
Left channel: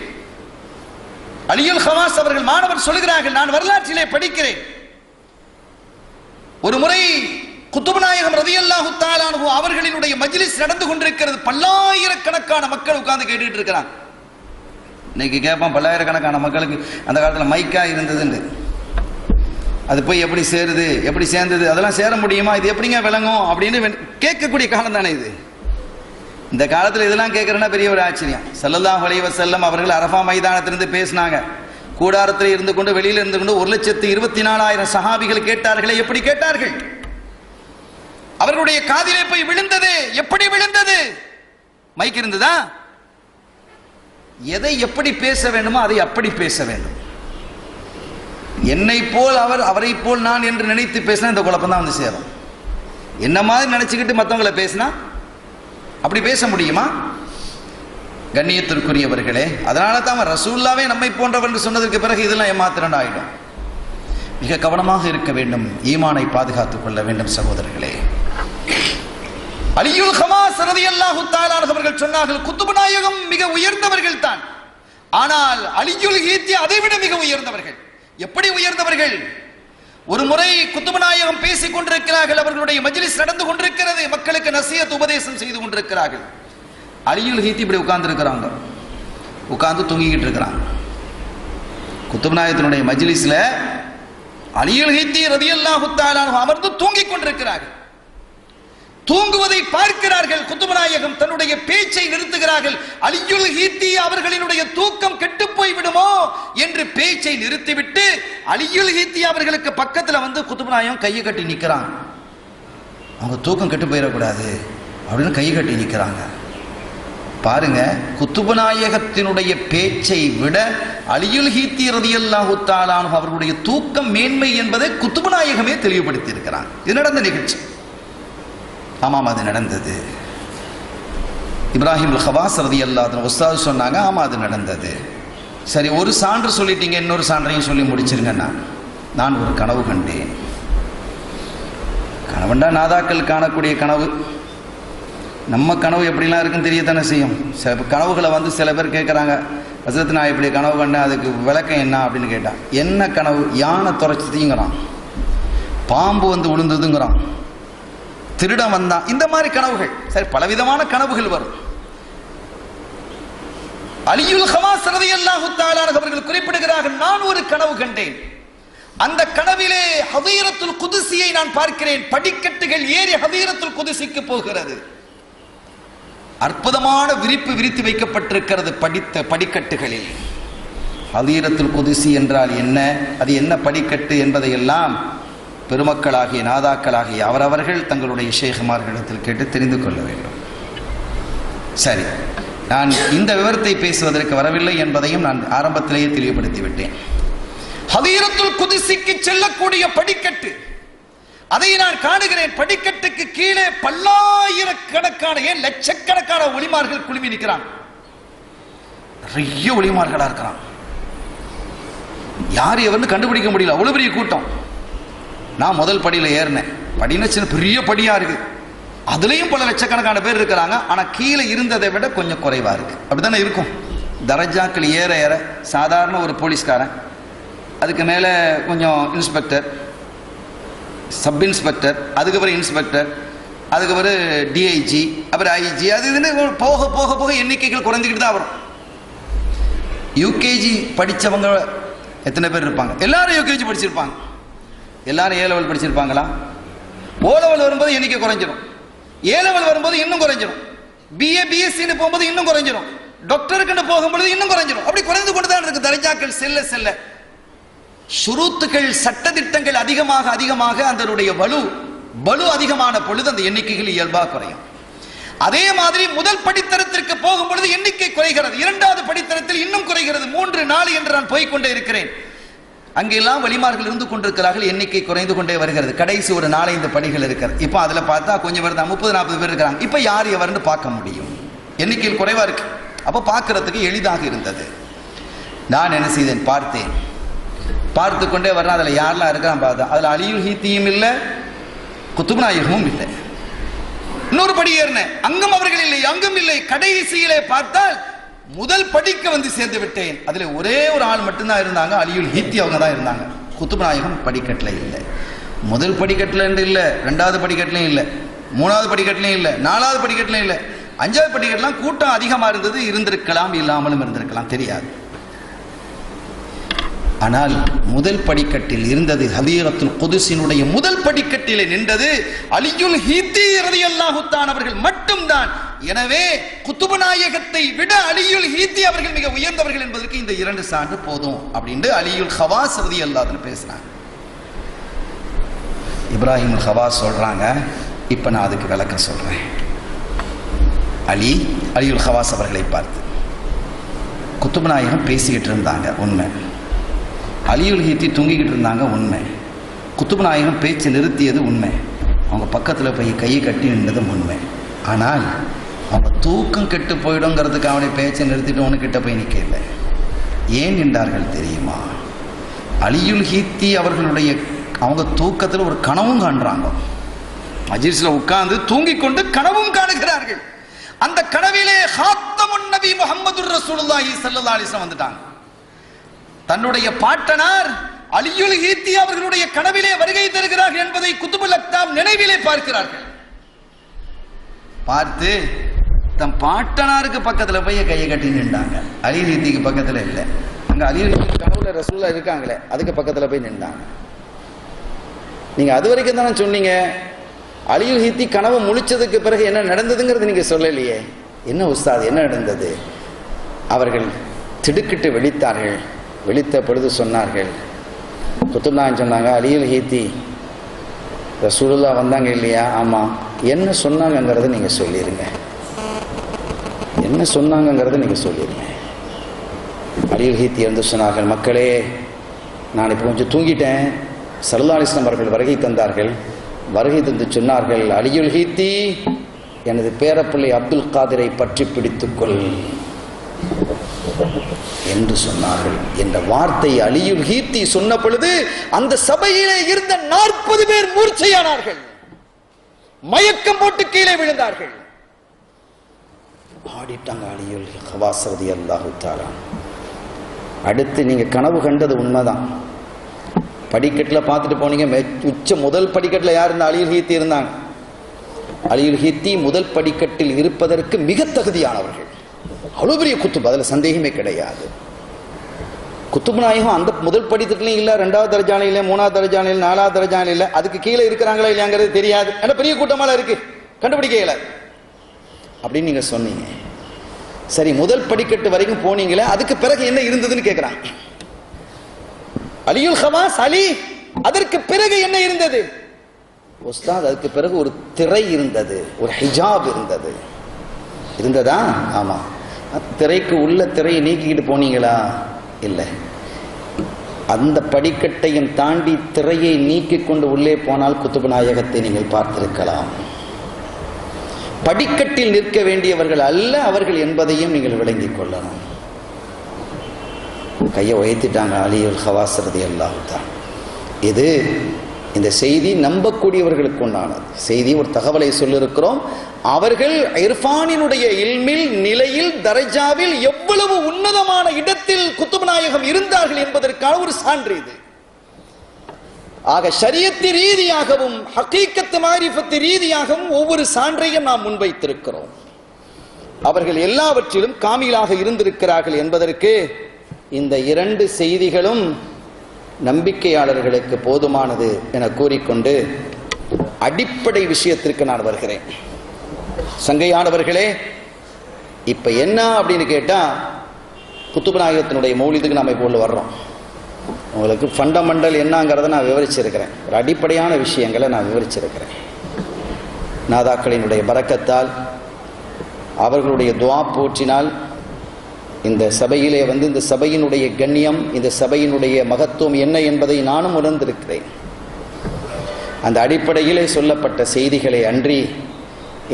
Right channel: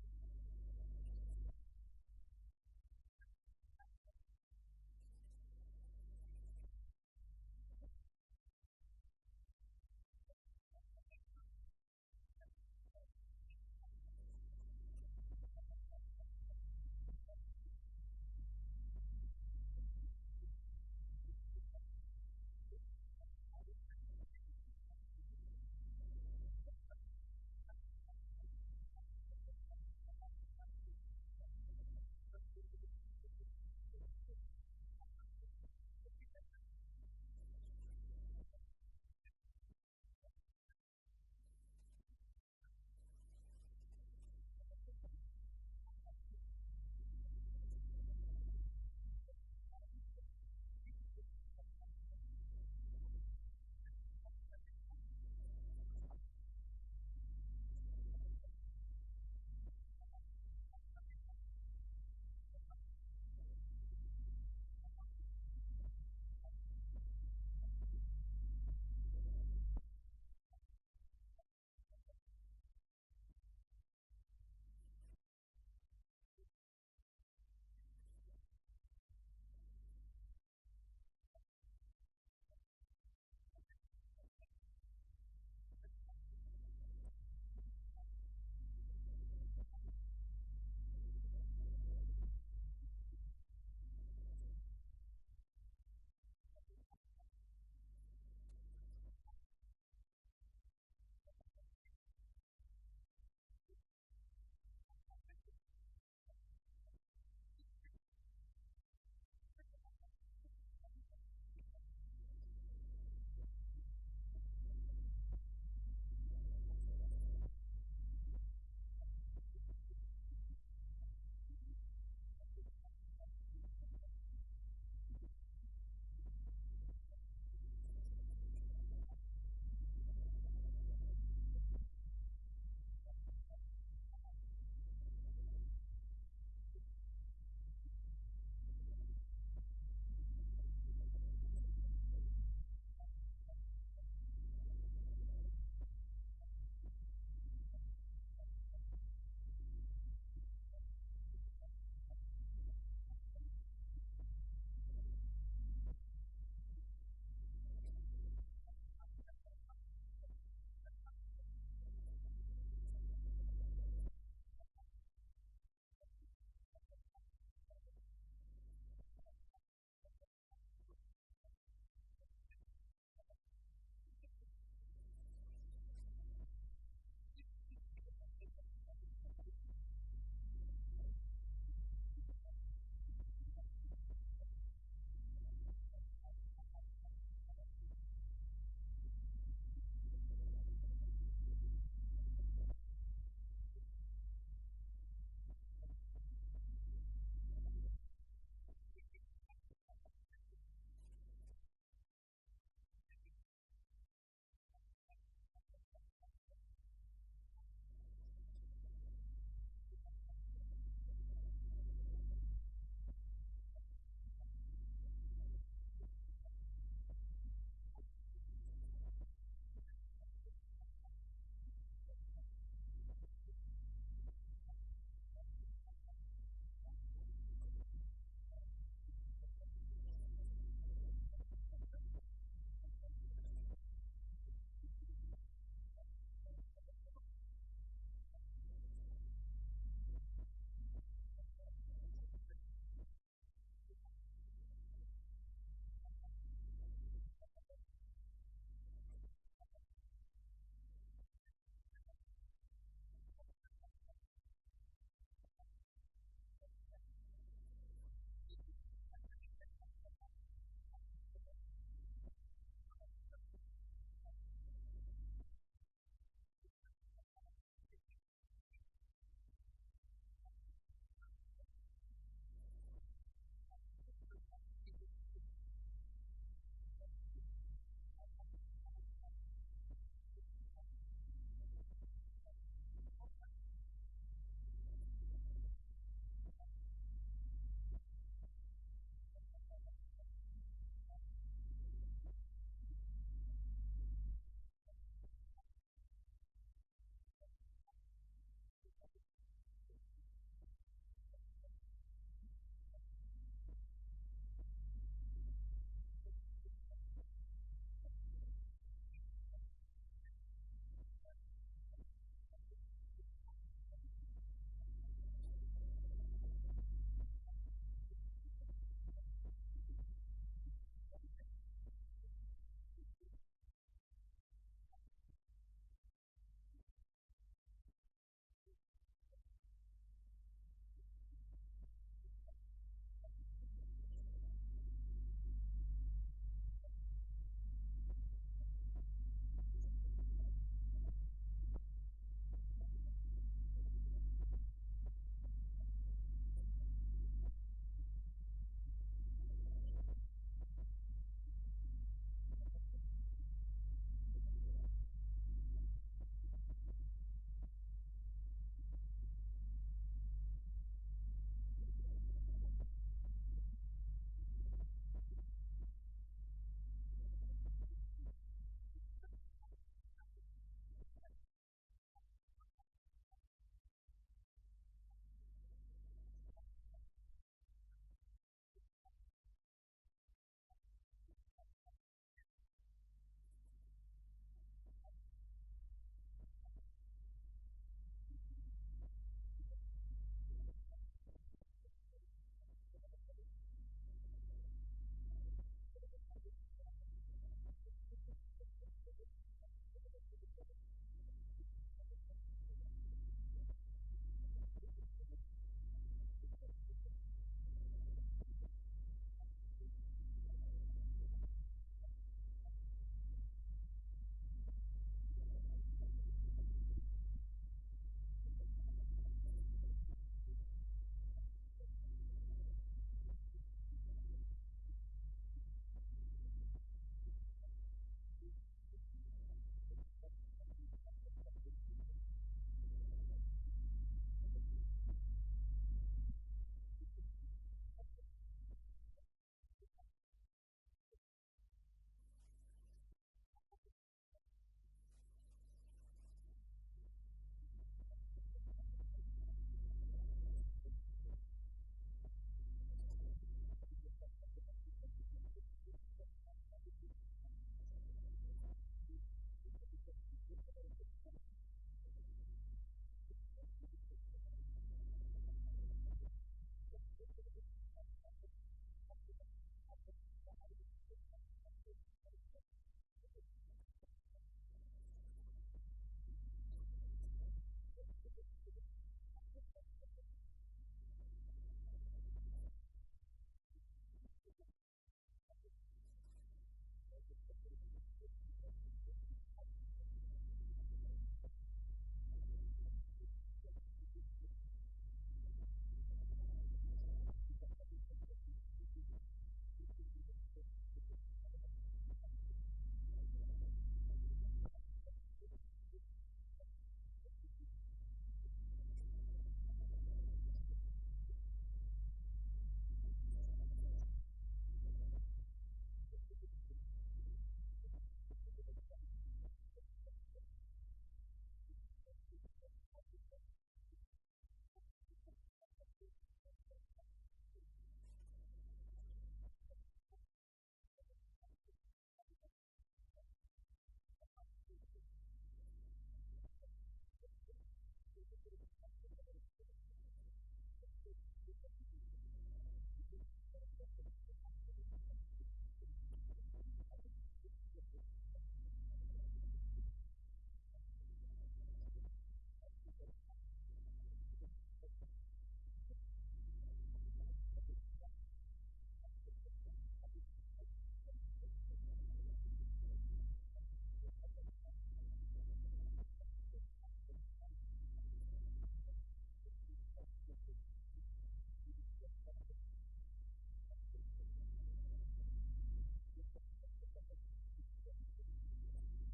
அலியுல் ஹவாஸ் அவர்கள் மாணவர் சொல்கிறார்கள், நான் வரலாற்றிலே படிக்கிறேன். ஒரு முறை குத்துப நாயகம் ரலியல்லாஹு தஆலா அன்ஹு அவர்களினுடைய மஜ்லிஸ் நடந்து கொண்டிருக்கிறது. பல்லாயிரக்கணக்கான மக்கள் உட்கார்ந்து கேட்டுட்டு இருக்கிறாங்க. இன்னைக்கு கேட்பான், பல்லாயிரக்கணக்கான மக்களுக்கு அந்த காலத்தில் மைக்கா இருந்ததுன்னு, அது போய் எப்படி சேருது, எப்படி சேர்ந்தது, அதெல்லாம் சேர முடியுமா, இது எப்படிங்க விளங்கும் அப்படின்னு கேட்கக்கூடிய காலம் தானே இது. இந்த காலத்தில் இதெல்லாம் கேட்கறேன்னா பெரிய ஒரு ஆச்சரியம். ஸல்லல்லாஹு அலைஹி வஸல்லம் அவர்கள் அரஃபா மைதானத்திலிருந்து பேசினாங்க. கூடாரத்தில் இருந்து கொண்டு, வெளியில் இருந்து கொண்டு 1,24,000 சஹாபிகள் கேட்டார்களே, எப்படி கேட்டார்கள்? அவர்களுடைய காதிலே போய் விழுந்தது. எப்படி விழுந்தது? மைக் இருந்ததா? எதை எப்படி பேச வேண்டுமோ அதை அப்படி பேச வேண்டும். என்னை போல் அவர், அவரை போல் நான் என்று நினைத்து பேசினா இந்த குழப்பம் தான் வந்து சேரும். என்ன மாதிரி நினைச்சுக்கிட்டு மற்றவங்களை பேசினா அப்படி பேச முடியுமா? கண்ணியத்திற்குரியவர்களே, அதனால தான் ரசூலுல்லாவே நம்மை போன்றவர் என்று சொன்னதற்கு பிறகு இதெல்லாம் ஏமாத்திரன் ஆயிடும். மிக கவனமாக இருக்க வேண்டும், ஈமானை பாதுகாத்துக் கொள்ள வேண்டும் சகோதரர்களே. அலியுல் ஹமாஸ் ரலியல்லாஹு தஆலா அவர்கள் சொன்னார்கள், குத்துபு நாயகம் மிக உயர்ந்தவர்கள் தான், ஆனால் அலியுல் ஹீத்தி அதைவிட மிக உயர்ந்தவர்கள். எப்படி உயர்ந்தவர்கள்? ஒரு முறை குத்துபு நாயகம் பேசிக் கொண்டிருக்கிறார்கள், அவர்களுடைய மஜ்லிஸ் நடந்து கொண்டிருக்கிறது, மக்களுக்கு நசீஹத் உபதேசம் செய்து கொண்டிருக்கிறார்கள். அலியுல் ஹீத்தி இப்படி உட்கார்ந்து இருக்கிறாங்க, உட்கார்ந்து தூங்கிக்கிட்டு இருக்கிறாங்க. குத்துபு நாயகத்தினுடைய மஜ்லிஸ்ல அலியுல் ஹீத்தி ரலியல்லாஹு தஆலா அமர்ந்து தூங்கிக் கொண்டிருக்கிறார்கள். தூங்குவதை பார்க்கிறார்கள். குத்துபு நாயகம் தன்னுடைய பேச்சை நிறுத்துகிறார்கள். அலியுல் ஹீத்தி அவர்களினுடைய தூக்கம் கெட்டு போய் விடுமோ என்று பேச்சை நிறுத்திவிட்டு அலியுல் ஹீத்தி அவர்களுக்கு பக்கத்துல வந்து குத்துபு நாயகம் கையை கட்டி நிற்கிறாங்க. அவங்க தூக்கம் கெட்டு போயிடக்கூடாது அப்படின்னு கையை கட்டி நிற்கிறாங்க. பாருங்க, குத்துபு நாயகத்தினுடைய பேச்சை விட அலியுல் ஹீத்தி ரலியல்லாஹு தஆலா அவர்களுடைய தூக்கம் மேன்மை என்பதை குத்துபு நாயகமே தெளிவுபடுத்தி இருக்கிறாங்க. இது நடந்த நிகழ்ச்சி. ஆமாம், அது நடந்தது. இப்ராஹிம் ஹவாஸ் ரலியல்லாஹு அன்ஹு உஸ்தாது சொன்னாங்க, ஆமா அது நடந்தது. சரி, ஒரு சான்று சொல்லிட்டீங்க, இன்னொரு சான்றையும் சொல்லி முடிச்சிருங்க. நான் ஒரு கனவு கண்டேன். கனவுண்டா நாதாக்கள் காணக்கூடிய கனவு. நம்ம கனவு எப்படிலாம் இருக்குன்னு தெரியத்தானே செய்யும். சில கனவுகளை வந்து சில பேர் கேட்குறாங்க, ஹஸ்ரத் நான் இப்படி கனவு கண்டேன், அதுக்கு விளக்கம் என்ன அப்படின்னு கேட்டான். என்ன கனவு? யானை துறைச்சதுங்கிறான், பாம்பு வந்து விழுந்ததுங்கிறான், திருடன் வந்தான். இந்த மாதிரி கனவுகள். சரி, பலவிதமான கனவுகள் வரும். அலியுல் ஹமாஸ் ரலியல்லாஹு தஆலா அவர்கள் குறிப்பிடுகிறார்கள், நான் ஒரு கனவு கண்டேன். அந்த கனவிலே ஹதீரத்துல் குதுஸியை நான் பார்க்கிறேன். படிக்கட்டுகள் ஏறி ஹதீரத்துல் குதுஸிக்கு போகிறது. அற்புதமான விரிப்பு விரித்து வைக்கப்பட்டிருக்கிறது படிக்கட்டுகளில். ஹதீரத்துல் குதுஸி என்றால் என்ன, அது என்ன படிக்கட்டு என்பதையெல்லாம் பெருமக்களாகிய நாதாக்களாகிய அவரவர்கள் தங்களுடைய ஷேகுமார்களிடத்தில் கேட்டு தெரிந்து கொள்ள வேண்டும். சரி, நான் இந்த விவரத்தை பேசுவதற்கு வரவில்லை என்பதையும் நான் ஆரம்பத்திலேயே தெளிவுபடுத்தி விட்டேன். ஹதீரத்துல் குதுஸிக்கு செல்லக்கூடிய படிக்கட்டு, அதை நான் காணுகிறேன். படிக்கட்டுக்கு கீழே பல்லாயிரக்கணக்கான, ஏன் லட்சக்கணக்கான ஒளிமார்கள் குழுமி நிற்கிறான். நிறைய ஒளிமார்களா இருக்கிறான். யார் எவர்னு கண்டுபிடிக்க முடியல, அவ்வளவு பெரிய கூட்டம். நான் முதல் படியில ஏறினேன். படினா சின்ன பெரிய படியா இருக்கு, அதுலயும் பல லட்சக்கணக்கான பேர் இருக்கிறாங்க. ஆனா கீழே இருந்ததை விட கொஞ்சம் குறைவா இருக்கு. அப்படித்தானே இருக்கும். தரஜாக்கள் ஏற ஏற சாதாரண ஒரு போலீஸ்காரன், அதுக்கு மேல கொஞ்சம் இன்ஸ்பெக்டர், சப் இன்ஸ்பெக்டர், அதுக்கப்புறம் இன்ஸ்பெக்டர், அதுக்கப்புறம் டிஐஜி, அப்புறம் ஐஜி, அது இதுன்னு போக போக போக எண்ணிக்கைகள் குறைஞ்சிக்கிட்டு தான் வரும். யூகேஜி படித்தவங்க எத்தனை பேர் இருப்பாங்க? எல்லாரும் யூகேஜி படிச்சிருப்பாங்க. எல்லாரும் ஏ லெவல் படிச்சிருப்பாங்களா? ஓ லெவல் வரும்போது எண்ணிக்கை குறைஞ்சிடும், ஏ லெவல் வரும்போது இன்னும் குறைஞ்சிடும், பிஏ பிஎஸ்சின்னு போகும்போது இன்னும் குறைஞ்சிடும், டாக்டருக்குன்னு போகும்போது இன்னும் குறைஞ்சிடும். அப்படி குறைந்து கொண்டு தான் இருக்கு. தரஜாக்கள் செல்ல செல்ல ஷுரூத்துகள், சட்டதிட்டங்கள் அதிகமாக அதிகமாக அதனுடைய வலு அதிகமான பொழுது அந்த எண்ணிக்கைகள் இயல்பாக குறையும். அதே மாதிரி முதல் படித்தரத்திற்கு போகும் பொழுது எண்ணிக்கை குறைகிறது, இரண்டாவது படித்தரத்தில் இன்னும் குறைகிறது, 3 4 என்று நான் போய்கொண்டே இருக்கிறேன். அங்கெல்லாம் வலிமார்கள் இருந்து கொண்டிருக்கிறார்கள், எண்ணிக்கை குறைந்து கொண்டே வருகிறது. கடைசி ஒரு 4-5 படிகள் இருக்கிறது. இப்போ அதுல பார்த்தா கொஞ்சம் பேர் தான், 30-40 பேர் இருக்கிறாங்க. இப்ப யார் எவர்னு பார்க்க முடியும், எண்ணிக்கையில் குறைவா இருக்கு. அப்ப பார்க்கறதுக்கு எளிதாக இருந்தது. நான் என்ன செய்தேன், பார்த்தேன். பார்த்து கொண்டே வரேன். அதுல யாரெல்லாம் இருக்கான் பார்த்தா, அதுல அலியுல் ஹீத்தியும் இல்லை, குத்துபு நாயகமும் இல்லை. இன்னொரு படி ஏறினேன், அங்கும் அவர்கள் இல்லை, அங்கும் இல்லை. கடைசியிலே பார்த்தால் முதல் படிக்க வந்து சேர்ந்து விட்டேன். அதுல ஒரே ஒரு ஆள் மட்டும்தான் இருந்தாங்க, அலியுல் ஹீத்தி அவங்க தான் இருந்தாங்க. குத்துபு நாயகம் படிக்கட்டுல இல்லை. முதல் படிக்கட்டுல இல்லை, 2வது படிக்கட்டுலையும் இல்லை, 3வது படிக்கட்டுலையும் இல்லை, 4வது படிக்கட்டுலையும் இல்லை, 5வது படிக்கட்டுலாம் கூட்டம் அதிகமா இருந்தது. இருந்திருக்கலாம், இல்லாமலும் இருந்திருக்கலாம், தெரியாது. ஆனால் முதல் படிக்கட்டில் இருந்தது, ஹதீரத்துல் குதுஸினுடைய முதல் படிக்கட்டிலே நின்றது அலியுல் ஹீத்தி ரலியல்லாஹு தஆலா அவர்கள் மட்டும்தான். எனவே குத்துபு நாயகத்தை விட அலியுல் ஹீத்தி அவர்கள் மிக உயர்ந்தவர்கள் என்பதற்கு இந்த 2 சான்று போதும் அப்படின்னு அலியுல் ஹவாஸ் ரலியல்லாஹு அன்ஹு பேசுறாங்க. இப்ராஹிம் ஹவாஸ் சொல்றாங்க, இப்ப நான் அதுக்கு விளக்கம் சொல்றேன். அலியுல் ஹவாஸ் அவர்களை பார்த்து, குத்துபு நாயகம் பேசிக்கிட்டு இருந்தாங்க, உண்மை. அலியுல் ஹீத்தி தூங்கிக்கிட்டு இருந்தாங்க, உண்மை. குத்துபு நாயகம் பேச்சு நிறுத்தியது உண்மை. அவங்க பக்கத்தில் போய் கையை கட்டி நின்றதும் உண்மை. ஆனால் அவங்க தூக்கம் கெட்டு போயிடுங்கிறதுக்கு அவனை பேச்சை நிறுத்திட்டு ஒன்று கிட்ட போய் நிற்கல. ஏன் நின்றார்கள் தெரியுமா? அலியுல் ஹீத்தி அவர்களுடைய அவங்க தூக்கத்தில் ஒரு கனவும் காண்றாங்க. மஜ்லிஸ்ல உட்கார்ந்து தூங்கிக் கொண்டு கனவும் காணுகிறார்கள். அந்த கனவிலே ஹாத்தமுன் நபி முஹம்மதுர் ரசூலுல்லாஹி ஸல்லல்லாஹு அலைஹி வஸல்லம் வந்துட்டாங்க. தன்னுடைய பாட்டனார் அலியுல் ஹீத்தி அவர்களுடைய கனவிலே வருகை தருகிறார்கள் என்பதை குதுபுல் அக்தாப் நினைவிலே பார்க்கிறார்கள். பார்த்து தன் பாட்டனாருக்கு பக்கத்துல போய் கையை கட்டி நின்றாங்க. அலியுல் ஹீத்திக்கு பக்கத்துல இல்லை. அங்க அலியுல் ஹீத்தி கனவுல ரசூலுல்லாஹ் இருக்காங்களே, அதுக்கு பக்கத்துல போய் நின்றாங்க. நீங்க அது வரைக்கும் தானே சொன்னீங்க, அலியுல் ஹீத்தி கனவு முழிச்சதுக்கு பிறகு என்ன நடந்ததுங்கிறது நீங்க சொல்லலையே. என்ன உஸ்தாத், என்ன நடந்தது? அவர்கள் திடுக்கிட்டு விழித்தார்கள். விழித்த பொழுது சொன்னார்கள், குத்துப்நாயகம் சொன்னாங்க, அலியுல் ஹீத்தி ரசூலுல்லாஹ் வந்தாங்க இல்லையா? ஆமா. என்ன சொன்னாங்கிறத நீங்க சொல்லிருங்க. என்ன சொன்னாங்கிறத நீங்க சொல்லிருங்க. அலியுல் ஹீத்தி வந்து சொன்னார்கள், மக்களே நான் இப்போ கொஞ்சம் தூங்கிட்டேன். ஸல்லல்லாஹு அலைஹி வஸல்லம் அவர்கள் வருகை தந்தார்கள். வருகை தந்து சொன்னார்கள், அலியுல் ஹீத்தி எனது பேரப்பிள்ளை அப்துல் காதிரை பற்றி பிடித்துக்கொள் என்று சொன்னார்கள். என்ற வார்த்தை அலியுல் ஹீத்தி சொன்ன பொழுது அந்த சபையிலே இருந்த 40 பேர் மூர்ச்சையானார்கள். மயக்கம் போட்டு கீழே விழுந்தார்கள். ஆடிட்டாங்க அலியுல் ஹவாஸ் ரலியல்லாஹு தஆலா. அடுத்து நீங்க கனவு கண்டது உண்மைதான். படிக்கட்டில் பார்த்துட்டு போனீங்க. முதல் படிக்கட்டில் யார் இருந்தா? அலியுல் ஹீத்தி இருந்தாங்க. அலியுல் ஹீத்தி முதல் படிக்கட்டில் இருப்பதற்கு மிக தகுதியானவர்கள். அவ்வளவு பெரிய குத்துப், அதுல சந்தேகமே கிடையாது. குத்துப் நாயகம் அந்த முதல் படிக்கட்டிலையும் இல்லை, 2வது தரஜான இல்லை, 3வது தரஜான இல்லை, 4வது தரஜான இல்லை. அதுக்கு கீழே இருக்கிறாங்களா இல்லையாங்கிறது தெரியாது. ஏன்னா பெரிய கூட்டமால இருக்கு, கண்டுபிடிக்க இயலாது அப்படின்னு நீங்க சொன்னீங்க. சரி, முதல் படிக்கட்டு வரைக்கும் போனீங்களே, அதுக்கு பிறகு என்ன இருந்ததுன்னு கேட்கிறாங்க. அலியுல் ஹவாஸ் அலி, அதற்கு பிறகு என்ன இருந்தது? உஸ்தாத், அதுக்கு பிறகு ஒரு திரை இருந்தது, ஒரு ஹிஜாப் இருந்தது. இருந்ததா? ஆமா. திரைக்கு உள்ள திரையை நீக்கிக்கிட்டு போனீங்களா? இல்லை. அந்த படிக்கட்டையும் தாண்டி திரையை நீக்கிக் கொண்டு உள்ளே போனால் குத்துபு நாயகத்தை நீங்கள் பார்த்திருக்கலாம். படிக்கட்டில் நிற்க வேண்டியவர்கள் அல்ல அவர்கள் என்பதையும் நீங்கள் விளங்கிக் கொள்ளணும். கையை உயர்த்திட்டாங்க அலியுல் ஹவாஸ் ரலியல்லாஹு தஆலா. இது இந்த செய்தி நம்பக்கூடியவர்களுக்கு உண்டானது செய்தி. ஒரு தகவலை சொல்லியிருக்கிறோம். அவர்கள் இர்ஃபானினுடைய இல்மில், நிலையில், தரஜாவில் எவ்வளவு உன்னதமான இடத்தில் குத்துப் நாயகம் இருந்தார்கள் என்பதற்கான ஒரு சான்று இது. ஆக ஷரியத்து ரீதியாகவும் ஹகீகத் மாரிஃபத் ரீதியாகவும் ஒவ்வொரு சான்றையும் நாம் முன்வைத்திருக்கிறோம். அவர்கள் எல்லாவற்றிலும் காமிலாக இருந்திருக்கிறார்கள் என்பதற்கு இந்த 2 செய்திகளும் நம்பிக்கையாளர்களுக்கு போதுமானது என கூறிக்கொண்டு அடிப்படை விஷயத்திற்கு நான் வருகிறேன். சங்கையானவர்களே, இப்ப என்ன அப்படின்னு கேட்டா, குத்துப் நாயகத்தினுடைய மௌலிதுக்கு நாம இப்போ வர்றோம். உங்களுக்கு ஃபண்டமெண்டல் என்னங்கிறத நான் விவரிச்சிருக்கிறேன். ஒரு அடிப்படையான விஷயங்களை நான் விவரிச்சிருக்கிறேன். நாதாக்களினுடைய பரக்கத்தால், அவர்களுடைய துஆ போற்றினால் இந்த சபையிலே வந்து இந்த சபையினுடைய கண்ணியம், இந்த சபையினுடைய மகத்துவம் என்ன என்பதை நானும் உணர்ந்திருக்கிறேன். அந்த அடிப்படையிலே சொல்லப்பட்ட செய்திகளை அன்றி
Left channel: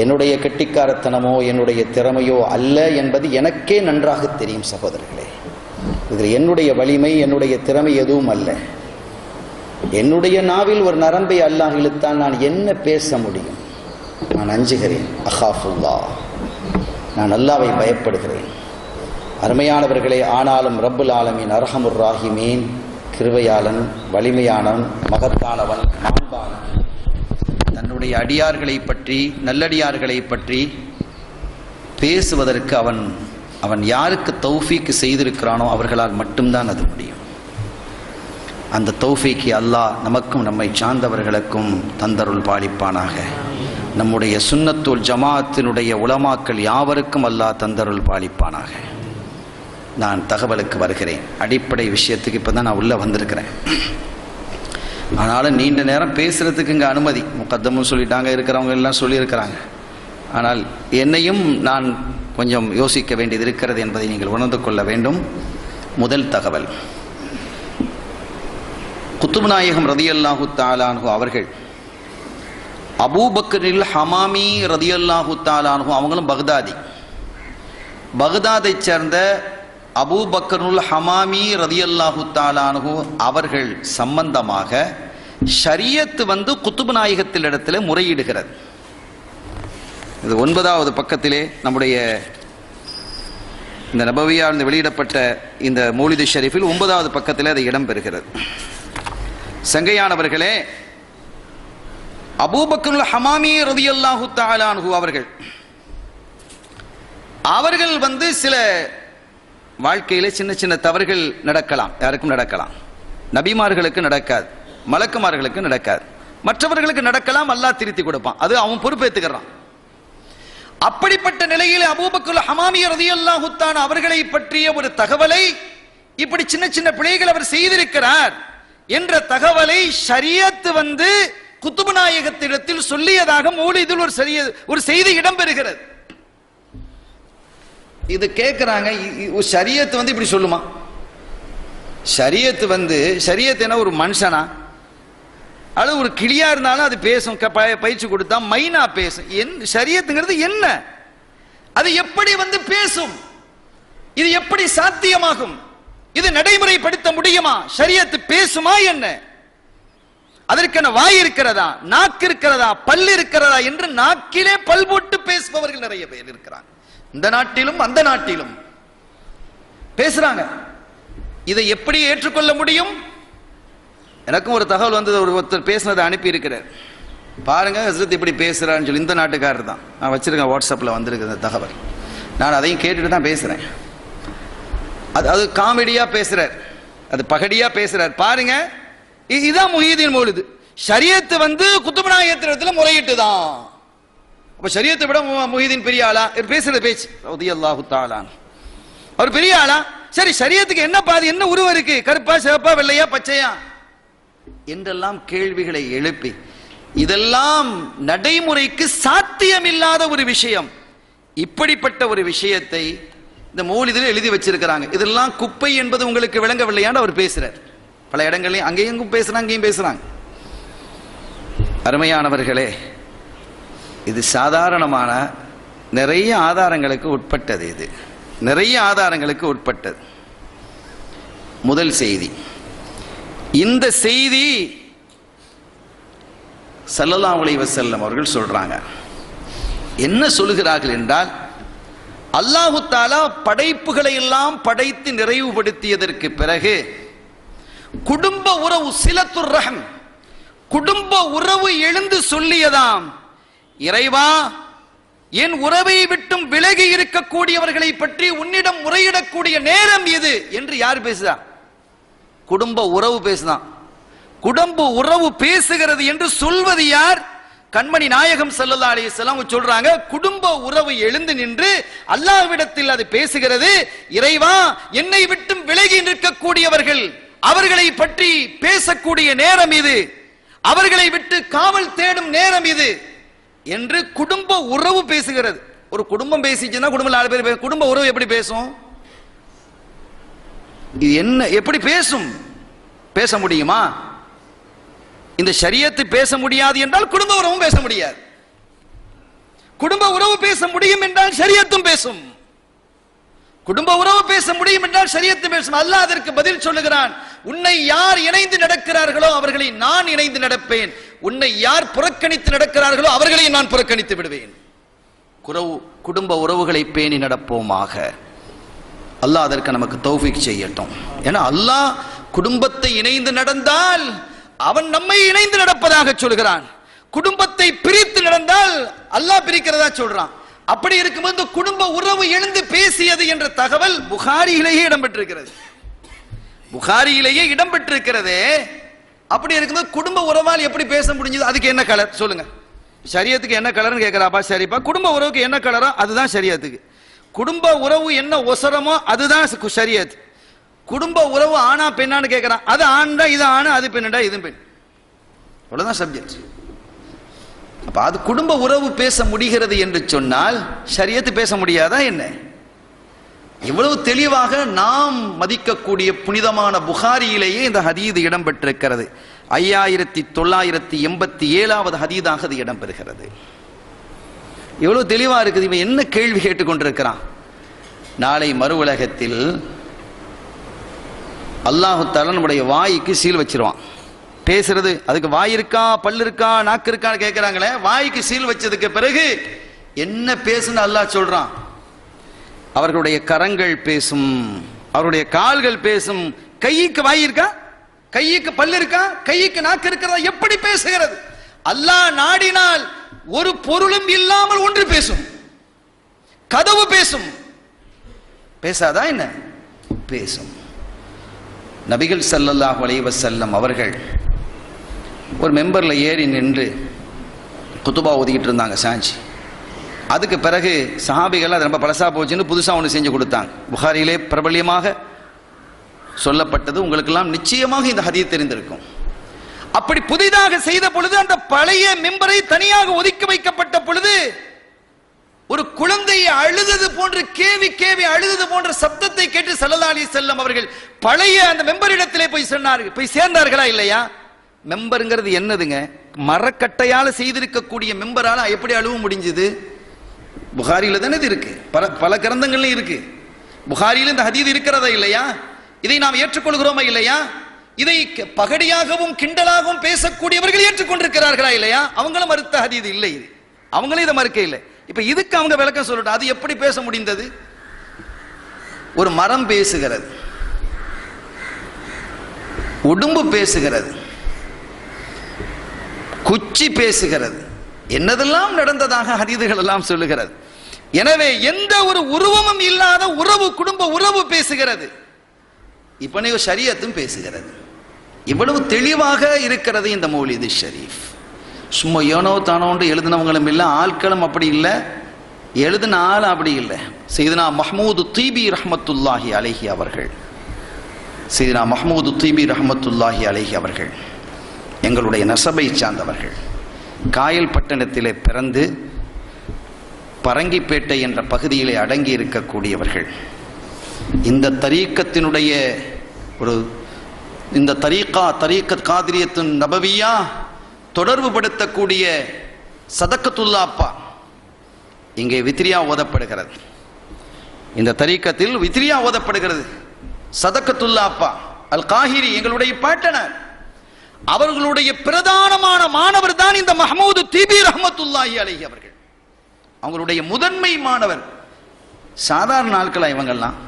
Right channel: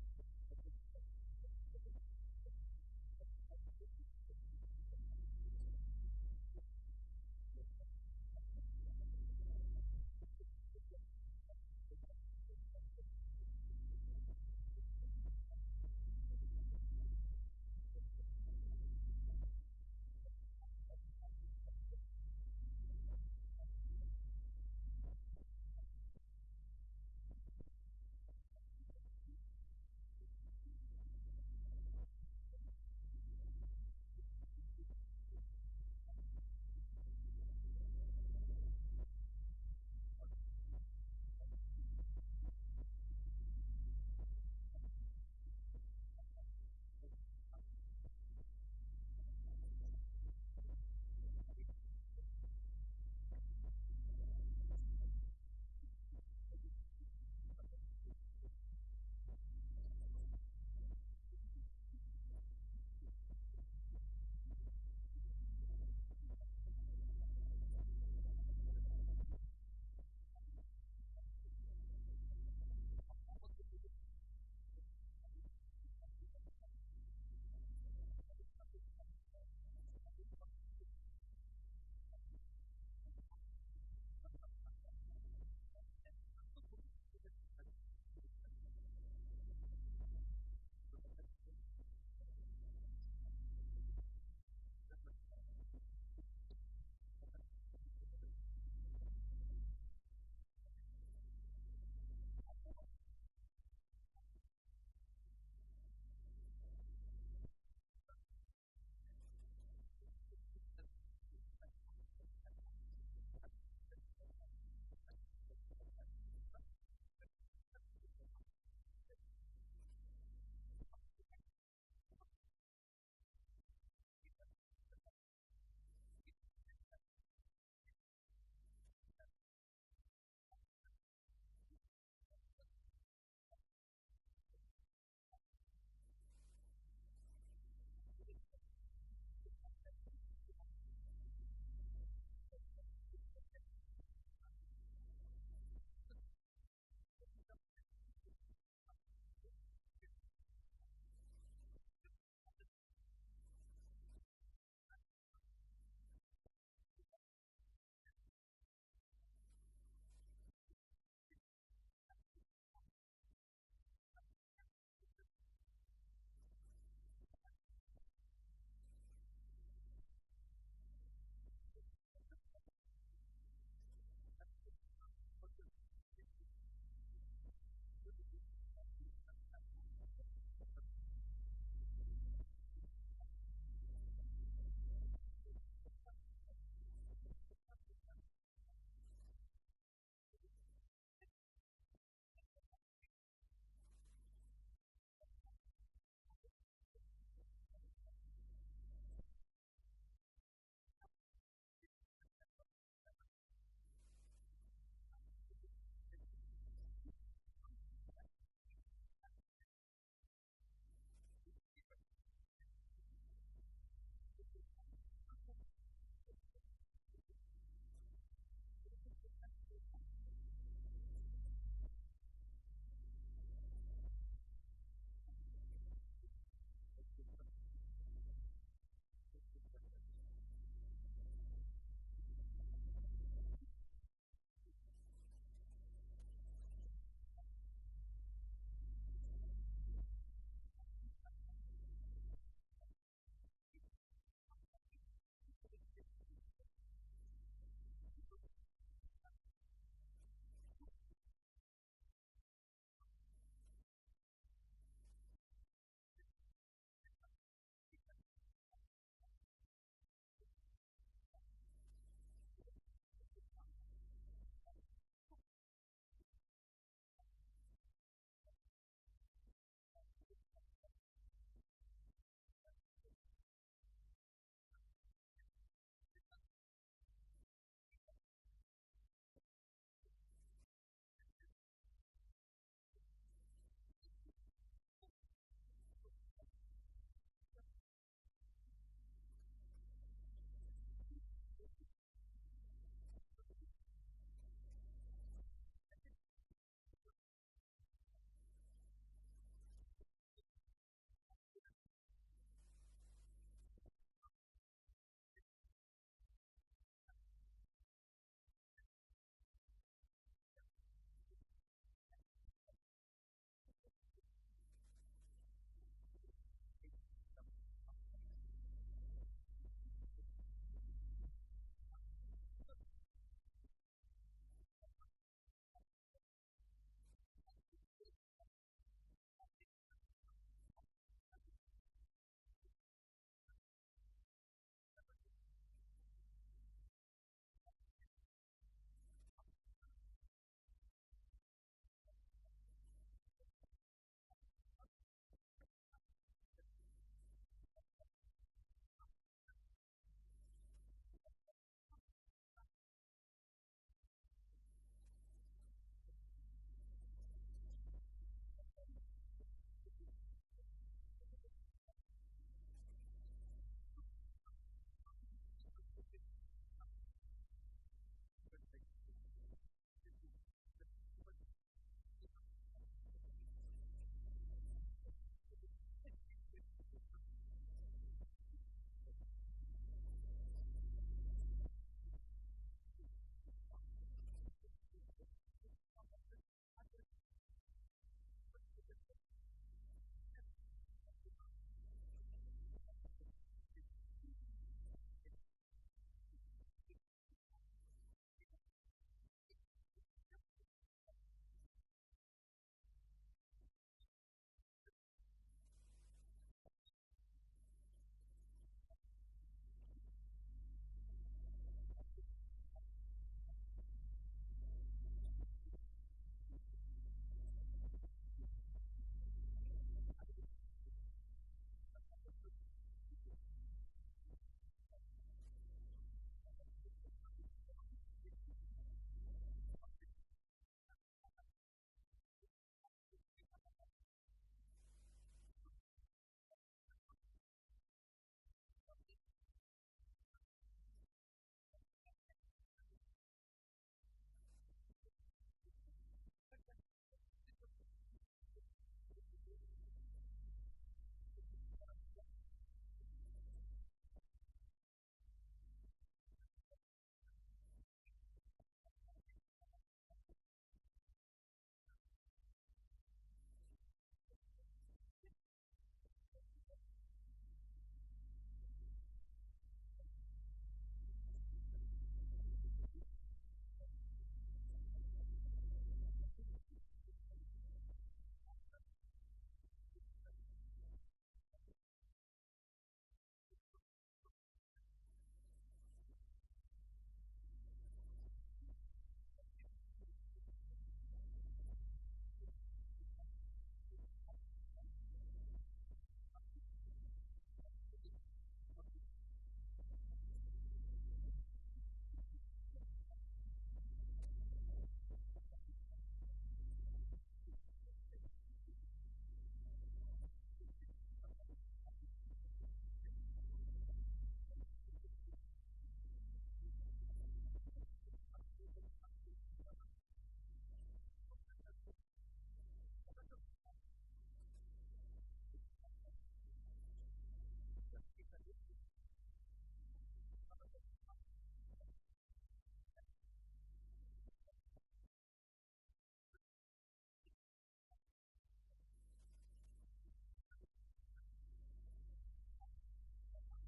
என்னுடைய கெட்டிக்காரத்தனமோ என்னுடைய திறமையோ அல்ல என்பது எனக்கே நன்றாக தெரியும் சகோதரர்களே. இதில் என்னுடைய வலிமை, என்னுடைய திறமை எதுவும் அல்ல. என்னுடைய நாவில் ஒரு நரம்பை அல்லாஹ் இழுத்தால் நான் என்ன பேச முடியும்? நான் அஞ்சுகிறேன். அஹாஃபுல்லாஹ், நான் அல்லாஹ்வை பயப்படுகிறேன். அருமையானவர்களே, ஆனாலும் ரப்புல் ஆலமீன் அர்ஹமுர் ராஹிமீன், கிருபையாளன், வலிமையானவன், மகத்தானவன், மாண்பானவன், தன்னுடைய அடியார்களை பற்றி, நல்லடியார்களை பற்றி பேசுவதற்கு அவன் யாருக்கு தௌஃபீக் செய்திருக்கிறானோ அவர்களால் மட்டும்தான் அது முடியும். அந்த தௌஃபீக்கை அல்லாஹ் நமக்கும் நம்மை சார்ந்தவர்களுக்கும் தந்தருள் பாலிப்பானாக. நம்முடைய சுன்னத்துல் ஜமாஅத்தினுடைய உலமாக்கள் யாவருக்கும் அல்லாஹ் தந்தருள் பாலிப்பானாக. நான் தகவலுக்கு வருகிறேன். அடிப்படை விஷயத்துக்கு இப்போ தான் நான் உள்ளே வந்திருக்கிறேன். ஆனாலும் நீண்ட நேரம் பேசுகிறதுக்கு இங்கே அனுமதி முகத்தமும் சொல்லிட்டாங்க, இருக்கிறவங்க எல்லாம் சொல்லியிருக்கிறாங்க. ஆனால் என்னையும் நான் கொஞ்சம் யோசிக்க வேண்டியது இருக்கிறது என்பதை நீங்கள் உணர்ந்து கொள்ள வேண்டும். முதல் தகவல், குத்துப் நாயகம் ரலியல்லாஹு தஆலா அன்ஹு அவர்கள் அபூபக்கரில் ஹமாமி ரதியல்லாஹு தஆலா அன்ஹு அவங்களும் பக்தாதை சேர்ந்த அபூபக்கருல் ஹமாமி ரதியல்லாஹு தஆலா அன்ஹு அவர்கள் சம்பந்தமாக ஷரியத் குத்துபு நாயகத்தில் இடத்துல முறையிடுகிறது. இது 9வது பக்கத்திலே நம்முடைய இந்த நபவியால் வெளியிடப்பட்ட இந்த மௌலிது ஷரீஃபில் 9வது பக்கத்திலே அது இடம்பெறுகிறது. சங்கையானவர்களே, அபூபக்கருல் ஹமாமி ரலியல்லாஹு தஆலா அன்ஹு அவர்கள் சில வாழ்க்கையில சின்ன சின்ன தவறுகள் நடக்கலாம், யாருக்கும் நடக்கலாம். நபிமார்களுக்கு நடக்காது, மலக்குமார்களுக்கு நடக்காது, மற்றவர்களுக்கு நடக்கலாம். அல்லாஹ் திருத்தி கொடுப்பான், அது அவன் பொறுப்பேற்றுக்கிறான். அப்படிப்பட்ட நிலையில் அபூபக்கர் ஹமாமி ரலியல்லாஹு தஆலா அவர்களை பற்றிய ஒரு தகவலை, இப்படி சின்ன சின்ன பிழைகள் அவர் செய்திருக்கிறார் என்ற தகவலை ஷரியத் குத்துபு நாயகத்திடத்தில் சொல்லியதாக மௌலிதில் ஒரு செய்தி இடம்பெறுகிறது. இது கேட்கிறாங்க, ஷரியத் இப்படி சொல்லுமா? ஷரியத் என்ன ஒரு மனுஷனா? அது ஒரு கிளியா இருந்தாலும் அது பேசும், பயிற்சி கொடுத்தா மைனா பேசும். ஷரியத்துங்கிறது என்ன? அது எப்படி பேசும்? இது எப்படி சாத்தியமாகும்? இது நடைமுறைப்படுத்த முடியுமா? ஷரியத் பேசுமா என்ன? அதற்கான வாய் இருக்கிறதா, நாக்கு இருக்கிறதா, பல் இருக்கிறதா என்று நாக்கிலே பல் போட்டு பேசுபவர்கள் நிறைய பேர் இருக்கிறாங்க. இந்த நாட்டிலும் அந்த நாட்டிலும் பேசுறாங்க. இதை எப்படி ஏற்றுக்கொள்ள முடியும்? எனக்கும் ஒரு தகவல் வந்தது, ஒருத்தர் பேசினதை அனுப்பி இருக்கிறார். பாருங்க ஹஸ்ரத் இப்படி பேசுறான்னு சொல்லி, இந்த நாட்டுக்காரர் தான். நான் வச்சிருக்கேன், வாட்ஸ்அப்ல வந்திருக்கு இந்த தகவல். நான் அதையும் கேட்டுட்டு தான் பேசுறேன். அது காமெடியா பேசுறார், அது பகடியா பேசுறார். பாருங்க, இதுதான் முஹிதீன் மௌலிது. ஷரியத் குத்துபு நாயகத்திடத்தில் முறையிட்டு தான். அப்ப ஷரியத்தை விட முஹிதீன் பெரிய ஆளா? பேசுற பேச்சு ரலியல்லாஹு தஆலா அவர் பெரிய ஆளா? சரி, ஷரியத்துக்கு என்ன பாதி, என்ன உருவம் இருக்கு? கருப்பா, சிவப்பா, வெள்ளையா, பச்சையா என்றெல்லாம் கேள்விகளை எழுப்பி, இதெல்லாம் நடைமுறைக்கு சாத்தியமில்லாத ஒரு விஷயம். இப்படிப்பட்ட ஒரு விஷயத்தை இந்த மௌலிதில் எழுதி வச்சிருக்கிறாங்க. இதெல்லாம் குப்பை என்பது உங்களுக்கு விளங்கவில்லையான்னு அவர் பேசுறார். பல இடங்களையும் அங்கேயும் பேசுறாங்க, அங்கேயும் பேசுறாங்க. அருமையானவர்களே, இது சாதாரணமான நிறைய ஆதாரங்களுக்கு உட்பட்டது. இது நிறைய ஆதாரங்களுக்கு உட்பட்டது. முதல் செய்தி, இந்த செய்தி ஸல்லல்லாஹு அலைஹி வஸல்லம் அவர்கள் சொல்றாங்க. என்ன சொல்லுகிறார்கள் என்றால், அல்லாஹு தஆலா படைப்புகளை எல்லாம் படைத்து நிறைவுபடுத்தியதற்கு பிறகு குடும்ப உறவு சிலத்துர் ரஹம், குடும்ப உறவு எழுந்து சொல்லியதாம், இறைவா, என் உறவை விட்டும் விலகி இருக்கக்கூடியவர்களை பற்றி உன்னிடம் முறையிடக்கூடிய நேரம் இது என்று யார் பேசுதா? குடும்ப உறவு பேசுதான். குடும்ப உறவு பேசுகிறது என்று சொல்வது யார்? கண்மணி நாயகம் ஸல்லல்லாஹு அலைஹி வஸல்லம் சொல்றாங்க, குடும்ப உறவு எழுந்து நின்று அல்லாஹ்விடத்தில் அது பேசுகிறது, இறைவா, என்னை விட்டும் விலகி நிற்கக்கூடியவர்கள், அவர்களை பற்றி பேசக்கூடிய நேரம் இது, அவர்களை விட்டு காவல் தேடும் நேரம் இது என்று குடும்ப உறவு பேசுகிறது. ஒரு குடும்பம் பேசிச்சுன்னா குடும்பம் 4 பேர், குடும்ப உறவு எப்படி பேசும்? இது என்ன, எப்படி பேசும்? பேச முடியுமா? இந்த ஷரியத்து பேச முடியாது என்றால் குடும்ப உறவும் பேச முடியாது. குடும்ப உறவு பேச முடியும் என்றால் ஷரியத்தும் பேசும். குடும்ப உறவு பேச முடியும் என்றால் ஷரியத்து பேசும். அல்லாஹ் அதற்கு பதில் சொல்லுகிறான், உன்னை யார் இணைந்து நடக்கிறார்களோ அவர்களை நான் இணைந்து நடப்பேன், உன்னை யார் புறக்கணித்து நடக்கிறார்களோ அவர்களை நான் புறக்கணித்து விடுவேன். குடும்ப உறவுகளை பேணி நடப்போமாக. அல்லாஹ் அதற்கு நமக்கு தௌஃபீக் செய்யட்டும். ஏன்னா அல்லாஹ் குடும்பத்தை இணைந்து நடந்தால் அவன் நம்மை இணைந்து நடப்பதாக சொல்கிறான். குடும்பத்தை பிரித்து நடந்தால் அல்லாஹ் பிரிக்கிறதா சொல்றான். அப்படி இருக்கும்போது குடும்ப உறவு எழுந்து பேசியது என்ற தகவல் புகாரியிலேயே இடம்பெற்றிருக்கிறது. புகாரியிலேயே இடம்பெற்றிருக்கிறதே. அப்படி இருக்கும்போது குடும்ப உறவால் எப்படி பேச முடிஞ்சது? அதுக்கு என்ன கலர் சொல்லுங்க? ஷரியத்துக்கு என்ன கலர்னு கேட்கிறாப்பா? சரிப்பா, குடும்ப உறவுக்கு என்ன கலரோ அதுதான் ஷரியத்துக்கு. குடும்ப உறவு என்ன ஒசரமோ அதுதான் ஷரியத். குடும்ப உறவு ஆனா பெண்ணான்னு கேட்கிறான், அது ஆண்டா இது ஆணு, அது பெண்ணா இது பெண், அவ்வளவுதான் சப்ஜெக்ட். அப்ப அது குடும்ப உறவு பேச முடிகிறது என்று சொன்னால் ஷரியத்து பேச முடியாதா என்ன? இவ்வளவு தெளிவாக நாம் மதிக்கக்கூடிய புனிதமான புகாரியிலேயே இந்த ஹதீது இடம்பெற்றிருக்கிறது. 5987வது ஹதீதாக அது இடம்பெறுகிறது. எவ்வளவு தெளிவா இருக்குது. இவன் என்ன கேள்வி கேட்டுக்கொண்டிருக்கிறான்? நாளை மறு உலகத்தில் அல்லாஹு தஆலா நம்முடைய வாய்க்கு சீல் வச்சிருவான். பேசுறது, அதுக்கு வாய் இருக்கா, பல்லு இருக்கா, நாக்கு இருக்கான்னு கேட்கிறாங்களே, வாய்க்கு சீல் வச்சதுக்கு பிறகு என்ன பேசுன்னு அல்லாஹ் சொல்றான். அவர்களுடைய கரங்கள் பேசும், அவருடைய கால்கள் பேசும். கைக்கு வாய் இருக்கா, கைக்கு பல்லு இருக்கா, கைக்கு நாக்கு இருக்கிறதா? எப்படி பேசுகிறது? அல்லாஹ் நாடினால் ஒரு பொருளும் இல்லாமல் ஒன்று பேசும். கதவு பேசும், பேசாதா என்ன? பேசும். நபிகள் ஸல்லல்லாஹு அலைஹி வஸல்லம் அவர்கள் ஒரு மெம்பர்ல ஏறி நின்று குத்துபா ஓதிக்கிட்டு இருந்தாங்க சாஞ்சி. அதுக்கு பிறகு சஹாபிகள் அது ரொம்ப பழசா போச்சுன்னு புதுசாக ஒன்று செஞ்சு கொடுத்தாங்க. புகாரியிலே பிரபல்யமாக சொல்லப்பட்டது. உங்களுக்கெல்லாம் நிச்சயமாக இந்த ஹதீஸ் தெரிந்திருக்கும். அப்படி புதிதாக செய்த பொழுது அந்த பழைய மெம்பரை தனியாக ஒதுக்கி வைக்கப்பட்ட பொழுது ஒரு குழந்தையை அழுதது போன்ற கேவி கேவி அழுதது போன்ற சப்தத்தை கேட்டு ஸல்லல்லாஹு அலைஹி வஸல்லம் அவர்கள் பழைய அந்த மெம்பரிடத்திலே போய் சொன்னார்கள். போய் சேர்ந்தார்களா இல்லையா? மெம்பருங்கிறது என்னதுங்க? மரக்கட்டையால செய்திருக்கக்கூடிய மெம்பரால எப்படி அழுவ முடிஞ்சது? புகாரியில தானே இது இருக்கு, பல கிரந்தங்கள்ல இருக்கு. புகாரியில இந்த ஹதீஸ் இருக்கிறதா இல்லையா? இதை நாம் ஏற்றுக்கொள்கிறோமா இல்லையா? இதை பகடியாகவும் கிண்டலாகவும் பேசக்கூடியவர்கள் ஏற்றுக்கொண்டிருக்கிறார்களா இல்லையா? அவங்களும் மறுத்த ஹதீஸ் இல்லை, அவங்களும் இதை மறுக்க இல்லை. இப்ப இதுக்கு அவங்க விளக்கம் சொல்லட்டும். அது எப்படி பேச முடிந்தது? ஒரு மரம் பேசுகிறது, உடும்பு பேசுகிறது, குச்சி பேசுகிறது, என்னதெல்லாம் நடந்ததாக ஹதீதுகள் எல்லாம் சொல்லுகிறது. எனவே எந்த ஒரு உருவமும் இல்லாத உறவு, குடும்ப உறவு பேசுகிறது. இப்ப ஷரியத்தும் பேசுகிறது. இவ்வளவு தெளிவாக இருக்கிறது இந்த மௌலிது ஷரீஃப். சும்மா ஏனோ தானோன்று எழுதினவங்களும் இல்லை, ஆட்களும் அப்படி இல்லை, எழுதின ஆள் அப்படி இல்லை. சையதுனா மஹ்மூது தீபி ரஹ்மத்துல்லாஹி அலைஹி அவர்கள், சையதுனா மஹ்மூது தீபி ரஹ்மத்துல்லாஹி அலைஹி அவர்கள் எங்களுடைய நசபை சார்ந்தவர்கள். காயல் பட்டணத்திலே பிறந்து பரங்கிப்பேட்டை என்ற பகுதியிலே அடங்கி இருக்கக்கூடியவர்கள். இந்த தரீக்கத்தினுடைய ஒரு இந்த தரீக்கத் காதிரியத்துன் நபவியா தொடர்பு படுத்தக்கூடிய சதக்கத்துல்லா அப்பா இங்கே வித்ரியா ஓதப்படுகிறது. இந்த தரீக்கத்தில் வித்ரியா ஓதப்படுகிறது. சதக்கத்துல்லா அப்பா அல் காஹிரி எங்களுடைய பாட்டனர். அவர்களுடைய பிரதானமான மாணவர் தான் இந்த மஹ்மூது தீபி ரஹ்மத்துல்லாஹி அலைஹி அவர்கள். அவங்களுடைய முதன்மை மாணவர். சாதாரண நாட்களா இவங்கெல்லாம்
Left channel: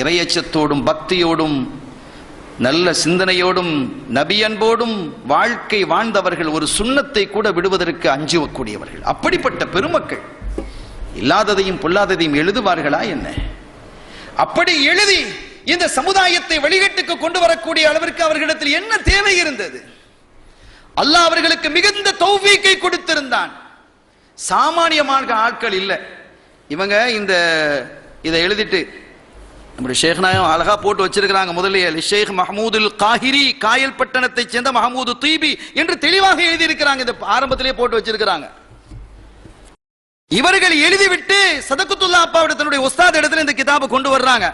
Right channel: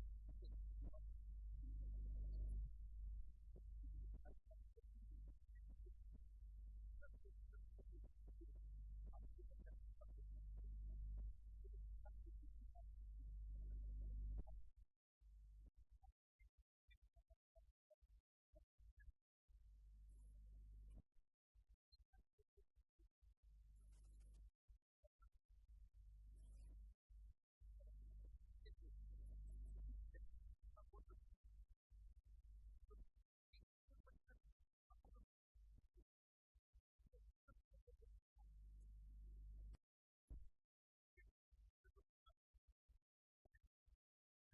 இறையச்சத்தோடும் பக்தியோடும் நல்ல சிந்தனையோடும் நபியன்போடும் வாழ்க்கை வாழ்ந்தவர்கள். ஒரு சுண்ணத்தை கூட விடுவதற்கு அஞ்சுவக்கூடியவர்கள். அப்படிப்பட்ட பெருமக்கள் இல்லாததையும் பொல்லாததையும் எழுதுவார்களா என்ன? அப்படி எழுதி இந்த சமுதாயத்தை வழிகட்டுக்கு கொண்டு வரக்கூடிய அளவிற்கு அவர்களிடத்தில் என்ன தேவை இருந்தது? அல்லாஹ் அவர்களுக்கு மிகுந்த தௌஃபீக்கை கொடுத்திருந்தான். சாமானியமான ஆட்கள் இல்லை இவங்க. இதை எழுதிட்டு நம்முடைய ஷேக் நாயம் அழகா போட்டு வச்சிருக்கிறாங்க. முதலில் ஷேக் மஹமூதுல் காஹிரி, காயல் பட்டணத்தை சேர்ந்த மஹமூது தீபி என்று தெளிவாக எழுதியிருக்கிறாங்க. இந்த ஆரம்பத்திலே போட்டு வச்சிருக்கிறாங்க. இவர்கள் எழுதிவிட்டு சதகுத்துல்லா அப்பாவோட தன்னுடைய உஸ்தாத் இடத்துல இந்த கிதாபை கொண்டு வர்றாங்க.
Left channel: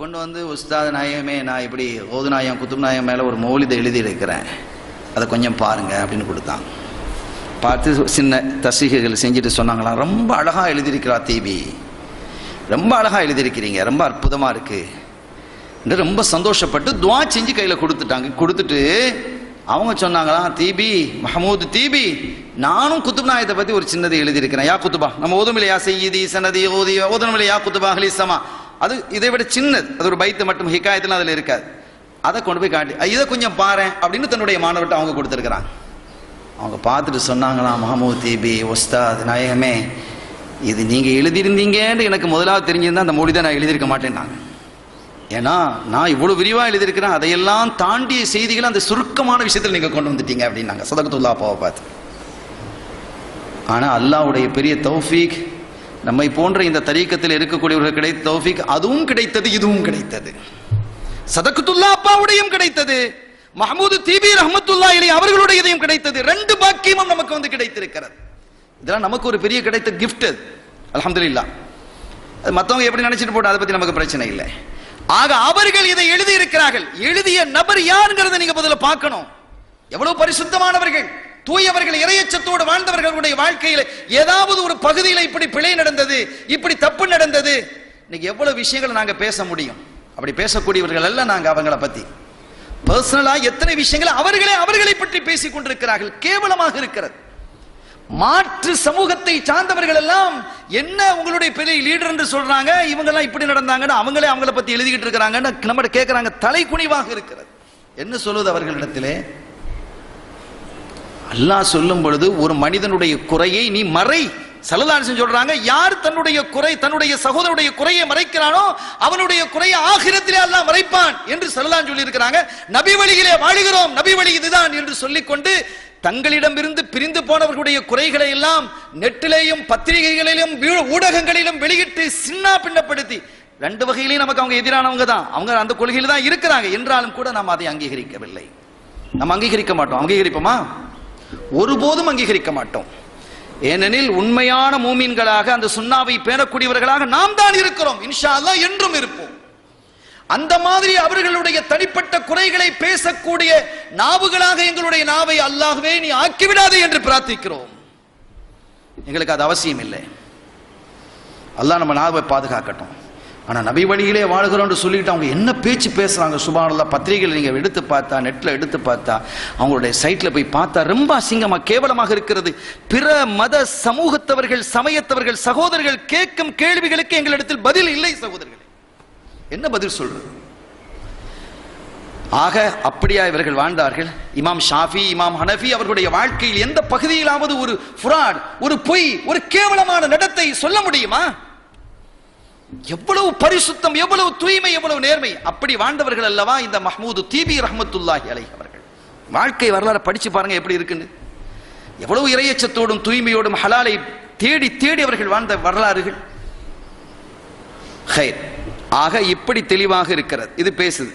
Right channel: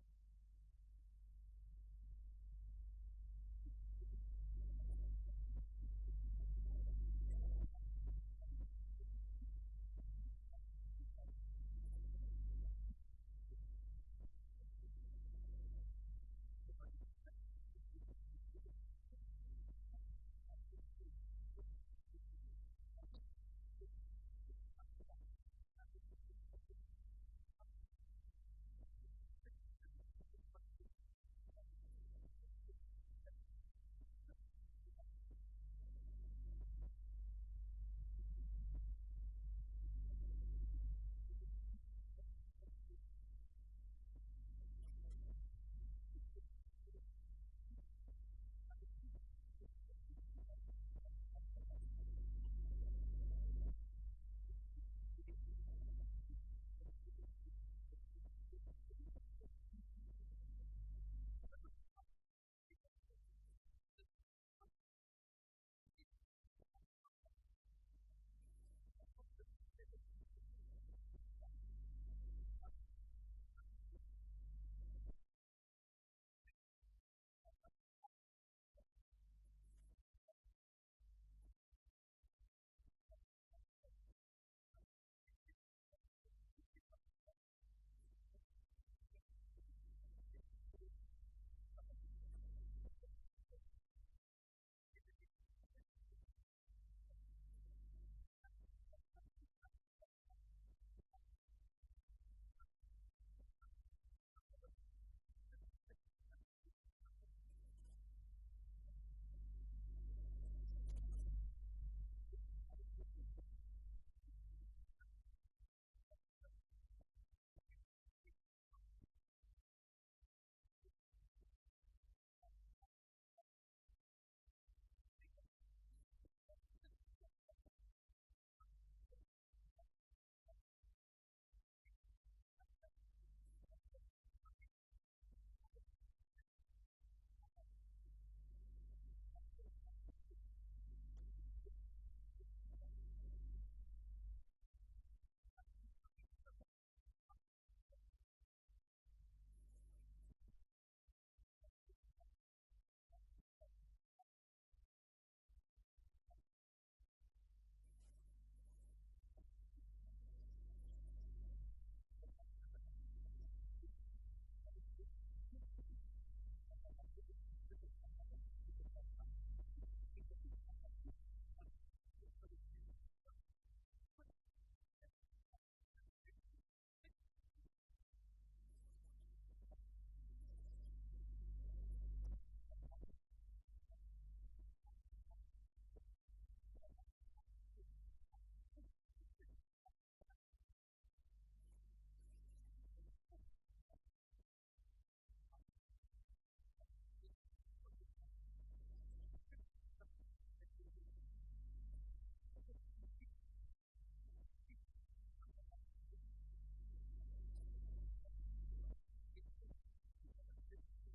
கொண்டு வந்து, உஸ்தாத் நாயமே, நான் இப்படி ஓது நாயம் குத்துப் நாயம் மேல ஒரு மௌலிதை எழுதி இருக்கிறேன், அதை கொஞ்சம் பாருங்க அப்படின்னு கொடுத்தாங்க. பார்த்து சின்ன தஸ்ரீகள் செஞ்சுட்டு சொன்னாங்களா, ரொம்ப அழகா எழுதியிருக்கிறா தீபி, ரொம்ப அழகா எழுதியிருக்கிறீங்க, ரொம்ப அற்புதமா இருக்கு என்று ரொம்ப சந்தோஷப்பட்டு துவா செஞ்சு கையில கொடுத்துட்டாங்க. கொடுத்துட்டு அவங்க சொன்னாங்களா, தீபி மஹமூது தீபி, நானும் குத்துப் நாயத்தை பத்தி ஒரு சின்னதை எழுதியிருக்கிறேன். யா குத்துபா, நம்ம ஓதுமில்லையா செய்யதி சனதி ஓதி ஓதனமில்லை யா குத்துபா ஹலிசமா, அது இதை விட சின்னது, அது ஒரு பைத்து மட்டும், ஹிகாயத்துல அதுல இருக்காது. அதை கொண்டு போய் காட்டி இதை கொஞ்சம் பாரு அப்படின்னு தன்னுடைய மாணவர்கிட்ட அவங்க கொடுத்துருக்கிறாங்க. அவங்க பார்த்துட்டு சொன்னாங்களா, மஹமூது தீபி உஸ்தாத் நாயகமே, இது நீங்க எழுதியிருந்தீங்கன்னு எனக்கு முதலாவது தெரிஞ்சிருந்தா அந்த மொழி தான் நான் எழுதியிருக்க மாட்டேன்னாங்க. ஏன்னா நான் இவ்வளவு விரிவா எழுதியிருக்கிறேன், அதையெல்லாம் தாண்டிய செய்திகளை அந்த சுருக்கமான விஷயத்தில் நீங்க கொண்டு வந்துட்டீங்க அப்படின்னாங்க சதகத்துல்லா அப்பாவை பார்த்து. ஆனா அல்லாஹ்வுடைய பெரிய தௌஃபீக், நம்மை போன்ற இந்த தரீக்கத்தில் இருக்கக்கூடியவர்கள் கிடைத்த தௌஃபீக், அதுவும் கிடைத்தது, இதுவும் கிடைத்தது. சதகத்துல்லா அப்பாவுடையும் கிடைத்தது, மஹமூது தீபி ரஹ்மத்துல்லாஹி அலைஹி அவர்களுடையதையும் கிடைத்தது. ரெண்டு பாக்கியமும் நமக்கு வந்து கிடைத்திருக்கிறது. இதெல்லாம் நமக்கு ஒரு பெரிய கிடைத்த கிஃப்ட். அல்ஹம்துலில்லாஹ். மற்றவங்க எப்படி நினைச்சிட்டு போட்டோம், அதை பத்தி நமக்கு பிரச்சனை இல்லை. ஆக அவர்கள் இதை எழுதி இருக்கிறார்கள். எழுதிய நபர் யாருங்கிறத நீங்க முதல்ல பார்க்கணும். எவ்வளவு பரிசுத்தமானவர்கள், தூயவர்கள், இறையச்சத்தோடு வாழ்ந்தவர்களுடைய வாழ்க்கையில் ஏதாவது ஒரு பகுதியில் இப்படி பிழை நடந்தது, இப்படி தப்பு நடந்தது. இன்னைக்கு எவ்வளவு விஷயங்களை நாங்க பேச முடியும். அப்படி பேசக்கூடியவர்கள் அல்ல நாங்க. அவங்கள பத்தி பர்சனலா எத்தனை விஷயங்களை அவர்களை பற்றி பேசிக் கொண்டிருக்கிறார்கள். கேவலமாக இருக்கிறது. மாற்று சமூகத்தை சார்ந்தவர்கள் எல்லாம் என்ன உங்களுடைய பெரிய லீடர் என்று சொல்றாங்க, இவங்க எல்லாம் இப்படி நடந்தாங்கன்னு அவங்கள பத்தி எழுதிக்கிட்டு இருக்கிறாங்கன்னு நம்ம கேட்கிறாங்க. தலை குனிவாக இருக்கிறது. என்ன சொல்லுவது அவர்களிடத்திலே? அல்லாஹ் சொல்லும் பொழுது ஒரு மனிதனுடைய குறையை நீ மறை. ஸல்லல்லாஹு அலைஹி வஸல்லம் சொல்றாங்க, யார் தன்னுடைய சகோதரனுடைய குறையை மறைக்கிறானோ அவனுடைய குறையை ஆகிரத்திலே அல்லாஹ் மறைப்பான் என்று ஸல்லல்லாஹு சொல்லி இருக்கிறாங்க. நபி வழியிலே வாழுகிறோம், நபி வழி இதுதான் என்று சொல்லிக்கொண்டு தங்களிடமிருந்து பிரிந்து போனவர்களுடைய குறைகளை எல்லாம் நெட்டிலேயும் பத்திரிகைகளிலும் ஊடகங்களிலும் வெளியிட்டு சின்ன பின்னப்படுத்தி, ரெண்டு வகையிலையும் நமக்கு அவங்க எதிரானவங்க தான். அவங்க அந்த கொள்கையில் தான் இருக்கிறாங்க. என்றாலும் கூட நாம் அதை அங்கீகரிக்கவில்லை. நாம் அங்கீகரிக்க மாட்டோம். அங்கீகரிப்போமா? ஒருபோதும் அங்கீகரிக்க மாட்டோம். ஏனெனில் உண்மையான மூமின்களாக அந்த சுன்னாவை பேணக்கூடியவர்களாக நாம் தான் இருக்கிறோம். இன்ஷா அல்லாஹ் என்றும் இருப்போம். அந்த மாதிரி அவர்களுடைய தனிப்பட்ட குறைகளை பேசக்கூடிய நாவுகளாக எங்களுடைய நாவை அல்லாஹ்வே நீ ஆக்கிவிடாதே என்று பிரார்த்திக்கிறோம். எங்களுக்கு அது அவசியம் இல்லை. அல்லாஹ் நம்ம நாவை பாதுகாக்கட்டும். ஆனா நபி வழியிலே வாழ்கிறோம் சொல்லிட்டு அவங்க என்ன பேச்சு பேசுறாங்க சுப்ஹானல்லாஹ். பத்திரிகைகள் நீங்க எடுத்து பார்த்தா, நெட்ல எடுத்து பார்த்தா, அவங்களுடைய சைட்ல போய் பார்த்தா ரொம்ப அசிங்கமா கேவலமாக இருக்கிறது. பிற மத சமூகத்தவர்கள், சமயத்தவர்கள், சகோதரர்கள் கேட்கும் கேள்விகளுக்கு எங்களிடத்தில் பதில் இல்லை. சகோதரர்கள் என்ன பதில் சொல்றது? ஆக அப்படியா இவர்கள் வாழ்ந்தார்கள்? இமாம் ஷாஃபி, இமாம் ஹனஃபி அவர்களுடைய வாழ்க்கையில் எந்த பகுதியிலாவது ஒரு ஃப்ராட், ஒரு பொய், ஒரு கேவலமான நடத்தை சொல்ல முடியுமா? எவ்வளவு பரிசுத்தம், எவ்வளவு தூய்மை, எவ்வளவு நேர்மை. அப்படி வாழ்ந்தவர்கள் அல்லவா இந்த மஹ்மூது தீபி ரஹ்மத்துல்லாஹி அலைஹி அவர்கள். வாழ்க்கை வரலாறு படிச்சு பாருங்க எப்படி இருக்குன்னு. எவ்வளவு இறையச்சத்தோடும் தூய்மையோடும் ஹலாலை தேடி தேடி அவர்கள் வாழ்ந்த வரலாறுகள். ஹைர். ஆக இப்படி தெளிவாக இருக்கிறது. இது பேசுது.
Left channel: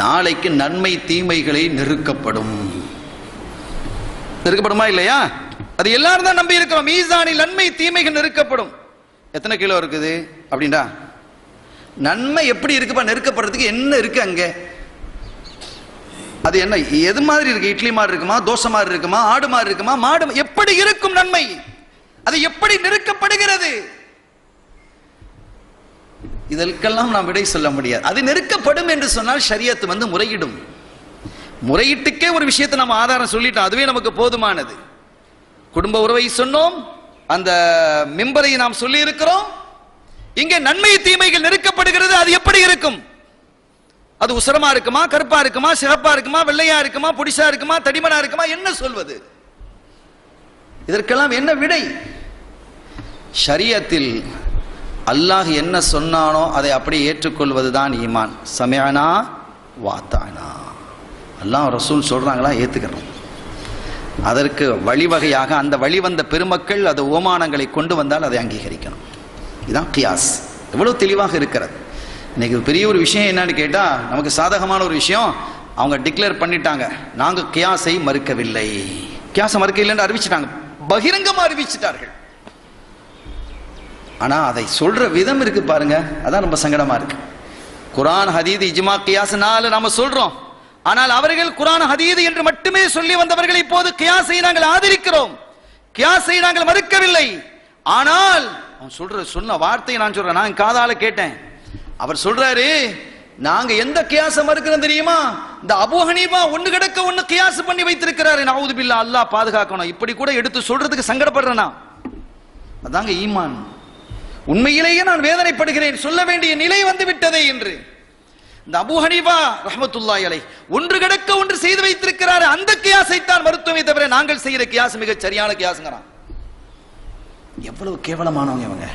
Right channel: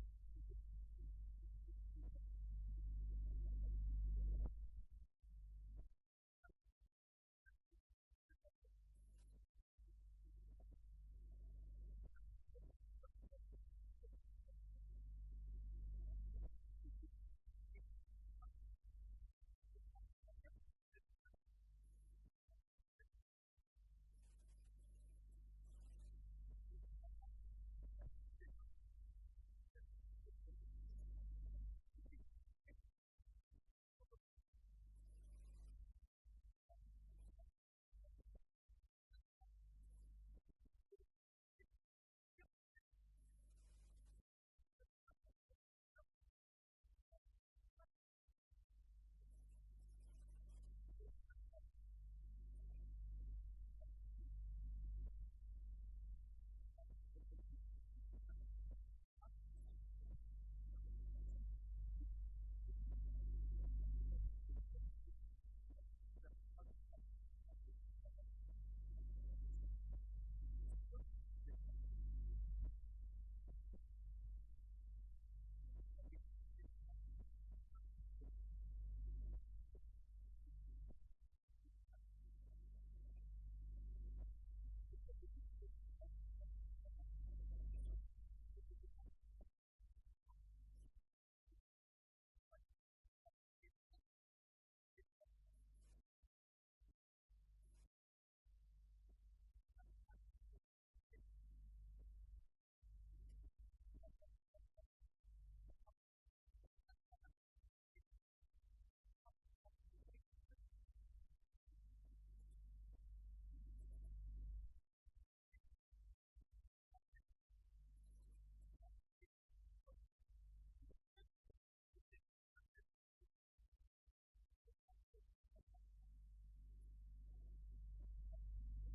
நாளைக்கு நன்மை தீமைகளை நெருக்கப்படுமா இல்லையா? அது எல்லாரும் தான் நம்பி இருக்கிறோம். மீசானில் நன்மை தீமைகள் நெருக்கப்படும். எத்தனை கிலோ இருக்குது அப்படின்டா? நன்மை எப்படி இருக்குப்பா? நெருக்கப்படுறதுக்கு என்ன இருக்கு அங்க? அது என்ன, எது மாதிரி இருக்கு? இட்லி மாதிரி இருக்குமா, தோசை மாதிரி இருக்குமா, ஆடு மாதிரி இருக்குமா, மாடு எப்படி இருக்கும் நன்மை? அது எப்படி நெருக்கப்படுகிறது? இதற்கெல்லாம் நாம் விடை சொல்ல முடியாது. அது நெருக்கப்படும் என்று சொன்னால் ஷரியத் முறையிடும். முறையிட்டுக்கே ஒரு விஷயத்தை நம்ம ஆதாரம் சொல்லிட்டோம், அதுவே நமக்கு போதுமானது. குடும்ப உறவை சொன்னோம், அந்த மிம்பரை நாம் சொல்லி இருக்கிறோம். இங்கே நன்மை தீமைகள் நெருக்கப்படுகிறது. அது எப்படி இருக்கும்? அது உசரமா இருக்குமா, கருப்பா இருக்குமா, சிகப்பா இருக்குமா, வெள்ளையா இருக்குமா, புடிசா இருக்குமா, தடிமனா இருக்குமா? என்ன சொல்வது? இதற்கெல்லாம் என்ன விடை? ஷரியத்தில் அல்லாஹ் என்ன சொன்னானோ அதை அப்படி ஏற்றுக்கொள்வதுதான் ஈமான். சமிஅனா வாத்தானா. அல்லாஹ் ரசூல் சொல்றாங்களா, ஏத்துக்கிறோம். அதற்கு வழிவகையாக அந்த வழிவந்த பெருமக்கள் அது ஓமானங்களை கொண்டு வந்தால் அதை அங்கீகரிக்கணும். இதுதான் கியாஸ். எவ்வளவு தெளிவாக இருக்கிறது. இன்னைக்கு பெரிய ஒரு விஷயம் என்னன்னு கேட்டா, நமக்கு சாதகமான ஒரு விஷயம், அவங்க டிக்ளேர் பண்ணிட்டாங்க, நாங்க கியாஸை மறுக்கவில்லை, கியாஸை மறுக்கவில்லை அறிவிச்சிட்டாங்க, பகிரங்கமா அறிவிச்சிட்டார்கள். ஆனா அதை சொல்ற விதம் இருக்கு பாருங்க, அதான் ரொம்ப சங்கடமா இருக்கு. குர்ஆன் ஹதீஸ் இஜ்மா கியாஸ் நாம சொல்றோம், ஆனால் அவர்கள் குர்ஆன் ஹதீஸ் என்று மட்டுமே சொல்லி வந்தவர்கள் இப்போது கியாஸை நாங்கள் ஆதரிக்கிறோம், கியாஸை நாங்கள் மறுக்கவில்லை. ஆனால் அவன் சொன்ன வார்த்தையை நான் சொல்றேன், நான் காதால கேட்டேன். அவர் சொல்றாரு, நாங்க எந்த கியாஸை மறுக்கிறோம் தெரியுமா? இந்த அபூ ஹனீஃபா ஒண்ணு கிடக்க ஒண்ணு கியாஸ் பண்ணி வைத்திருக்கிறாரு. நஊது பில்லாஹ், அல்லாஹ் பாதுகாக்கணும். இப்படி கூட எடுத்து சொல்றதுக்கு சங்கடப்படுறேனா? அதாங்க ஈமான். உண்மையிலேயே நான் வேதனைப்படுகிறேன், சொல்ல வேண்டிய நிலை வந்து விட்டதே என்று. இந்த அபூ ஹனீஃபா ரஹ்மத்துல்லாஹி அலைஹி ஒன்று கிடக்க ஒன்று செய்து வைத்திருக்கிறார். அந்த கியாஸை தான் மருத்துவமே தவிர நாங்கள் செய்கிற கியாஸ் மிக சரியான கியாஸ்ங்கறான். எவ்வளவு கேவலமானவங்க இவங்க.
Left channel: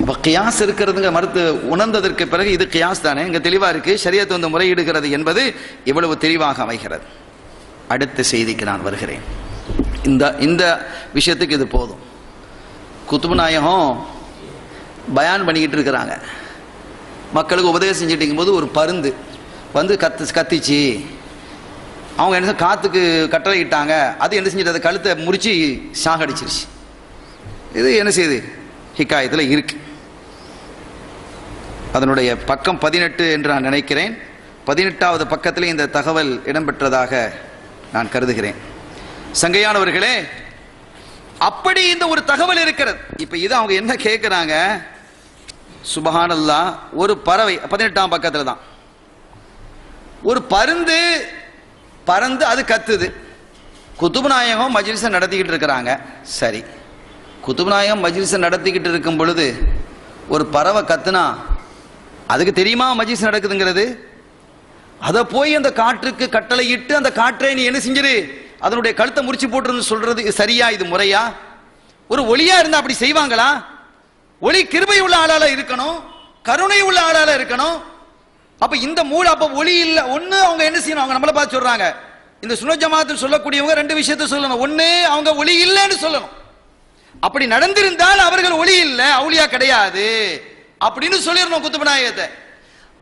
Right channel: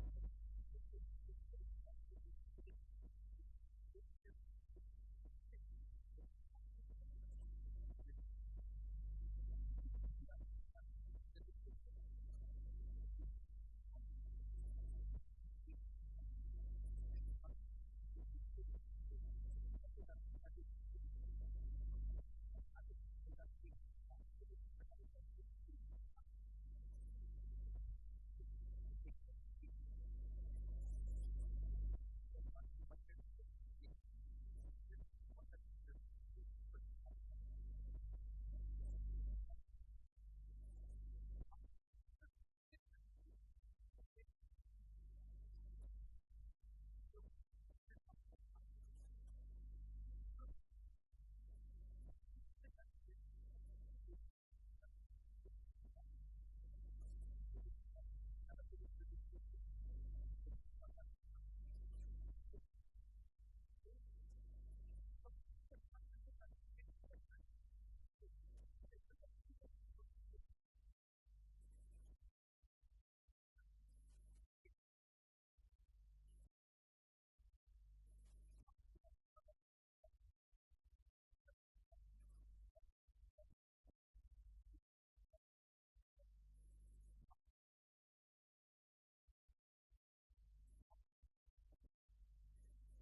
அப்ப கியாஸ் இருக்கிறதுங்க மறுத்து உணர்ந்ததற்கு பிறகு இது கியாஸ் தானே, இங்க தெளிவா இருக்கு, ஷரியத் முறையிடுகிறது என்பது இவ்வளவு தெளிவாக அமைகிறது. அடுத்த செய்திக்கு நான் வருகிறேன். இந்த விஷயத்துக்கு இது போதும். குத்துபு நாயகம் பயான் பண்ணிக்கிட்டு இருக்கிறாங்க, மக்களுக்கு உபதேசம் செஞ்சுட்டு இருக்கும்போது ஒரு பருந்து வந்து கத்திச்சு. அவங்க என்ன காத்துக்கு கட்டளை இட்டாங்க, அது என்ன செஞ்சுட்டு அதை கழுத்தை முறிச்சு சாகடிச்சிருச்சு. இது என்ன செய்யுது? ஹிகாயத்தில் இருக்கு. அதனுடைய பக்கம் 18 என்று நான் நினைக்கிறேன். 18வது பக்கத்தில் இந்த தகவல் இடம்பெற்றதாக நான் கருதுகிறேன். சங்கையானவர்களே, அப்படி இந்த ஒரு தகவல் இருக்கிறது. இப்ப இது அவங்க என்ன கேட்கிறாங்க, சுபஹானல்லாஹ், ஒரு பறவை 18ஆம் பக்கத்துல தான், ஒரு பருந்து பறந்து அது கத்துது. குத்துபு நாயகம் மஜ்லிஸை நடத்திக்கிட்டு இருக்கிறாங்க. சரி, குத்துபு நாயகம் மஜ்லிஸை நடத்திக்கிட்டு இருக்கும் பொழுது ஒரு பறவை கத்துனா அதுக்கு தெரியுமா மஜ்லிஸ் நடக்குதுங்கிறது? அதை போய் அந்த காற்றுக்கு கட்டளையிட்டு அந்த காற்றை நீ என்ன செஞ்சிரு, அதனுடைய கழுத்தை முறிச்சு போட்டுருந்து சொல்றது சரியா? இது முறையா? ஒரு ஒளியா இருந்தா அப்படி செய்வாங்களா? ஒளி கிருபை உள்ள ஆளால இருக்கணும், கருணை உள்ள ஆளால இருக்கணும். அப்ப இந்த அப்ப ஒளி இல்ல. ஒண்ணு அவங்க என்ன செய்யணும், அவங்க நம்மளை பார்த்து சொல்றாங்க, இந்த சுன்னத் ஜமாஅத் சொல்லக்கூடியவங்க 2 விஷயத்தை சொல்லணும். ஒண்ணு, அவங்க ஒளி இல்லைன்னு சொல்லணும். அப்படி நடந்திருந்தால் அவர்கள் ஒளி இல்ல, அவுலியா கிடையாது அப்படின்னு சொல்லிடணும் குத்துபு நாயகத்தை.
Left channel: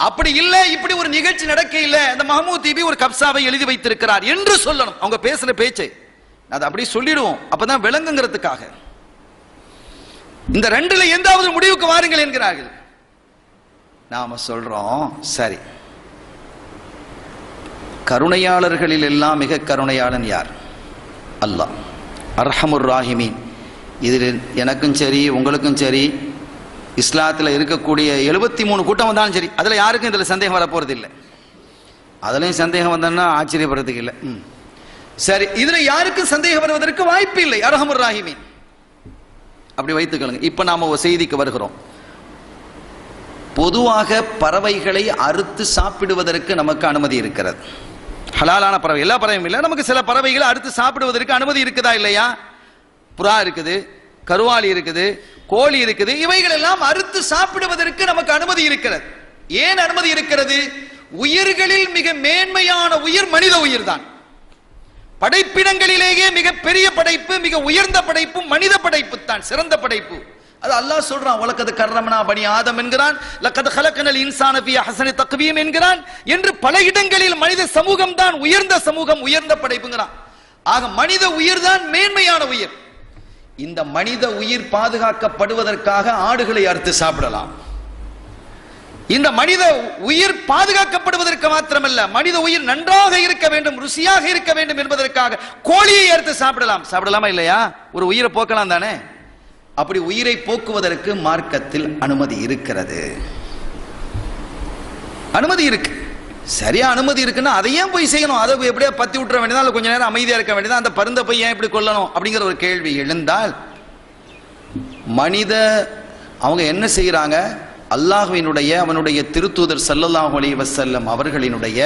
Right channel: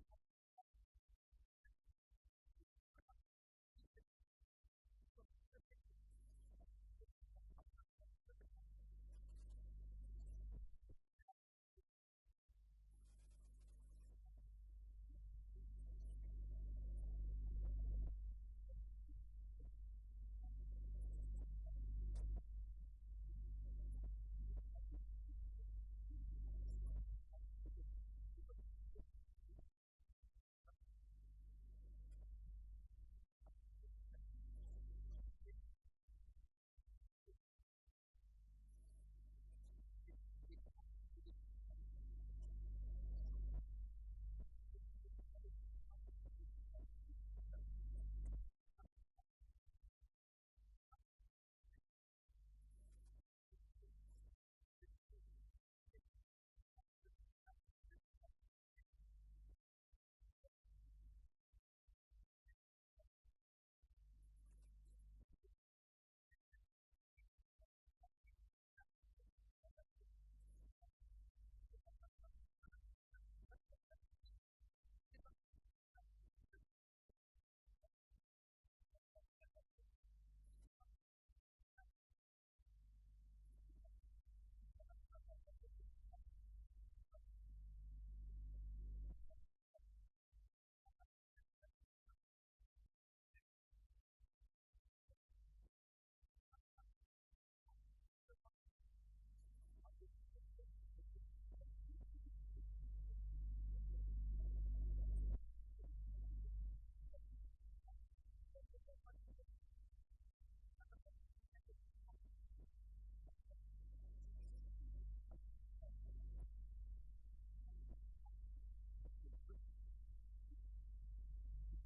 அப்படி இல்ல, இப்படி ஒரு நிகழ்ச்சி நடக்க இல்ல, இந்த மஹமூத் தீபி ஒரு கப்சாவை எழுதி வைத்திருக்கிறார் என்று சொல்லணும். அவங்க பேசுற பேச்சை அது அப்படி சொல்லிடுவோம், அப்பதான் விளங்குங்கிறதுக்காக. இந்த 2ல எந்தாவது முடிவுக்கு வாருங்கள் என்கிறார்கள். நாம சொல்றோம், சரி, கருணையாளர்களில் எல்லாம் மிக கருணையாளன் யார்? அல்லாஹ் அர்ஹமுர் ராஹிமீன். இதில் எனக்கும் சரி உங்களுக்கும் சரி இஸ்லாத்தில் இருக்கக்கூடிய 73 கூட்டம் வந்தாலும் சரி, அதில் யாருக்கும் இதில் சந்தேகம் வரப்போறது இல்லை. அதுலயும் சந்தேகம் வந்தோம்னா ஆச்சரியப்படுறதுக்கு இல்லை. சரி, இதுல யாருக்கும் சந்தேகம் வருவதற்கு வாய்ப்பு இல்லை. அர்ஹமுர் ராஹிமீன் அப்படி வைத்துக்கொள்ளுங்க. இப்ப நாம ஒரு செய்திக்கு வருகிறோம். பொதுவாக பறவைகளை அறுத்து சாப்பிடுவதற்கு நமக்கு அனுமதி இருக்கிறது. ஹலாலான பறவை, எல்லா பறவையும் இல்லை, நமக்கு சில பறவைகளை அறுத்து சாப்பிடுவதற்கு அனுமதி இருக்குதா இல்லையா? புறா இருக்குது, கருவாளி இருக்குது, கோழி இருக்குது, இவைகள் எல்லாம் அறுத்து சாப்பிடுவதற்கு நமக்கு அனுமதி இருக்கிறது. ஏன் அனுமதி இருக்கிறது? உயிர்களில் மிக மேன்மையான உயிர் மனித உயிர் தான். படைப்பினங்களிலேயே மிக பெரிய படைப்பு, மிக உயர்ந்த படைப்பு மனித படைப்பு தான், சிறந்த படைப்பு. அது அல்லாஹ் சொல்றான், வலக்கத் கர்ரம்னா பனி ஆதம் என்கிறான், லக்கத் ஹலக்னல் இன்சான ஃபீ அஹ்ஸனி தக்வீம் என்கிறான் என்று பல இடங்களில் மனித சமூகம் தான் உயர்ந்த சமூகம், உயர்ந்த படைப்புங்கிறான். ஆக மனித உயிர் தான் மேன்மையான உயிர். இந்த மனித உயிர் பாதுகாக்கப்படுவதற்காக ஆடுகளை அறுத்து சாப்பிடலாம். இந்த மனித உயிர் பாதுகாக்கப்படுவதற்கு மாத்திரமல்ல, மனித உயிர் நன்றாக இருக்க வேண்டும், ருசியாக இருக்க வேண்டும் என்பதற்காக கோழியை அறுத்து சாப்பிடலாம். சாப்பிடலாமா இல்லையா? ஒரு உயிரை போக்கலாம் தானே? அப்படி உயிரை போக்குவதற்கு மார்க்கத்தில் அனுமதி இருக்கிறது. அனுமதி இருக்கு. சரியா அனுமதி இருக்குன்னா அதை ஏன் போய் செய்யணும்? அதை எப்படியா பத்தி விட்டுற வேண்டியதா, கொஞ்ச நேரம் அமைதியா இருக்க வேண்டியதா? அந்த பருந்தை போய் ஏன் இப்படி கொல்லணும் அப்படிங்கிற ஒரு கேள்வி எழுந்தால், மனித அவங்க என்ன செய்யறாங்க? அல்லாஹ்வினுடைய அவனுடைய திருத்தூதர் ஸல்லல்லாஹு அலைஹி வஸல்லம் அவர்களினுடைய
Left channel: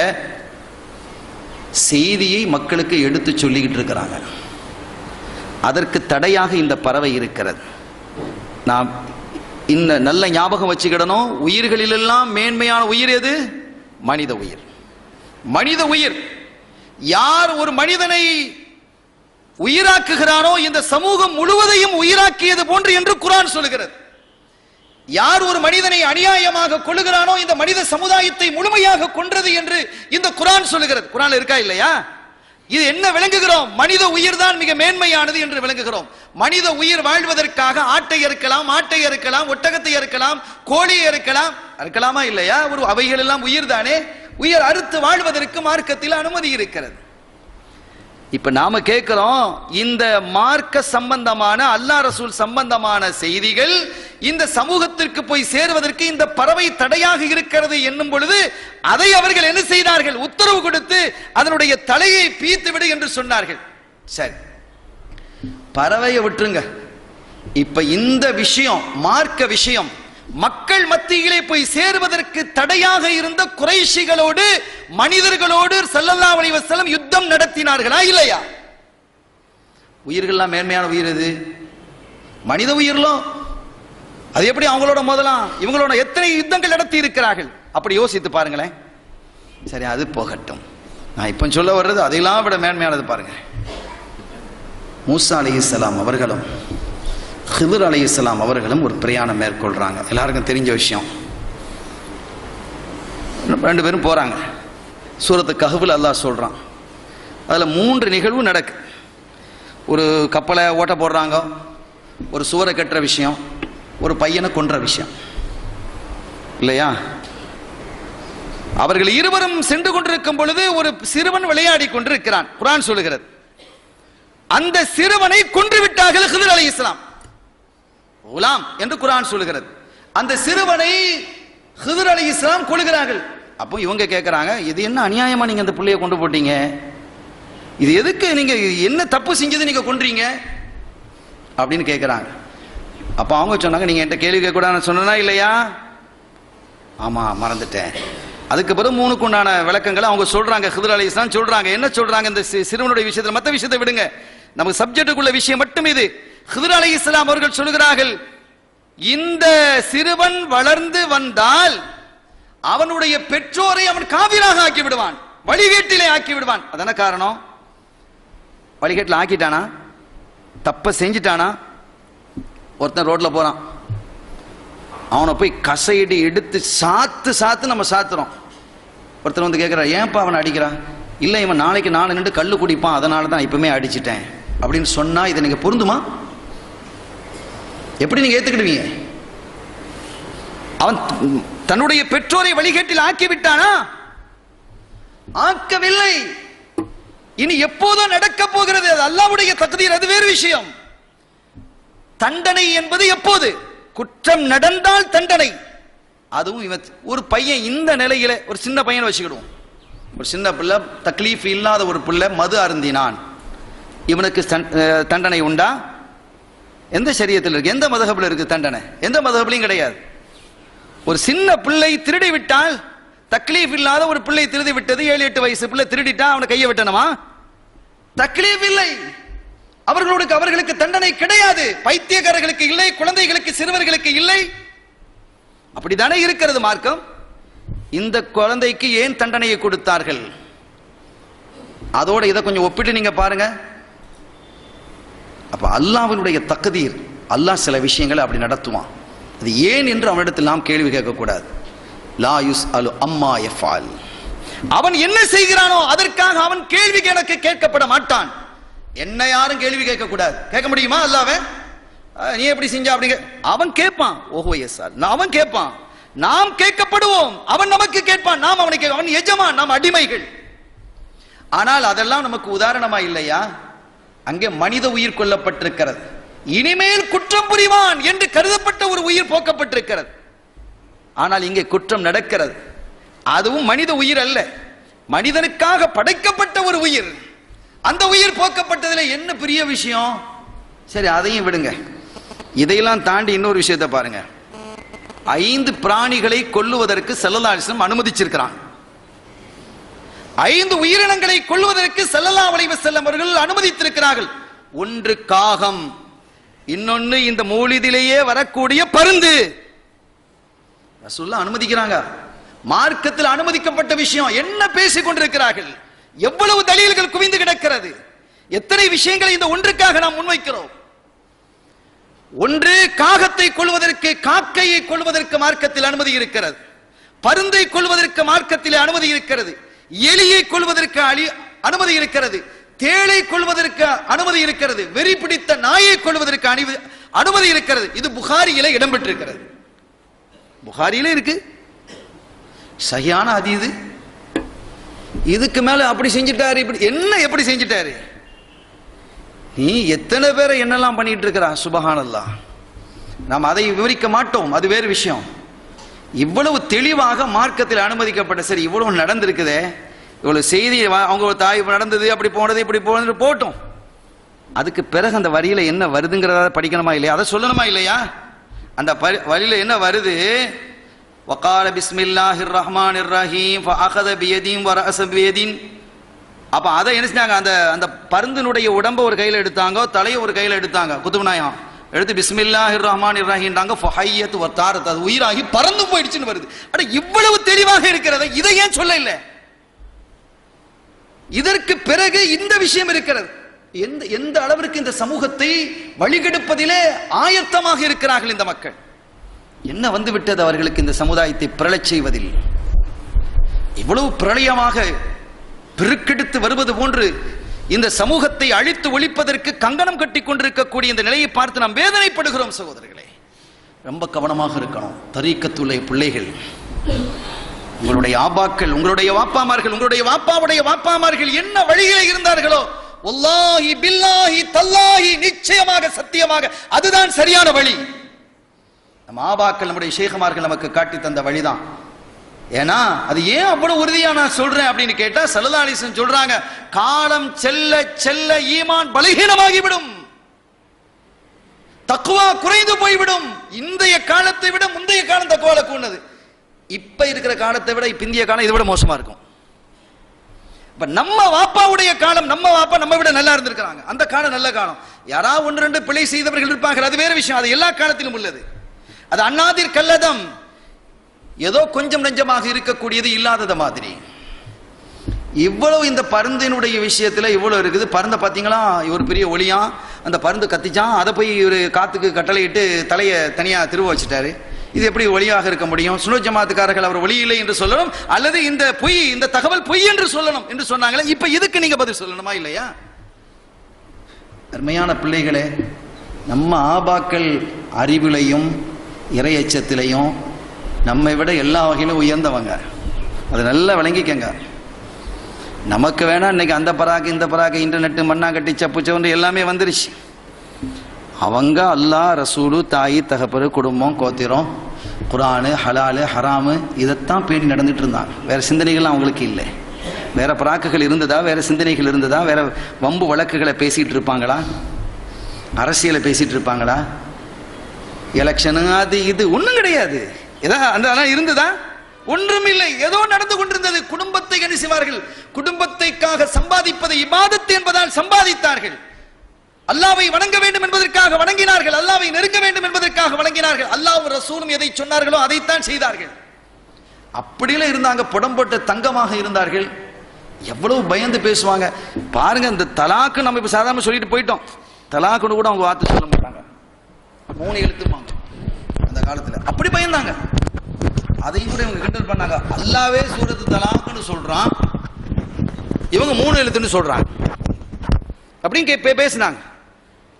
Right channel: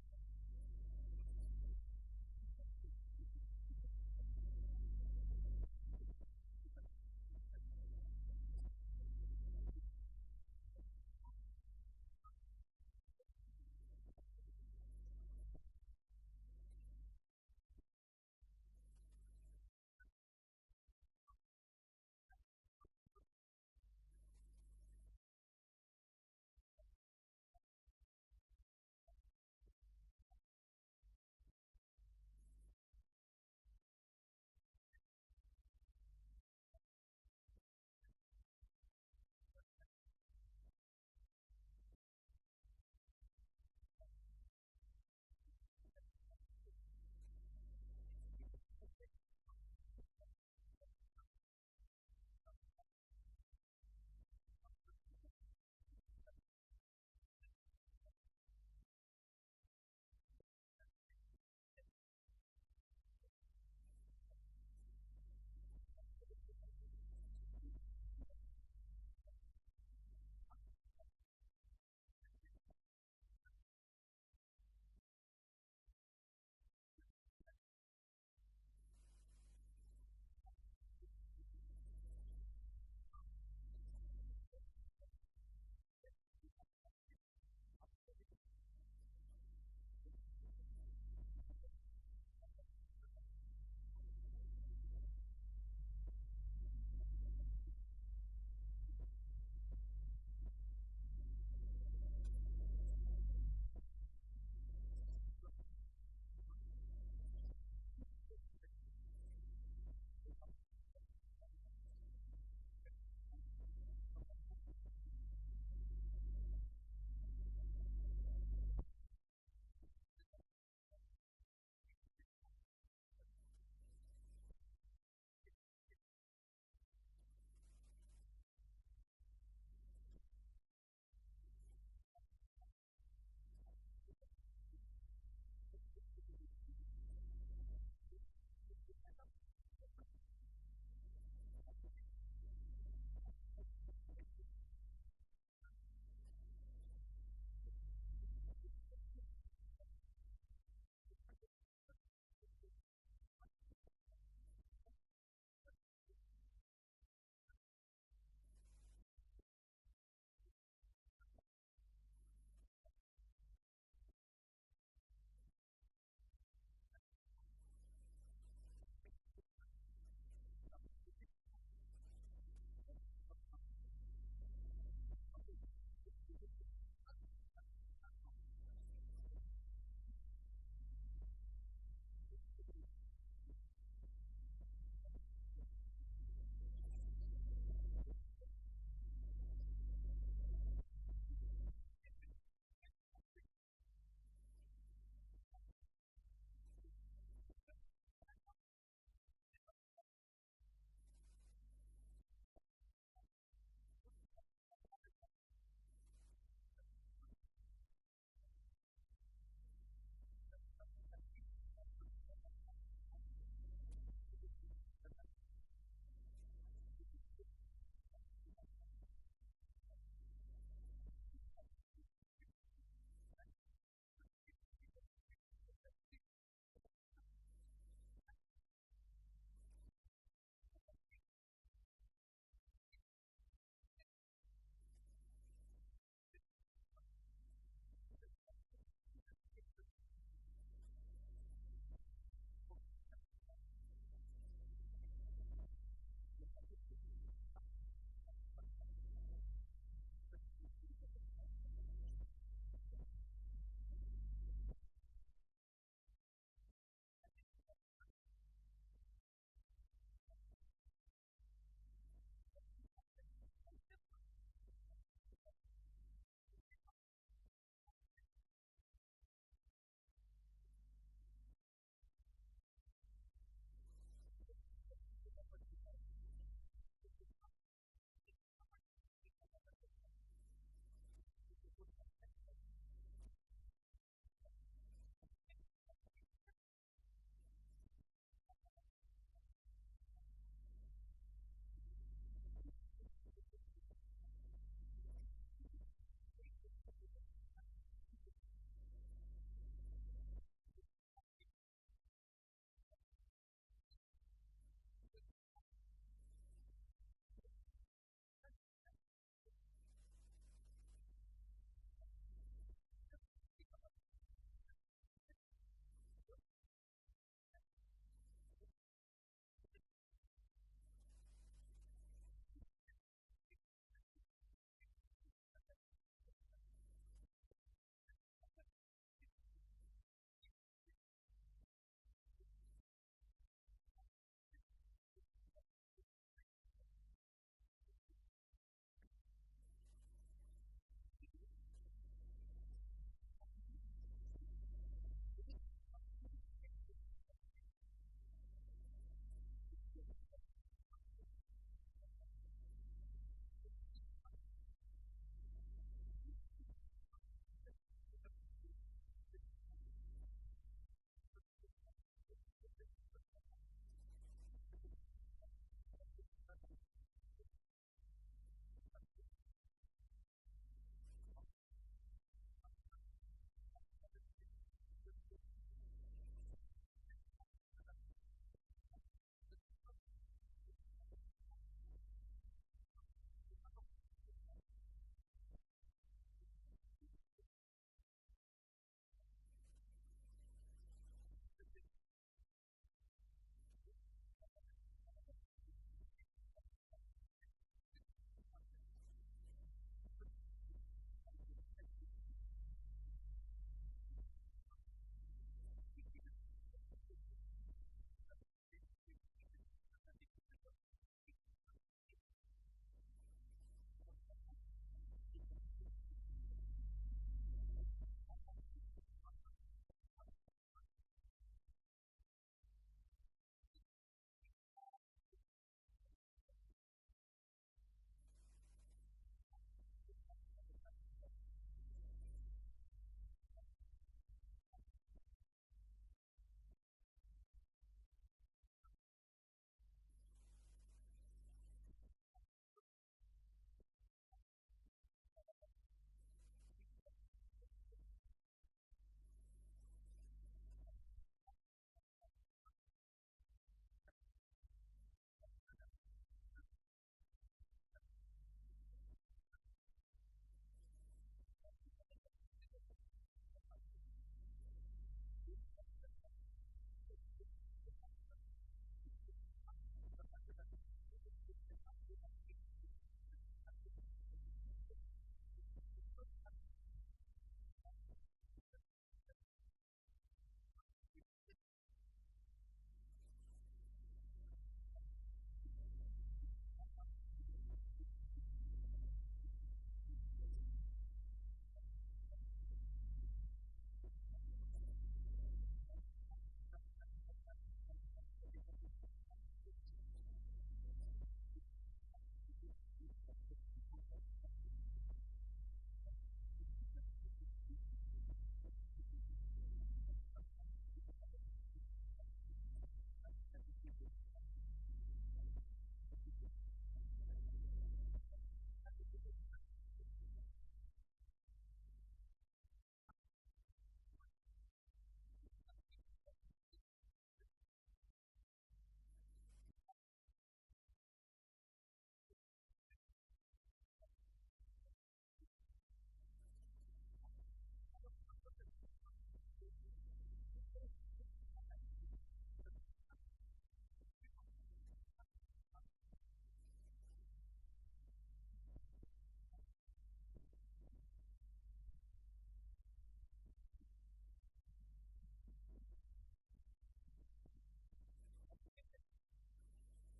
செய்தியை மக்களுக்கு எடுத்து சொல்லிக்கிட்டு இருக்கிறாங்க. அதற்கு தடையாக இந்த பறவை இருக்கிறது. நாம் இந்த நல்ல ஞாபகம் வச்சுக்கிடணும், உயிர்களிலெல்லாம் மேன்மையான உயிர் எது? மனித உயிர். மனித உயிர். யார் ஒரு மனிதனை உயிராக்குகிறானோ இந்த சமூகம் முழுவதையும் உயிராக்கியது போன்று என்று குர்ஆன் சொல்லுகிறது. யார் ஒரு மனிதனை அநியாயமாக கொல்லுகிறானோ இந்த மனித சமுதாயத்தை முழுமையாக கொன்றது என்று இந்த குர்ஆன் சொல்லுகிறது. குர்ஆன்ல இருக்கா இல்லையா? இது என்ன விளங்குகிறோம்? மனித உயிர் தான் மிக மேன்மையானது என்று விளங்குகிறோம். மனித உயிர் வாழ்வதற்காக ஆட்டை அறுக்கலாம், மாட்டை அறுக்கலாம், ஒட்டகத்தை அறுக்கலாம், கோழியை அறுக்கலாம். அறுக்கலாமா இல்லையா? ஒரு அவைகள் எல்லாம் உயிர் தானே. உயிர் அறுத்து வாழ்வதற்கு மார்க்கத்தில் அனுமதி இருக்கிறது. இப்ப நாம கேட்கிறோம், இந்த மார்க்க சம்பந்தமான அல்லாஹ் ரசூல் சம்பந்தமான செய்திகள் இந்த சமூகத்திற்கு போய் சேருவதற்கு இந்த பறவை தடையாக இருக்கிறது என்னும் பொழுது அதை அவர்கள் என்ன செய்தார்கள்? உத்தரவு கொடுத்து அதனுடைய தலையை பீத்து விடு என்று சொன்னார்கள். சரி, பறவையை விட்டுருங்க. இப்ப இந்த விஷயம், மார்க்க விஷயம், மக்கள் மத்தியிலே போய் சேருவதற்கு தடையாக இருந்த குறைஷிகளோடு மனிதர்களோடு ஸல்லல்லாஹு அலைஹி வஸல்லம் யுத்தம் நடத்தினார்களா இல்லையா? உயிர்கள்லாம் மேன்மையான உயிர் எது? மனித உயிர்களும். அது எப்படி அவங்களோட முதலாம்? இவங்களோட எத்தனை யுத்தங்கள் நடத்தி இருக்கிறார்கள்? அப்படி யோசித்து பாருங்களேன். சரி, அது போகட்டும். நான் இப்ப சொல்ல வர்றது அதையெல்லாம் விட மேன்மையானது பாருங்க. மூசா அலைஹிஸ்ஸலாம் அவர்களும் ஹிதர் அலைஹிஸ்ஸலாம் அவர்களும் ஒரு பிரயாணம் மேற்கொள்றாங்க. எல்லாருக்கும் தெரிஞ்ச விஷயம். 2 பேரும் போறாங்க. சூரத்து கஹ்ஃப்ல அல்லாஹ் சொல்றான், அதுல 3 நிகழ்வு நடக்கு. ஒரு கப்பலை ஓட்ட போடுறாங்க, ஒரு சுவரை கட்டுற விஷயம், ஒரு பையனை கொன்ற விஷயம் இல்லையா? அவர்கள் இருவரும் சென்று கொண்டிருக்கும் பொழுது ஒரு சிறுவன் விளையாடி கொண்டிருக்கிறான். குர்ஆன் சொல்லுகிறது, அந்த சிறுவனை கொன்று விட்டார்கள் ஹிதர் அலைஹிஸ்ஸலாம். குலாம் என்று குர்ஆன் சொல்லுகிறது. அந்த சிறுவனை ஹிதர் அலைஹிஸ்ஸலாம் கொல்கிறார்கள். அப்போ இவங்க கேட்கிறாங்க, இது என்ன அநியாயமா நீங்க அந்த பிள்ளையை கொண்டு போட்டீங்க? இது எதுக்கு, நீங்க என்ன தப்பு செஞ்சது நீங்க கொன்றீங்க அப்படின்னு கேட்கிறாங்க. அப்ப அவங்க சொன்னாங்க, நீங்க என்கிட்ட கேள்வி கேட்க கூடாதுன்னு சொன்னா இல்லையா? ஆமா மறந்துட்டேன். அதுக்கு பிறகு 3க்கு உண்டான விளக்கங்களை அவங்க சொல்றாங்க. ஹிதர் அலைஹிஸ்ஸலாம் சொல்றாங்க. என்ன சொல்றாங்க இந்த சிறுவனுடைய விஷயத்துல? மற்ற விஷயத்தை விடுங்க, நமக்கு சப்ஜெக்டுக்குள்ள விஷயம் மட்டும் இது. ஹிதர் அலைஹிஸ்ஸலாம் அவர்கள் சொல்கிறார்கள், இந்த சிறுவன் வளர்ந்து வந்தால் அவனுடைய பெற்றோரை அவன் காவிராக ஆக்கி விடுவான், வழிகேட்டிலே ஆக்கி விடுவான். அதான காரணம். வழிகேட்டில் ஆக்கிட்டானா, தப்ப செஞ்சிட்டானா? ஒருத்தன் ரோட்ல போறான், அவனை போய் கசையடி எடுத்து சாத்து நம்ம சாத்துறோம். ஒருத்தர் வந்து கேட்கிறார், ஏன்பா அவனை அடிக்கிறான்? இல்லை, இவன் நாளைக்கு 4 நின்று கல்லு குடிப்பான், அதனால தான் இப்பவுமே அடிச்சிட்டேன் அப்படின்னு சொன்னா இதை நீங்க பொருந்துமா? எப்படி நீங்க ஏத்துக்கிடுவீங்க? அவன் தன்னுடைய பெற்றோரை வழிகேட்டில் ஆக்கி விட்டானா? ஆக்கவில்லை. இனி எப்போதோ நடக்க போகிறது, அது அல்லாஹ்வுடைய தக்தீர், அது வேறு விஷயம். தண்டனை என்பது எப்போது? குற்றம் நடந்தால் தண்டனை. அதுவும் ஒரு பையன் இந்த நிலையில, ஒரு சின்ன பையன் வச்சுக்கிடுவோம், ஒரு சின்ன பிள்ளை, தக்லீஃப் இல்லாத ஒரு பிள்ளை மது அருந்தினான், இவனுக்கு தண்டனை உண்டா? எந்த ஷரியத்தில் இருக்கு? எந்த மதஹபில் இருக்கு தண்டனை? எந்த மதஹபிலையும் கிடையாது. ஒரு சின்ன பிள்ளை திருடி விட்டால், தக்லீஃப் இல்லாத ஒரு பிள்ளை திருடி விட்டது, 7-8 வயசு பிள்ளை திருடிட்டா அவனை கையை வெட்டணுமா? தக்லீஃப் இல்லை, அவர்களுக்கு தண்டனை கிடையாது. பைத்தியக்காரர்களுக்கு இல்லை, குழந்தைகளுக்கு, சிறுவர்களுக்கு இல்லை. அப்படித்தானே இருக்கிறது மார்க்கம். இந்த குழந்தைக்கு ஏன் தண்டனையை கொடுத்தார்கள்? அதோட இதை கொஞ்சம் ஒப்பிட்டு நீங்க பாருங்க. அப்ப அல்லாஹ்வினுடைய தக்தீர், அல்லாஹ் சில விஷயங்களை அப்படி நடத்துவான். அது ஏன் என்று அவனிடத்தில் நாம் கேள்வி கேட்கக்கூடாது. லா யுஸ்அலு அம்மா யஃபால், அவன் என்ன செய்கிறானோ அதற்காக அவன் கேள்வி கணக்கு கேட்கப்பட மாட்டான். என்ன யாரும் கேள்வி கேட்க கூடாது. கேட்க முடியுமா அல்லாஹ்வை? நீ எப்படி செஞ்ச அப்படிங்க அவன் கேட்பான். ஓஹோ எஸ் சார், அவன் கேட்பான், நாம் கேட்கப்படுவோம், அவன் நமக்கு கேட்பான், நாம் அவனுக்கு, அவன் எஜமான், நாம் அடிமைகள். ஆனால் அதெல்லாம் நமக்கு உதாரணமா இல்லையா? அங்கே மனித உயிர் கொல்லப்பட்டிருக்கிறது, இனிமேல் குற்றம் புரிவான் என்று கருதப்பட்ட ஒரு உயிர் போக்கப்பட்டிருக்கிறது. ஆனால் இங்கே குற்றம் நடக்கிறது, அதுவும் மனித உயிர் அல்ல, மனிதனுக்காக படைக்கப்பட்ட ஒரு உயிர். அந்த உயிர் போக்கப்பட்டதில் என்ன பெரிய விஷயம்? சரி, அதையும் விடுங்க. இதையெல்லாம் தாண்டி இன்னொரு விஷயத்தை பாருங்க. 5 பிராணிகளை கொல்லுவதற்கு ஸல்லல்லாஹு அலைஹி வஸல்லம் அனுமதிச்சிருக்கிறான். 5 உயிரினங்களை கொல்லுவதற்கு ஸல்லல்லாஹு அலைஹி வஸல்லம் அவர்கள் அனுமதித்திருக்கிறார்கள். ஒன்று காகம், இன்னொன்னு இந்த மௌலிதிலேயே வரக்கூடிய பருந்து. ரசூலுல்லாஹ் அனுமதிக்கிறாங்க. மார்க்கத்தில் அனுமதிக்கப்பட்ட விஷயம். என்ன பேசிக் கொண்டிருக்கிறார்கள்? எவ்வளவு தலீல்கள் குவிந்து கிடக்கிறது, எத்தனை விஷயங்களை இந்த ஒன்றுக்காக நாம் முன்வைக்கிறோம். ஒன்று, காகத்தை கொள்வதற்கு, காக்கையை கொள்வதற்கு மார்க்கத்தில் அனுமதி இருக்கிறது. பருந்தை கொள்வதற்கு மார்க்கத்தில் அனுமதி இருக்கிறது. எலியை கொள்வதற்கு அனுமதி இருக்கிறது. தேளை கொள்வதற்கு அனுமதி இருக்கிறது. வெறி பிடித்த நாயை கொள்வதற்கு அனுமதி இருக்கிறது. இது புகாரியிலே இடம்பெற்றிருக்கிறது. புகாரியிலே இருக்கு, சரியான ஹதீஸ். இதுக்கு மேல அப்படி செஞ்சிட்டாரு, இப்படி என்ன, எப்படி செஞ்சிட்டாரு? நீ எத்தனை பேரை என்னெல்லாம் பண்ணிட்டு இருக்கிறா, சுபஹானல்லாஹ். நாம் அதை விவரிக்க மாட்டோம், அது வேறு விஷயம். இவ்வளவு தெளிவாக மார்க்கத்தில் அனுமதிக்கப்பட்ட, சரி இவ்வளவு நடந்திருக்குதே, இவ்வளவு செய்தி, அவங்க தாய் நடந்தது, அப்படி போனது, இப்படி போனது போட்டோம். அதுக்கு பிறகு அந்த வரியில என்ன வருதுங்கிறத படிக்கணுமா இல்லையா? அதை சொல்லணுமா இல்லையா? அந்த வரியில என்ன வருது? வகால பிஸ்மில்லாஹிர் ரஹ்மானிர் ரஹீம் ஃபஅഖத பியதின் வரஅஸ பியதின். அப்ப அதை என்ன செஞ்சாங்க? அந்த பருந்தினுடைய உடம்ப ஒரு கையில எடுத்தாங்க, தலையை ஒரு கையில எடுத்தாங்க, குதுப் நாயகம் எடுத்து பிஸ்மில்லாஹிர் ரஹ்மானிர் ரஹீம்டாங்க. ஃபஹய்யத் வதாரத், அது உயிராகி பறந்து போயிடுச்சுன்னு வருது. அட இவ்வளவு தெளிவாக இருக்கிறது, இதை ஏன் சொல்ல இல்லை? இதற்கு பிறகு இந்த விஷயம் இருக்கிறது. எந்த அளவிற்கு இந்த சமூகத்தை வழிகெடுப்பதிலே ஆயத்தமாக இருக்கிறார்கள் இந்த மக்கள். என்ன வந்து விட்டது அவர்களுக்கு இந்த சமுதாயத்தை பிரளச் செய்வதில்? இவ்வளவு பிரளயமாக பெருக்கெடுத்து வருவது போன்று இந்த சமூகத்தை அழித்து ஒழிப்பதற்கு கங்கணம் கட்டி கொண்டிருக்கக்கூடிய இந்த நிலையை பார்த்து நாம் வேதனைப்படுகிறோம் சகோதரர்களே. ரொம்ப கவனமாக இருக்கணும். தரீக்கத்துள்ள பிள்ளைகள், உங்களுடைய ஆபாக்கள், உங்களுடைய வாப்பாமார்கள், உங்களுடைய வாப்பாவுடைய வாப்பாமார்கள் என்ன வழியிலே இருந்தார்களோ, வல்லாஹி பில்லாஹி தல்லாஹி, நிச்சயமாக சத்தியமாக அதுதான் சரியான வழி. நம்ம ஆபாக்கள், நம்முடைய ஷேഖமார்கள் நமக்கு காட்டி தந்த வழிதான். ஏன்னா அது ஏன் அவ்வளவு உறுதியா நான் சொல்றேன் அப்படின்னு கேட்டா, ஸல்லல்லாஹு அலைஹி வஸல்லம் சொல்றாங்க, காலம் செல்ல செல்ல ஈமான் பலகீனமாகிவிடும், தக்வா குறைந்து போய்விடும். இன்றைய காலத்தை விட முந்தைய காலம் தக்வால கூடது. இப்ப இருக்கிற காலத்தை விட பிந்திய காலம் இதை விட மோசமா இருக்கும். இப்ப நம்ம வாப்பாவுடைய காலம், நம்ம வாப்பா நம்ம விட நல்லா இருந்திருக்கிறாங்க. அந்த காலம் நல்ல காலம். யாராவது ஒன்று ரெண்டு பிழை செய்தவர்கள் இருப்பார்கள், அது வேற விஷயம். அது எல்லா காலத்திலும் உள்ளது. அது அன்னாதிர் கல்லதம், ஏதோ கொஞ்சம் நெஞ்சமாக இருக்கக்கூடியது இல்லாதது மாதிரி. இவ்வளவு இந்த பருந்தினுடைய விஷயத்துல இவ்வளவு இருக்குது. பருந்தை பாத்தீங்களா, ஒரு பெரிய ஒளியா அந்த பருந்து கத்திச்சான், அதை போய் ஒரு காத்துக்கு கட்டளையிட்டு தலையை தனியா திருவ வச்சுட்டாரு. இது எப்படி ஒளியாக இருக்க முடியும்? சுன்னத் ஜமாத்துக்காரர்கள் அவர் ஒளி இல்லை என்று சொல்லணும், அல்லது இந்த பொய், இந்த தகவல் பொய் என்று சொல்லணும் என்று சொன்னாங்களே. இப்ப இதுக்கு நீங்க பதில் சொல்லணுமா இல்லையா? அருமையான பிள்ளைகளே, நம்ம ஆபாக்கள் அறிவிலையும் இறையச்சத்திலையும் நம்மை விட எல்லா வகையிலும் உயர்ந்தவங்க. அதை நல்லா விளங்கிக்கங்க. நமக்கு வேணா இன்னைக்கு அந்த பராக்கு இந்த பராக்கு இன்டர்நெட் மண்ணாங்கட்டி சப்பு சவுண்டு எல்லாமே வந்துருச்சு. அவங்க அல்லாஹ், ரசூலு, தாய் தகப்பரு, குடும்பம், கோத்திரம், குரானு, ஹலாலு, ஹராமு இதைத்தான் பேணி நடந்துட்டு இருந்தாங்க. வேற சிந்தனைகள் அவங்களுக்கு இல்லை. வேற பராக்குகள் இருந்ததா, வேற சிந்தனைகள் இருந்ததா, வேற வம்பு வழக்குகளை பேசிட்டு இருப்பாங்களா, அரசியலை பேசிட்டு இருப்பாங்களா, எலெக்ஷனு அது இது ஒன்றும் கிடையாது. ஏதாவது இருந்ததா? ஒன்றும் இல்லை. ஏதோ நடந்து கொண்டிருந்தது. குடும்பத்தை என்ன செய்வார்கள்? குடும்பத்தைக்காக சம்பாதிப்பதை இபாதத் என்பதால் சம்பாதித்தார்கள். அல்லாஹ்வை வணங்க வேண்டும் என்பதற்காக வணங்கினார்கள். அல்லாஹ்வை நெருங்க வேண்டும் என்பதற்காக வணங்கினார்கள். அல்லாஹ்வும் ரசூலும் எதை சொன்னார்களோ அதைத்தான் செய்தார்கள். அப்படிலாம் இருந்தாங்க. புடம் போட்ட தங்கமாக இருந்தார்கள். எவ்வளவு பயந்து பேசுவாங்க பாருங்க. இந்த தலாக்கு நம்ம இப்ப சாதாரண சொல்லிட்டு போயிட்டோம். தலாக்குன்னு கூட அவங்க வார்த்தை சொல்ல மாட்டாங்க. 3 எழுத்துமாங்க அந்த காலத்துல. அப்படி பயந்தாங்க. அதையும் கூட இவங்க கிண்டல் பண்ணாங்க. அல்லாவே சூரத்து தலாக்குன்னு சொல்றான், இவங்க 3 எழுத்துன்னு சொல்றாங்க அப்படின்னு பேசினாங்க.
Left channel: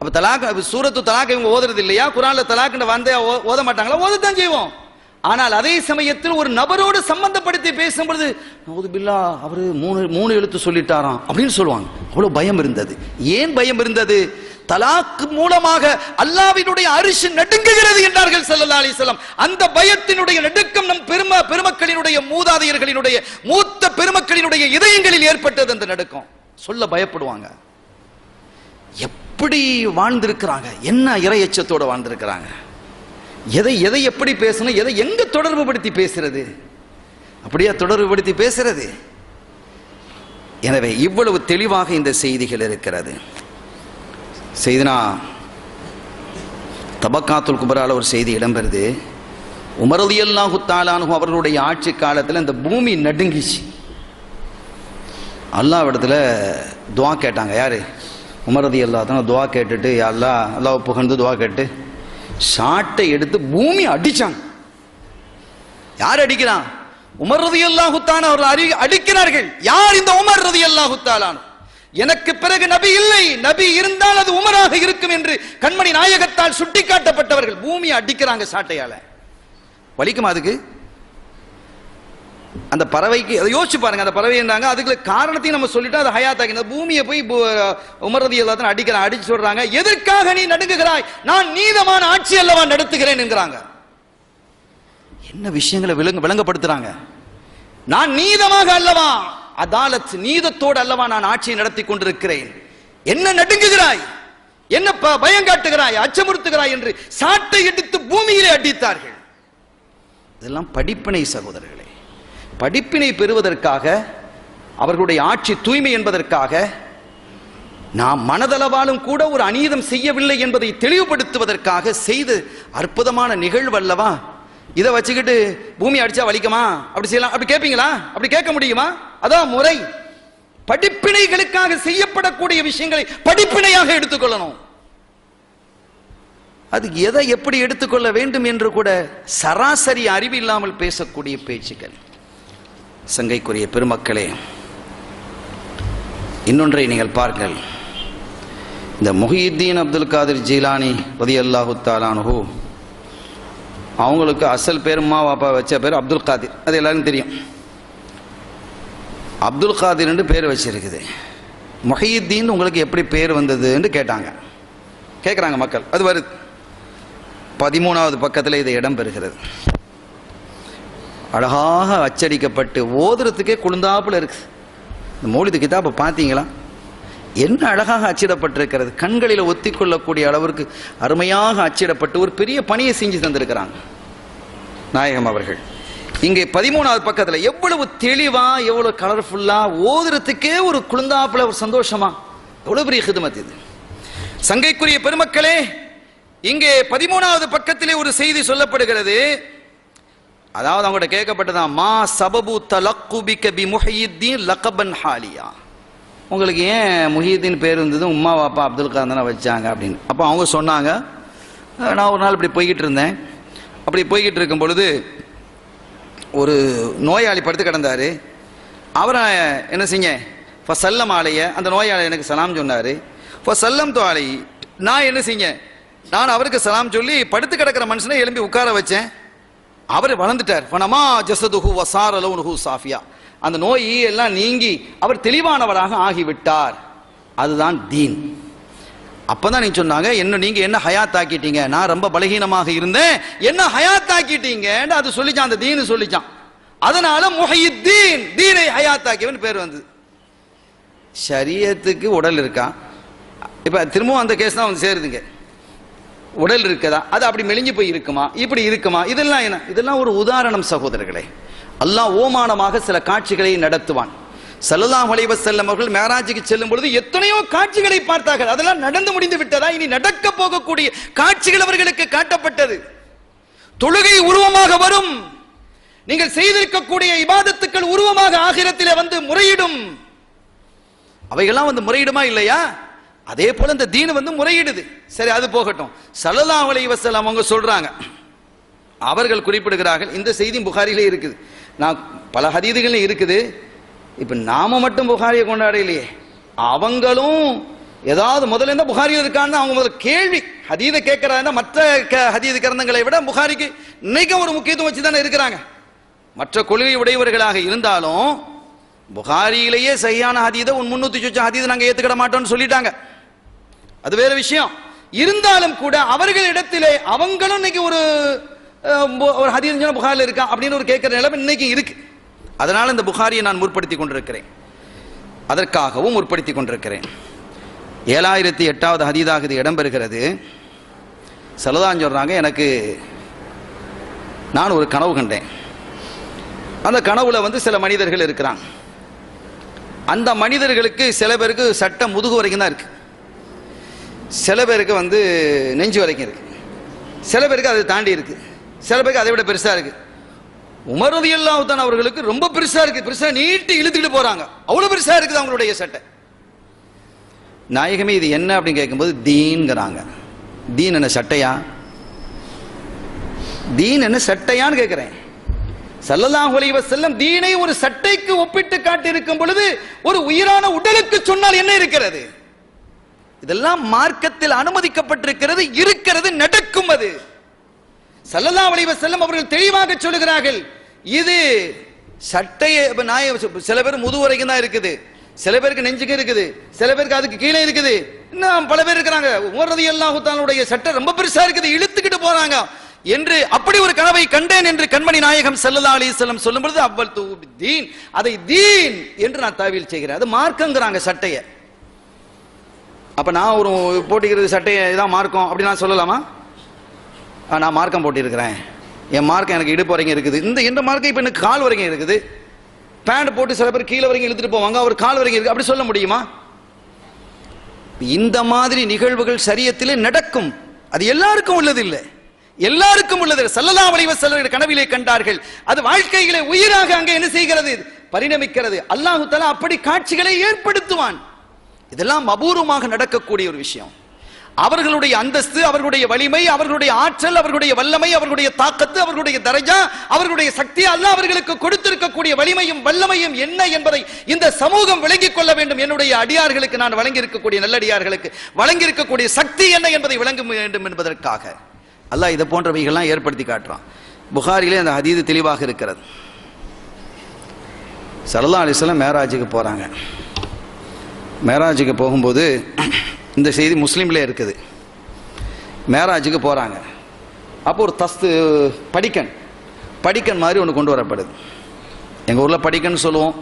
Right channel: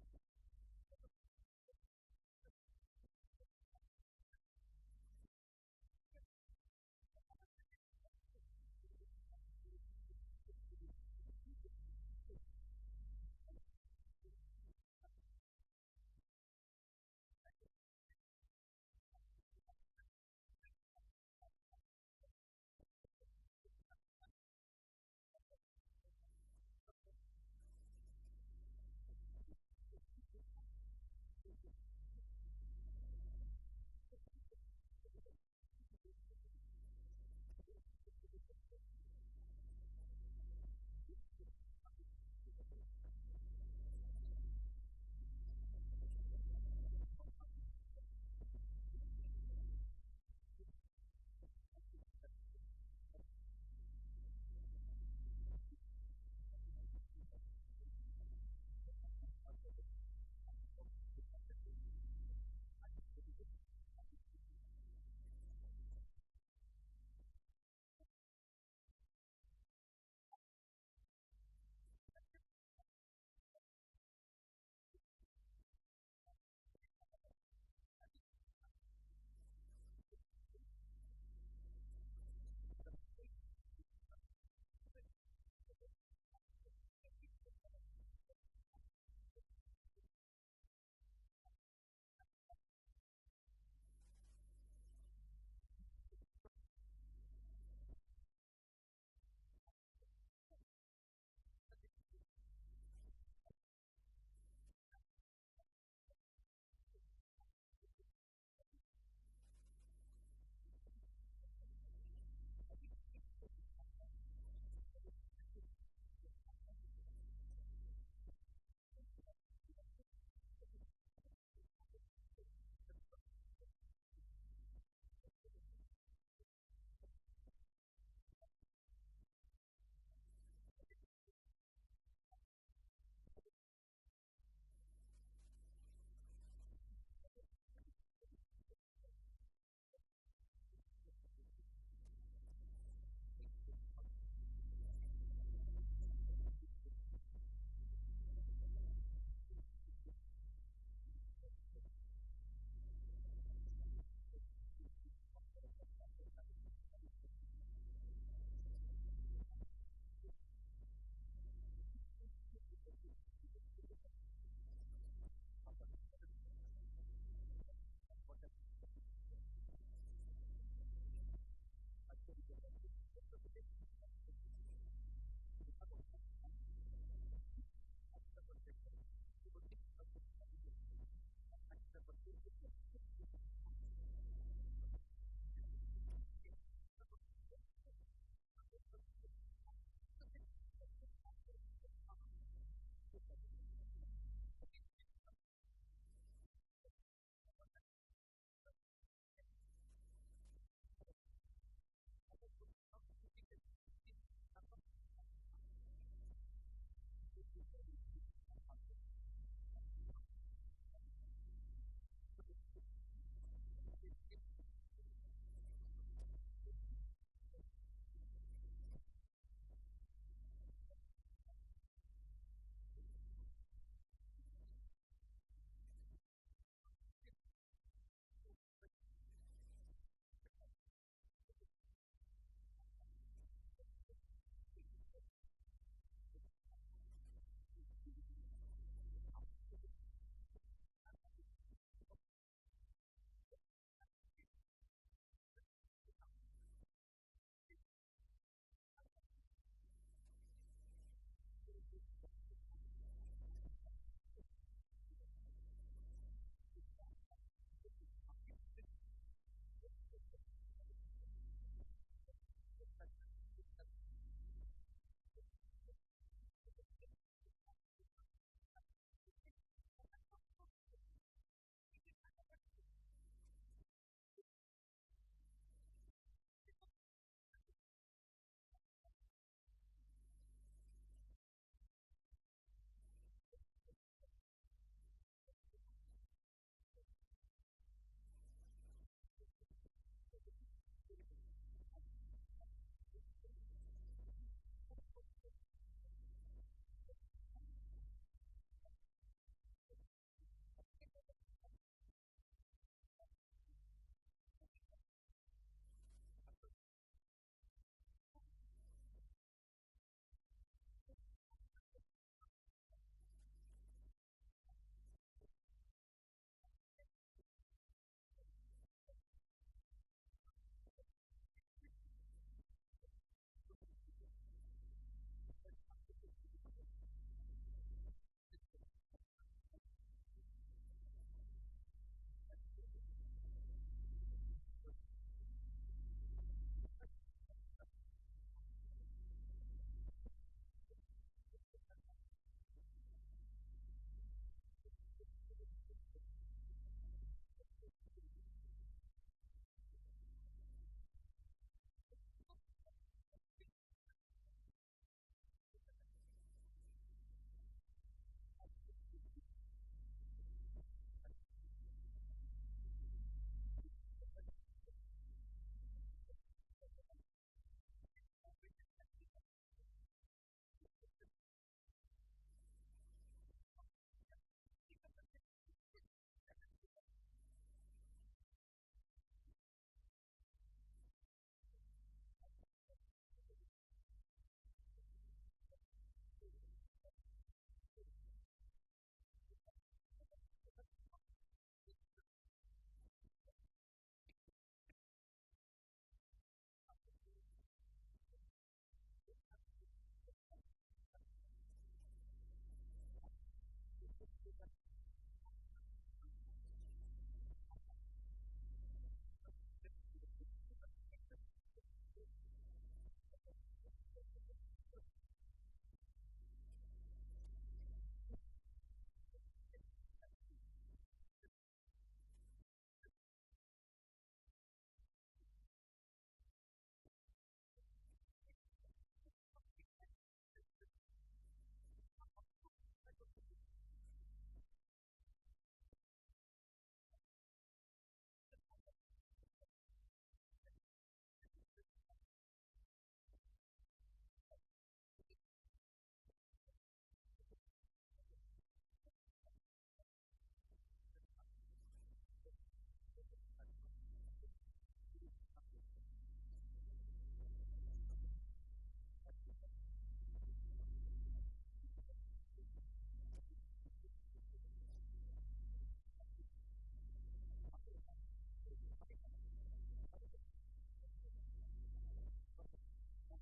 அப்ப தலாக், சூரத்து தலாக் இவங்க ஓதுறது இல்லையா? குர்ஆன்ல தலாக்னு வந்து ஓத மாட்டாங்களா? ஓதத்தான் செய்வோம். ஆனால் அதே சமயத்தில் ஒரு நபரோடு சம்பந்தப்படுத்தி பேசும்பொழுது நவுதுபில்லா, அவரு 3 எழுத்து சொல்லிட்டாராம் அப்படின்னு சொல்லுவாங்க. அவ்வளவு பயம் இருந்தது. ஏன் பயம் இருந்தது? தலாக் மூலமாக அல்லாஹ்வினுடைய அரிஷ் நடுங்குகிறது என்றார்கள் ஸல்லல்லாஹு அலைஹி வஸல்லம். அந்த பயத்தினுடைய நடுக்கம் நம் பெருமக்களினுடைய, மூதாதையர்களினுடைய, மூத்த பெருமக்களினுடைய இதயங்களில் ஏற்பட்டது. அந்த நடுக்கம் சொல்ல பயப்படுவாங்க. எப்படி வாழ்ந்திருக்கிறாங்க, என்ன இறையச்சத்தோட வாழ்ந்திருக்கிறாங்க, எதை எதை எப்படி பேசணும், எதை எங்க தொடர்பு படுத்தி பேசுறது, அப்படியா தொடர்பு படுத்தி பேசுறது. எனவே இவ்வளவு தெளிவாக இந்த செய்திகள் இருக்கிறது. செய்தினா தபக்காத்துல் குபரால ஒரு செய்தி இடம்பெறுது. உமர் ரலியல்லாஹு தஆலா அன்ஹு அவர்களுடைய ஆட்சி காலத்தில் இந்த பூமி நடுங்கிச்சு. அல்லாஹ்விடத்துல துஆ கேட்டாங்க. யாரு? உமர் ரலியல்லாஹு தஆலா துஆ கேட்டுட்டு, யா அல்லாஹ், அல்லாஹ் புகழ்ந்து துஆ கேட்டு சாட்டை எடுத்து பூமி அடிச்சாங்க. யார் அடிக்கிறான்? உமர் ரலியல்லாஹு தஆலா அவர்கள் அடிக்கிறார்கள். யார் இந்த உமர் ரலியல்லாஹு தஆலா? எனக்கு பிறகு நபி இல்லை, நபி இருந்தால் அது உமராக இருக்கும் என்று கண்மணி நாயகத்தால் சுட்டிக்காட்டப்பட்டவர்கள் பூமியை அடிக்கிறாங்க சாட்டையால. வலிக்குமா அதுக்கு? அந்த பறவைக்கு அதை யோசிச்சு பாருங்க. அந்த பறவை இருந்தாங்க, அதுக்கு காரணத்தையும் நம்ம சொல்லிட்டோம். அது ஹயாத்தாக்கி அந்த பூமியை போய் உமர் ரலியல்லாஹு தஆலா அடிக்கிறான். அடிச்சு சொல்றாங்க, எதற்காக நீ நடுங்குகிறாய்? நான் நீதமான ஆட்சி அல்லவா நடத்துகிறேன் என்கிறாங்க. என்ன விஷயங்களை விளங்கப்படுத்துறாங்க? நான் நீதமாக அல்லவா, அதாலத் நீதத்தோடு அல்லவா நான் ஆட்சியை நடத்தி கொண்டிருக்கிறேன். என்ன நடுங்குகிறாய், என்ன பயம் காட்டுகிறாய், அச்சமுறுத்துகிறாய் என்று சாட்டை எடுத்து பூமியிலே அடித்தார்கள். இதெல்லாம் படிப்பினை சகோதரர்களே. படிப்பினை பெறுவதற்காக, அவர்களுடைய ஆட்சி தூய்மை என்பதற்காக, நாம் மனதளவாலும் கூட ஒரு அநீதம் செய்யவில்லை என்பதை தெளிவுபடுத்துவதற்காக செய்த அற்புதமான நிகழ்வு அல்லவா. இதை வச்சுக்கிட்டு பூமி அடிச்சா வலிக்குமா, அப்படி செய்யலாம், அப்படி கேட்பீங்களா? அப்படி கேட்க முடியுமா? அதான் முறை. படிப்பினைகளுக்காக செய்யப்படக்கூடிய விஷயங்களை படிப்பினையாக எடுத்துக்கொள்ளணும். அது எதை எப்படி எடுத்துக்கொள்ள வேண்டும் என்று கூட சராசரி அறிவு இல்லாமல் பேசக்கூடிய பேச்சுக்கள். சங்கைக்குரிய பெருமக்களே, இன்னொன்றை நீங்கள் பாருங்கள். இந்த முஹியுத்தீன் அப்துல் காதிர் ஜீலானி ரலியல்லாஹு தஆலா அன்ஹு அவங்களுக்கு அசல் பேர் அம்மா பாப்பா வச்ச பேர் அப்துல் காதிர், அது எல்லாருக்கும் தெரியும். அப்துல் காதிர்னு பேர் வச்சிருக்குது. முஹையுத்தீன் உங்களுக்கு எப்படி பேர் வந்ததுன்னு கேட்குறாங்க மக்கள். அது வருது 13வது பக்கத்தில் இது இடம் பெறுகிறது. அழகாக அச்சடிக்கப்பட்டு ஓதுறதுக்கே குழுந்தாப்புல இருக்கு. இந்த மௌலிது கிதாபை பார்த்தீங்களா? என்ன அழகாக அச்சிடப்பட்டிருக்கிறது. கண்களில் ஒத்திக்கொள்ளக்கூடிய அளவிற்கு அருமையாக அச்சிடப்பட்டு ஒரு பெரிய பணியை செஞ்சு தந்திருக்கிறாங்க நாயகம் அவர்கள். இங்கே 13வது பக்கத்தில் எவ்வளவு தெளிவா, எவ்வளவு கலர்ஃபுல்லா, ஓதுறதுக்கே ஒரு குழுந்தாப்புல ஒரு சந்தோஷமா, எவ்வளவு பெரிய ஹிதமத் இது. சங்கைக்குரிய பெருமக்களே, இங்கே 13வது பக்கத்திலே ஒரு செய்தி சொல்லப்படுகிறது. அதாவது அவங்கள்ட்ட கேட்கப்பட்டதான், மா சபபு தலக்குபிக பி முஹையுத்தீன் லகபன் ஹாலியா, உங்களுக்கு ஏன் முஹையுத்தீன் பேர் இருந்தது, உம்மா வாப்பா அப்துல் காதர் தானே வச்சாங்க அப்படின்னு. அப்போ அவங்க சொன்னாங்க, நான் ஒரு நாள் இப்படி போய்கிட்டு இருந்தேன். அப்படி போய்கிட்டு இருக்கும் பொழுது ஒரு நோயாளி படுத்து கிடந்தார். அவரை என்ன செஞ்சேன், ஃபசல்லம் ஆலைய, அந்த நோயாளி எனக்கு சலாம் சொன்னார். ஃபசல்லம் தோ ஆலை, நான் என்ன செஞ்சேன், நான் அவருக்கு சலாம் சொல்லி படுத்து கிடக்கிற மனுஷனை எழும்பி உட்கார வச்சேன். அவர் வளர்ந்துட்டார். ஃபனமா ஜஸதுஹு வஸார லௌனுஹு சாஃபியா, அந்த நோய் எல்லாம் நீங்கி அவர் தெளிவானவராக ஆகிவிட்டார். அதுதான் தீன். அப்பதான் நீங்க சொன்னாங்க, நீங்க என்ன ஹயாத் ஆக்கிட்டீங்க, நான் ரொம்ப பலகீனமாக இருந்தேன், என்ன ஹயாத் ஆக்கிட்டீங்க, அது சொல்லிச்சான், அந்த தீன் சொல்லிச்சான். அதனால முஹையுத்தீன், தீனை ஹயாத் ஆக்கியவன் பேர் வந்தது. ஷரியத்துக்கு உடல் இருக்கா? இப்ப திரும்பவும் அந்த கேஸ் தான் வந்து சேருதுங்க. உடல் இருக்குதா, அது அப்படி மெலிஞ்சு போய் இருக்குமா, இப்படி இருக்குமா, இதெல்லாம் என்ன, இதெல்லாம் ஒரு உதாரணம் சகோதரர்களே. அல்லாஹ் ஓமானமாக சில காட்சிகளை நடத்துவான். ஸல்லல்லாஹு அலைஹி வஸல்லம் அவர்கள் மேராஜுக்கு செல்லும் பொழுது எத்தனையோ காட்சிகளை பார்த்தார்கள். அதெல்லாம் நடந்து முடிந்து விட்டதா, இனி நடக்க போகக்கூடிய காட்சிகள் அவர்களுக்கு காட்டப்பட்டது. தொழுகை உருவமாக வரும், நீங்கள் செய்திருக்கக்கூடிய இபாதத்துக்கள் உருவமாக ஆகிரத்திலே வந்து முறையிடும். அவைகள்லாம் வந்து முறையிடுமா இல்லையா? அதே போல இந்த தீன் வந்து முறையிடுது. சரி, அது போகட்டும். ஸல்லல்லாஹு அலைஹி வஸல்லம் அவங்க சொல்றாங்க, அவர்கள் குறிப்பிடுகிறார்கள், இந்த செய்தி புகாரிலே இருக்குது, நான் பல ஹதீதுகளும் இருக்குது. இப்ப நாம மட்டும் புகாரியை கொண்டாடலையே, அவங்களும் ஏதாவது முதல்ல இருந்தா புகாரியில் இருக்கான்னு அவங்க முதல்ல கேள்வி ஹதீதை கேட்கிறாங்க. மற்ற ஹதீது கிரந்தங்களை விட புகாரிக்கு இன்னைக்கு ஒரு முக்கியத்துவம் வச்சு தானே இருக்கிறாங்க. மற்ற கொள்கை உடையவர்களாக இருந்தாலும் புகாரியிலேயே சரியான ஹதீதை 300 சொச்ச ஹதீதை நாங்க ஏத்துக்கிட மாட்டோம்னு சொல்லிட்டாங்க. அது வேற விஷயம். இருந்தாலும் கூட அவர்களிடத்திலே அவங்களும் இன்னைக்கு ஒரு ஹதீஸ் புகாரில் இருக்கா அப்படின்னு ஒரு கேட்கிற நிலைமை இன்னைக்கு இருக்கு. அதனால இந்த புகாரியை நான் முற்படுத்தி கொண்டிருக்கிறேன், அதற்காகவும் முற்படுத்தி கொண்டிருக்கிறேன். 7008வது ஹதீதாக இது இடம்பெறுகிறது. சலதான் சொல்றாங்க, எனக்கு நான் ஒரு கனவு கண்டேன். அந்த கனவுல வந்து சில மனிதர்கள் இருக்கிறாங்க. அந்த மனிதர்களுக்கு சில பேருக்கு சட்டம் முதுகு வரைக்கும் தான் இருக்கு, சில பேருக்கு வந்து நெஞ்சு வரைக்கும் இருக்கு, சில பேருக்கு அதை தாண்டி இருக்கு, சில பேருக்கு அதை விட பெருசா இருக்கு. உமர் ரலியல்லாஹு தஆலா அவர்களுக்கு ரொம்ப பெருசா இருக்கு, பெருசா நீட்டி இழுத்துக்கிட்டு போறாங்க, அவ்வளவு பெருசா இருக்குது அவங்களுடைய சட்டை. நாயகமே இது என்ன அப்படின்னு கேட்கும்போது தீன்ங்கிறாங்க. தீன் என்ன சட்டையா? தீன் என்ன சட்டையான்னு கேட்கிறேன். ஸல்லல்லாஹு அலைஹி வஸல்லம் தீனை ஒரு சட்டைக்கு ஒப்பிட்டு காட்டி இருக்கும் பொழுது ஒரு உயிரான உடலுக்கு சொன்னால் என்ன இருக்கிறது? இதெல்லாம் மார்க்கத்தில் அனுமதிக்கப்பட்டிருக்கிறது, இருக்கிறது, நடக்கும். அது ஸல்லல்லாஹு அலைஹி வஸல்லம் அவர்கள் தெளிவாக சொல்லுகிறார்கள், இது சட்டையை சில பேர் முதுகு வரைக்கும் தான் இருக்குது, சில பேருக்கு நெஞ்சுக்கு இருக்குது, சில பேருக்கு அதுக்கு கீழே இருக்குது, இன்னும் பல பேர் இருக்கிறாங்க. உமர் ரலியல்லாஹு தஆலாவுடைய சட்டை ரொம்ப பெருசா இருக்குது, இழுத்துக்கிட்டு போறாங்க என்று அப்படி ஒரு கனவை கண்டேன் என்று கண்மணி நாயகம் ஸல்லல்லாஹு அலைஹி வஸல்லம் சொல்லும் பொழுது அவ்வல் தீன், அதை தீன் என்று நான் தாவீல் செய்கிறேன். அது மார்க்கங்கிறாங்க சட்டையை. அப்ப நான் ஒரு போட்டிக்கிறது சட்டையை இதான் மார்க்கம் அப்படி நான் சொல்லலாமா? நான் மார்க்கம் போட்டிருக்கிறேன், என் மார்க்கம் எனக்கு இடுப்பு வரைக்கும் இருக்குது, இந்த மார்க்கம் இப்ப எனக்கு கால் வரைக்கும் இருக்குது. பேண்ட் போட்டு சில பேர் கீழே வரைக்கும் இழுத்துட்டு போவாங்க, அவர் கால் வரைக்கும் இருக்கு, அப்படி சொல்ல முடியுமா? இந்த மாதிரி நிகழ்வுகள் ஷரியத்திலே நடக்கும். அது எல்லாருக்கும் உள்ளது இல்லை, எல்லாருக்கும் உள்ளது. ஸல்லல்லாஹு அலைஹி வஸல்லம் கனவிலே கண்டார்கள், அது வாழ்க்கையிலே உயிராக அங்கே என்ன செய்கிறது, பரிணமிக்கிறது. அல்லாஹ் தஆலா அப்படி காட்சிகளை ஏற்படுத்துவான். இதெல்லாம் அபூர்வமாக நடக்கக்கூடிய ஒரு விஷயம். அவர்களுடைய அந்தஸ்து, அவர்களுடைய வலிமை, அவர்களுடைய ஆற்றல், அவர்களுடைய வல்லமை, அவர்களுடைய தாக்கத்து, அவர்களுடைய தரஜா, அவர்களுடைய சக்தி, அல்லாஹ் அவர்களுக்கு கொடுத்திருக்கக்கூடிய வலிமையும் வல்லமையும் என்ன என்பதை இந்த சமூகம் விளங்கிக் கொள்ள வேண்டும். என்னுடைய அடியார்களுக்கு நான் வழங்கி இருக்கக்கூடிய நல்லடியார்களுக்கு வழங்கி இருக்கக்கூடிய சக்தி என்ன என்பதை விளங்க வேண்டும் என்பதற்காக அல்லாஹ் இதை போன்றவைகள்லாம் ஏற்படுத்தி காட்டுறான். புகாரிலே அந்த ஹதீது தெளிவாக இருக்கிறது. ஸல்லல்லாஹு அலைஹி வஸல்லம் மேராஜுக்கு போகிறாங்க. மேராஜுக்கு போகும்போது இந்த செய்தி முஸ்லீம்லே இருக்குது. மேராஜுக்கு போகிறாங்க. அப்போ ஒரு படிக்கன் மாதிரி ஒன்று கொண்டு வரப்படுது. எங்கள் ஊரில் படிக்கன்னு சொல்லுவோம்,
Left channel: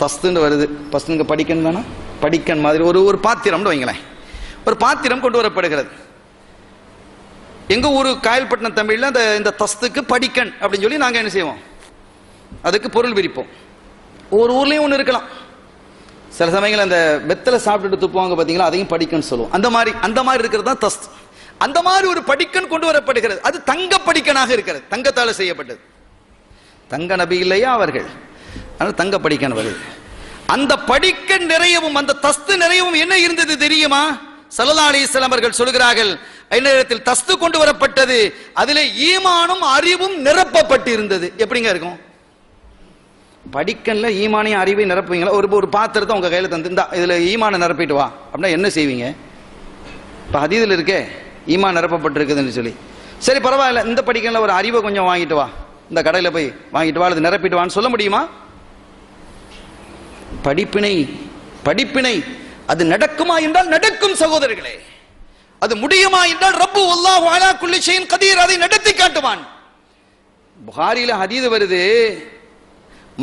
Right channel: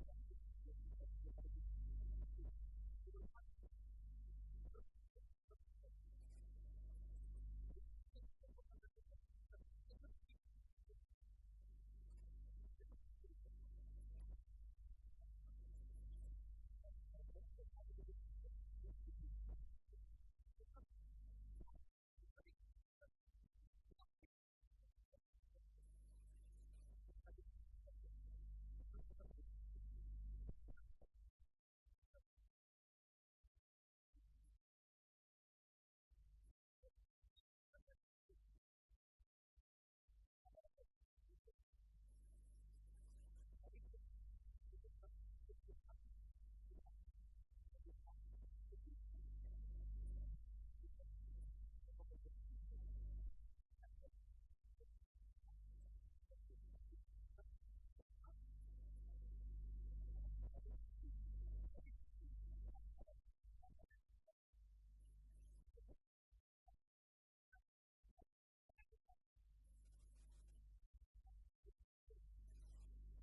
தஸ்துன்னு வருது. பஸ்துங்க படிக்கன் தானே, படிக்கன் மாதிரி ஒரு பாத்திரம்னு வைங்களேன். ஒரு பாத்திரம் கொண்டு வரப்படுகிறது. எங்கள் ஊர் காயல்பட்டினம் தமிழில் இந்த தஸ்துக்கு படிக்கன் அப்படின்னு சொல்லி நாங்கள் என்ன செய்வோம், அதுக்கு பொருள் விரிப்போம். ஒரு ஊர்லேயும் ஒன்று இருக்கலாம். சில சமயங்கள் அந்த வெத்தலை சாப்பிட்டுட்டு துப்புவாங்க பார்த்தீங்களா, அதையும் படிக்கன்னு சொல்லுவோம். அந்த மாதிரி இருக்கிறது தான் தஸ்து. அந்த மாதிரி ஒரு படிக்கன் கொண்டு வரப்படுகிறது. அது தங்க படிக்கனாக இருக்கிறது, தங்கத்தால் செய்யப்பட்டது. தங்க நபி இல்லையா அவர்கள், ஆனால் தங்க படிக்கன் வருது. அந்த படிக்கன் நிறையவும் அந்த தஸ்து நிறையவும் என்ன இருந்தது தெரியுமா? ஸல்லல்லாஹு அலைஹி வஸல்லம் அவர்கள் சொல்கிறார்கள், நேரத்தில் தஸ்து கொண்டு வரப்பட்டது, அதிலே ஈமானும் அறிவும் நிரப்பப்பட்டு இருந்தது. எப்படிங்க இருக்கும்? படிக்கன்ல ஈமானையும் அறிவையும் நிரப்புவீங்களா? ஒரு பாத்திரத்தை உங்க கையில தந்து இதுல ஈமானை நிரப்பிட்டு வா அப்படின்னா என்ன செய்வீங்க? இப்ப ஹதீஸ்ல இருக்கே ஈமான் நிரப்பப்பட்டிருக்குதுன்னு சொல்லி, சரி பரவாயில்ல, இந்த படிக்கன்ல ஒரு அறிவை கொஞ்சம் வாங்கிட்டு வா, இந்த கடையில போய் வாங்கிட்டு வா, அது நிரப்பிட்டு வான்னு சொல்ல முடியுமா? படிப்பினை அது நடக்குமா என்றால் நடக்கும் சகோதரர்களே. அது முடியுமா என்றால் ரப்பு வல்லாஹு அலா குல்லி ஷைஇன் கதீர், அதை நடத்தி காட்டுவான். புகாரில ஹதீஸ் வருது,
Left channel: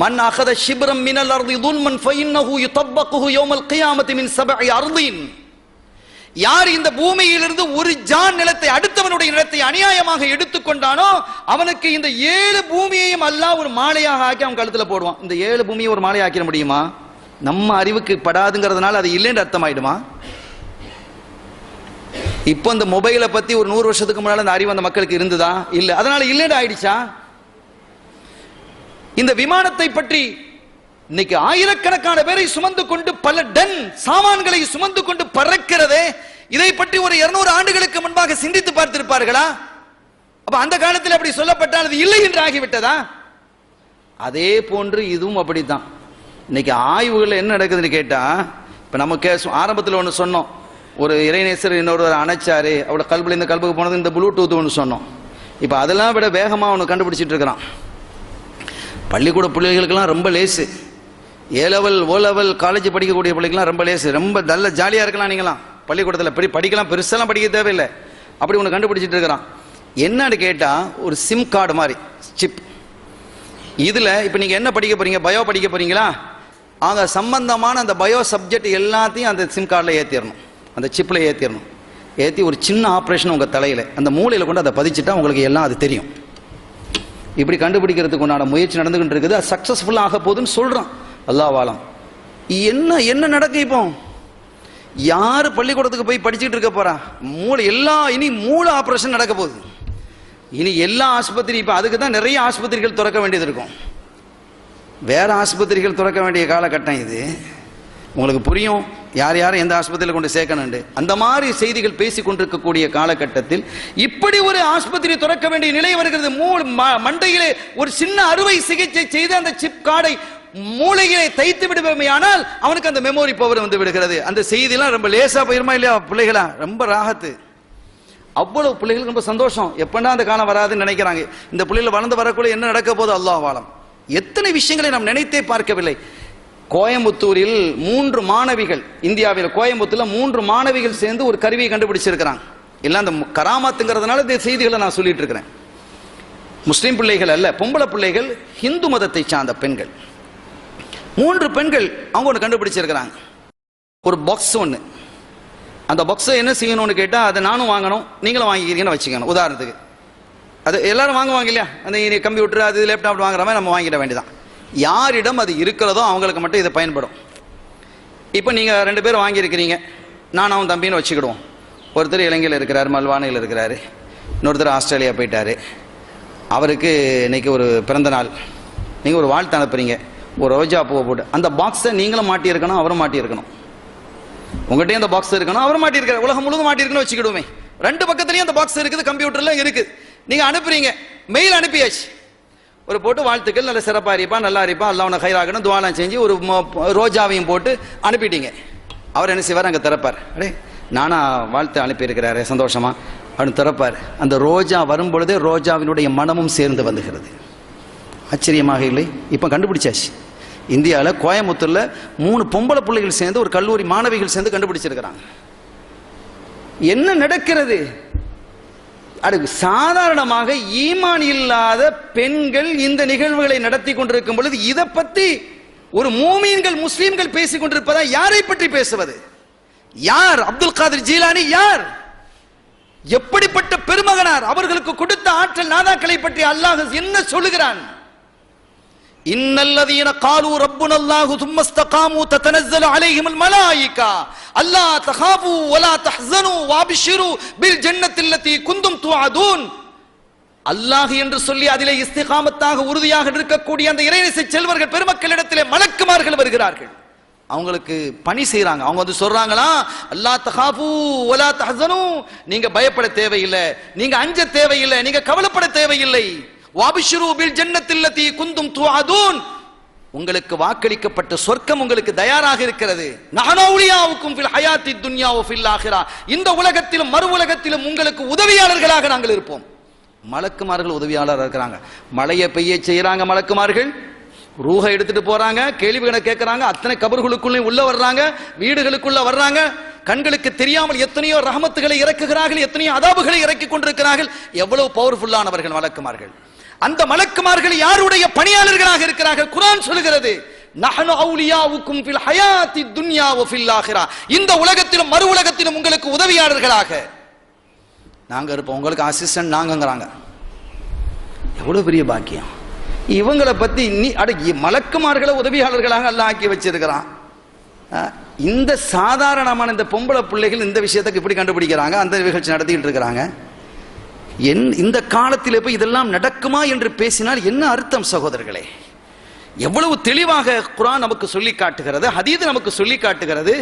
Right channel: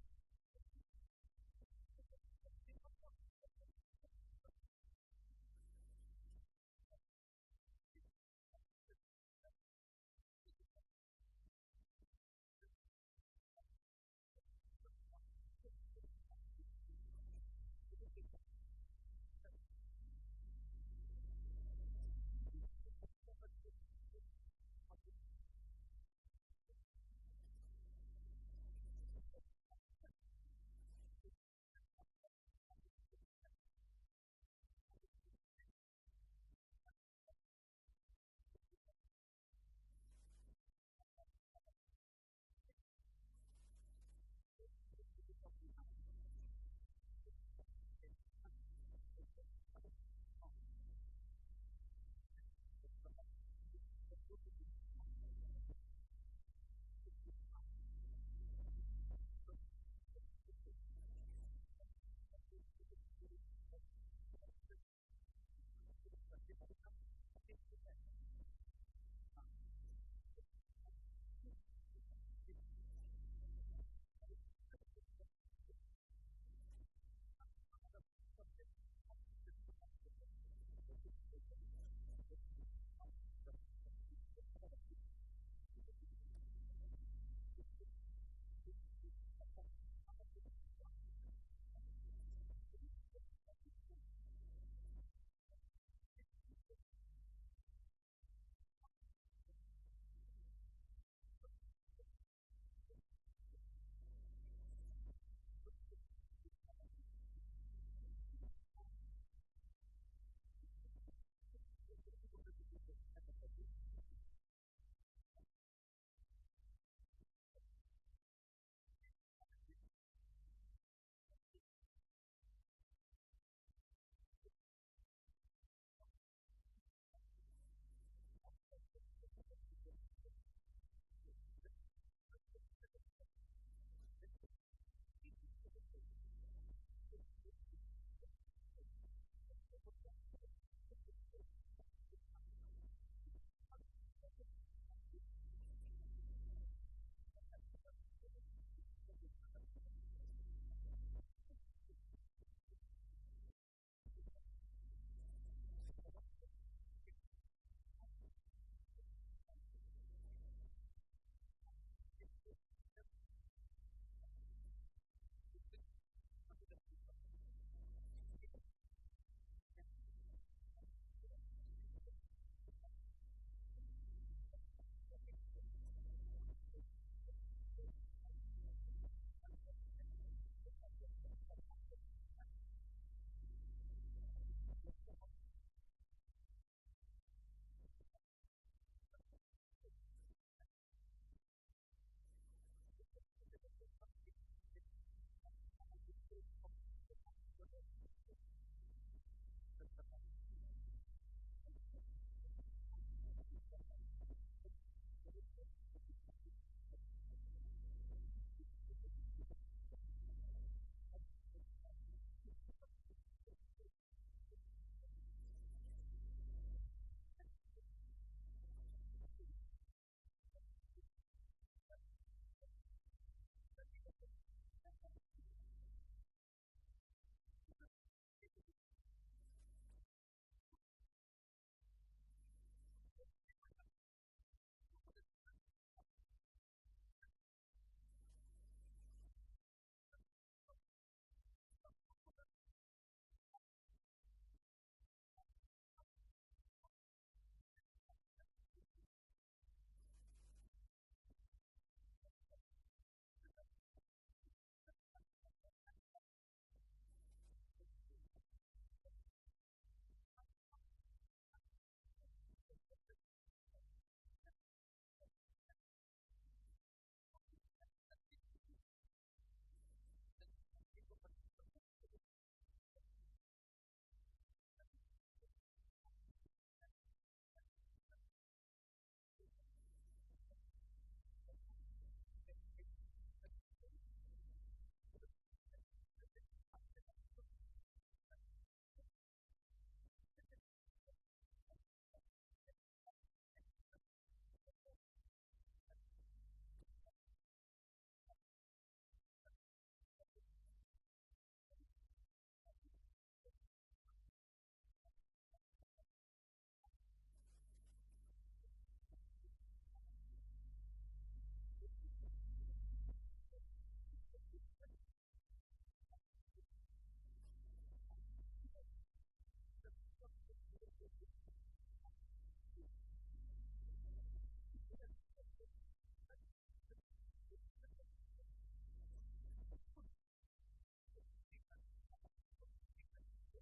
மன் அகத ஷிப்ரம் மினல் அர்தி துல்மன் ஃபஇன்னஹு யுதப்பகுஹு யௌமல் கியாமத்தி மின் சபஇ அர்தீன். யார் இந்த பூமியிலிருந்து ஒரு ஜான் நிலத்தை, அடுத்தவனுடைய நிலத்தை அநியாயமாக எடுத்துக்கொண்டானோ அவனுக்கு இந்த 7 பூமியையும் அல்லாஹ் ஒரு மாலையாக ஆக்கி அவன் கழுத்துல போடுவான். இந்த 7 பூமியை ஒரு மாலையை ஆக்கிட முடியுமா? நம்ம அறிவுக்கு படாதுங்கிறதுனால அது இல்லைன்னு அர்த்தமாயிடுமா? இப்போ இந்த மொபைலை பத்தி ஒரு 100 வருஷத்துக்கு முன்னால அந்த அறிவு அந்த மக்களுக்கு இருந்ததா? இல்ல, அதனால இல்லைன்னு ஆயிடுச்சா? இந்த விமானத்தை பற்றி இன்னைக்கு ஆயிரக்கணக்கான பேரை சுமந்து கொண்டு பல டன் சாமான்களை சுமந்து கொண்டு பறக்கிறதே, இதை பற்றி ஒரு 200 ஆண்டுகளுக்கு முன்பாக சிந்தித்து பார்த்திருப்பார்களா? அப்ப அந்த காலத்தில் அப்படி சொல்லப்பட்டால் அது இல்லை என்று ஆகிவிட்டதா? அதே போன்று இதுவும் அப்படித்தான். இன்னைக்கு ஆய்வுகள் என்ன நடக்குதுன்னு கேட்டா, இப்ப நமக்கு ஆரம்பத்தில் ஒன்று சொன்னோம், ஒரு இறைநேசர் இன்னொரு அணைச்சாரு, அவரோட கல்புல இந்த கல்புக்கு போனது இந்த ப்ளூடூத் ஒன்று சொன்னோம். இப்ப அதெல்லாம் விட வேகமா ஒன்று கண்டுபிடிச்சிட்டு இருக்கிறான். பள்ளிக்கூட பிள்ளைகளுக்கெல்லாம் ரொம்ப லேசு, A level O level college படிக்கக்கூடிய பிள்ளைகள்லாம் ரொம்ப லேசு, ரொம்ப நல்ல ஜாலியா இருக்கலாம். நீங்களாம் பள்ளிக்கூடத்தில் படிக்கலாம், பெருசெல்லாம் படிக்க தேவையில்லை. அப்படி ஒன்று கண்டுபிடிச்சிட்டு இருக்கிறான். என்னன்னு கேட்டா ஒரு சிம் கார்டு மாதிரி சிப். இதுல இப்ப நீங்க என்ன படிக்க போறீங்க, பயோ படிக்க போறீங்களா? அங்க சம்பந்தமான அந்த பயோ சப்ஜெக்ட் எல்லாத்தையும் அந்த சிம் கார்டில் ஏற்றிடணும், அந்த சிப்பில் ஏற்றிடணும். ஏற்றி ஒரு சின்ன ஆப்ரேஷன் உங்கள் தலையில் அந்த மூளையில் கொண்டு அதை பதிச்சுட்டா உங்களுக்கு எல்லாம் அது தெரியும். இப்படி கண்டுபிடிக்கிறதுக்கு உண்டான முயற்சி நடந்துகிட்டு இருக்குது. அது சக்ஸஸ்ஃபுல்லாக ஆக போகுதுன்னு சொல்கிறான். அல்லாஹ் ஆலம். என்ன நடக்கும்? இப்போ யார் பள்ளிக்கூடத்துக்கு போய் படிச்சுட்டு இருக்க போறா? மூளை இனி மூளை ஆப்ரேஷன் நடக்க போகுது. இனி எல்லா ஆஸ்பத்திரி, இப்போ அதுக்கு தான் நிறைய ஆஸ்பத்திரிகள் திறக்க வேண்டியது இருக்கும். வேற ஆஸ்பத்திரிகள் திறக்க வேண்டிய காலகட்டம் இது. உங்களுக்கு புரியும் யார் யாரும் எந்த ஆஸ்பத்திரியில் கொண்டு சேர்க்கணுண்டு. அந்த மாதிரி செய்திகள் பேசி கொண்டிருக்கக்கூடிய காலகட்டத்தில் இப்படி ஒரு ஆஸ்பத்திரி திறக்க வேண்டிய நிலை வருகிறது. மண்டையிலே ஒரு சின்ன அறுவை சிகிச்சை செய்து அந்த சிப் கார்டை மூளையிலே தைத்து விடுவோமையானால் அவனுக்கு அந்த மெமோரி பவர் வந்து விடுகிறது. அந்த செய்தியெல்லாம் ரொம்ப லேசா போயிருமா இல்லையா? பிள்ளைகளா ரொம்ப ராகத்து. அவ்வளவு பிள்ளைகளுக்கு ரொம்ப சந்தோஷம். எப்படா அந்த காலம் வராதுன்னு நினைக்கிறாங்க. இந்த பிள்ளைகள் வளர்ந்து வரக்குள்ள என்ன நடக்க போது அல்லாஹ் ஆலம். எத்தனை விஷயங்களை நாம் நினைத்தே பார்க்கவில்லை. கோயம்புத்தூரில் 3 மாணவிகள், இந்தியாவில் கோயம்புத்தூர்ல 3 மாணவிகள் சேர்ந்து ஒரு கருவியை கண்டுபிடிச்சிருக்கிறாங்க. எல்லாம் அந்த கராமாத்துங்கிறதுனால இந்த செய்திகளை நான் சொல்லிட்டு இருக்கிறேன். முஸ்லிம் பிள்ளைகள் அல்ல, பொம்பளை பிள்ளைகள், ஹிந்து மதத்தை சார்ந்த பெண்கள். 3 பெண்கள் அவங்க ஒன்று கண்டுபிடிச்சிருக்கிறாங்க. ஒரு பாக்ஸ் ஒன்று. அந்த பாக்ஸை என்ன செய்யணும்னு கேட்டால், அதை நானும் வாங்கணும், நீங்களும் வாங்கிக்கிறீங்கன்னு வச்சுக்கணும். உதாரணத்துக்கு அது எல்லாரும் வாங்குவாங்க இல்லையா? அந்த கம்ப்யூட்டர் அது லேப்டாப் வாங்குற மாதிரி நம்ம வாங்கிட வேண்டியதான். யாரிடம் அது இருக்கிறதோ அவங்களுக்கு மட்டும் இது பயன்படும். இப்போ நீங்கள் 2 பேர் வாங்கியிருக்கிறீங்க, நானும் தம்பின்னு வச்சுக்கிடுவோம். ஒருத்தர் இலங்கையில் இருக்கிறார், மல்வானையில் இருக்கிறாரு, இன்னொருத்தர் ஆஸ்திரேலியா போயிட்டாரு. அவருக்கு இன்னைக்கு ஒரு பிறந்த நாள். நீங்கள் ஒரு வாழ்த்து அனுப்புறீங்க, ஒரு ரோஜா பூவை போட்டு. அந்த பாக்ஸை நீங்களும் மாட்டியிருக்கணும், அவரும் மாட்டியிருக்கணும். உங்கள்கிட்டயும் அந்த பாக்ஸ் இருக்கணும், அவரும் மாட்டியிருக்காரு, உலகம் முழுவதும் மாட்டியிருக்கணும் வச்சுக்கிடுவோமே. 2 பக்கத்துலையும் அந்த பாக்ஸ் இருக்குது, கம்ப்யூட்டர்ல இருக்குது. நீங்க அனுப்புறீங்க, மெயில் அனுப்பியாச்சு, ஒரு போட்டு வாழ்த்துக்கள், நல்ல சிறப்பா இருப்பா, நல்லா இருப்பா, அல்லாஹ் உனக்கு ஹைராகணும் துஆலாம் செஞ்சு ஒரு ரோஜாவையும் போட்டு அனுப்பிட்டீங்க. அவர் என்ன செய்வார்? அங்கே திறப்பார். அடே நானா வாழ்த்து அனுப்பியிருக்கிறாரு, சந்தோஷமா, அப்படின்னு திறப்பார். அந்த ரோஜா வரும் பொழுதே ரோஜாவினுடைய மனமும் சேர்ந்து வந்துகிறது. ஆச்சரியமாக இல்லை? இப்போ கண்டுபிடிச்சாச்சு. இந்தியாவில் கோயம்புத்தூரில் 3 பொம்பளை பிள்ளைகள் சேர்ந்து, ஒரு கல்லூரி மாணவிகள் சேர்ந்து கண்டுபிடிச்சிருக்கிறாங்க. என்ன நடக்கிறது? அது சாதாரணமாக ஈமான் இல்லாத பெண்கள் இந்த நிகழ்வுகளை நடத்தி கொண்டிருக்கும் பொழுது இதை பற்றி ஒரு மூமீன்கள் முஸ்லிம்கள் பேசிக் கொண்டிருப்பதா? யாரை பற்றி பேசுவது? யார் அப்துல் காதிர் ஜீலானி? யார்? எப்படிப்பட்ட பெருமகனார்? அவர்களுக்கு கொடுத்த ஆற்றல் நாதாக்களை பற்றி அல்லாஹ் என்ன சொல்லுகிறான்? இன்னல்லதீன காலு ரப்புனல்லாஹு தும்ம இஸ்தகாமு ததனஸ்ஸலு அலைஹிமுல் மலாயிகா அல்லா தகாஃபு வலா தஹ்ஸனு வஅப்ஷிரு பில் ஜன்னத்தில்லதி குந்தும் துஅதூன். அல்லாஹ் என்று சொல்லி அதிலே இஸ்திகாமத்தாக உறுதியாக இருக்கக்கூடிய அந்த இறைநேச செல்வர்கள் பெருமக்களிடத்திலே மலக்குமார்கள் வருகிறார்கள். அவங்களுக்கு பணி செய்யறாங்க. அவங்க வந்து சொல்றாங்களா, அல்லா தகாஃபு வலா தஹ்ஸனு, நீங்க பயப்பட தேவையில்லை, நீங்க அஞ்ச தேவையில்லை, நீங்க கவலைப்பட தேவையில்லை. வஅப்ஷிரு பில் ஜன்னத்தில்லதி குந்தும் துஅதூன், உங்களுக்கு வாக்களிக்கப்பட்ட சொர்க்கம் உங்களுக்கு தயாராக இருக்கிறது. நஹனு அவுலியாவுக்கும் ஃபில் ஹயாத்தி துன்யா வ ஃபில் ஆখিরা, இந்த உலகத்திலும் மறு உலகத்திலும் உங்களுக்கு உதவியாளர்களாக நாங்கள் இருப்போம். மலக்குமார்கள் உதவியாளராக இருக்கிறாங்க. மழையை பெய்ய செய்யறாங்க மலக்குமார்கள், ரூஹை எடுத்துட்டு போறாங்க, கேள்விகளை கேட்கறாங்க, அத்தனை கபர்களுக்குள்ளே உள்ள வர்றாங்க, வீடுகளுக்குள்ள வர்றாங்க. கண்களுக்கு தெரியாமல் எத்தனையோ ரஹமத்துகளை இறக்குகிறார்கள், எத்தனையோ அதாபுகளை இறக்கி கொண்டிருக்கிறார்கள். எவ்வளவு பவர்ஃபுல்லானவர்கள் மலக்குமார்கள். அந்த மலக்குமார்கள் யாருடைய பணியாளர்களாக இருக்கிறார்கள்? குர்ஆன் சொல்கிறது, நஹனு அவுலியாவுக்கும் ஃபில் ஹயாத்தி துன்யா வ ஃபில் ஆখিরা, இந்த உலகத்திலும் மறு உலகத்திலும் உங்களுக்கு உதவியாளர்களாக நாங்க இருப்போம், உங்களுக்கு அசிஸ்டன்ட் நாங்கங்கறாங்க. எவ்வளவு பெரிய பாக்கியம்! இவங்களை பத்தி மலக்குமார்களை உதவியாளர்களாக அல்லாஹ் ஆக்கி வச்சிருக்கிறான். இந்த சாதாரணமான இந்த பொம்பளை பிள்ளைகள் இந்த விஷயத்துக்கு இப்படி கண்டுபிடிக்கிறாங்க, அந்த நிகழ்ச்சி நடத்திட்டு இருக்கிறாங்க. இந்த காலத்தில் போய் இதெல்லாம் நடக்குமா என்று பேசினால் என்ன அர்த்தம் சகோதரர்களே? எவ்வளவு தெளிவாக குர்ஆன் நமக்கு சொல்லி காட்டுகிறது, ஹதீஸ் நமக்கு சொல்லி காட்டுகிறது.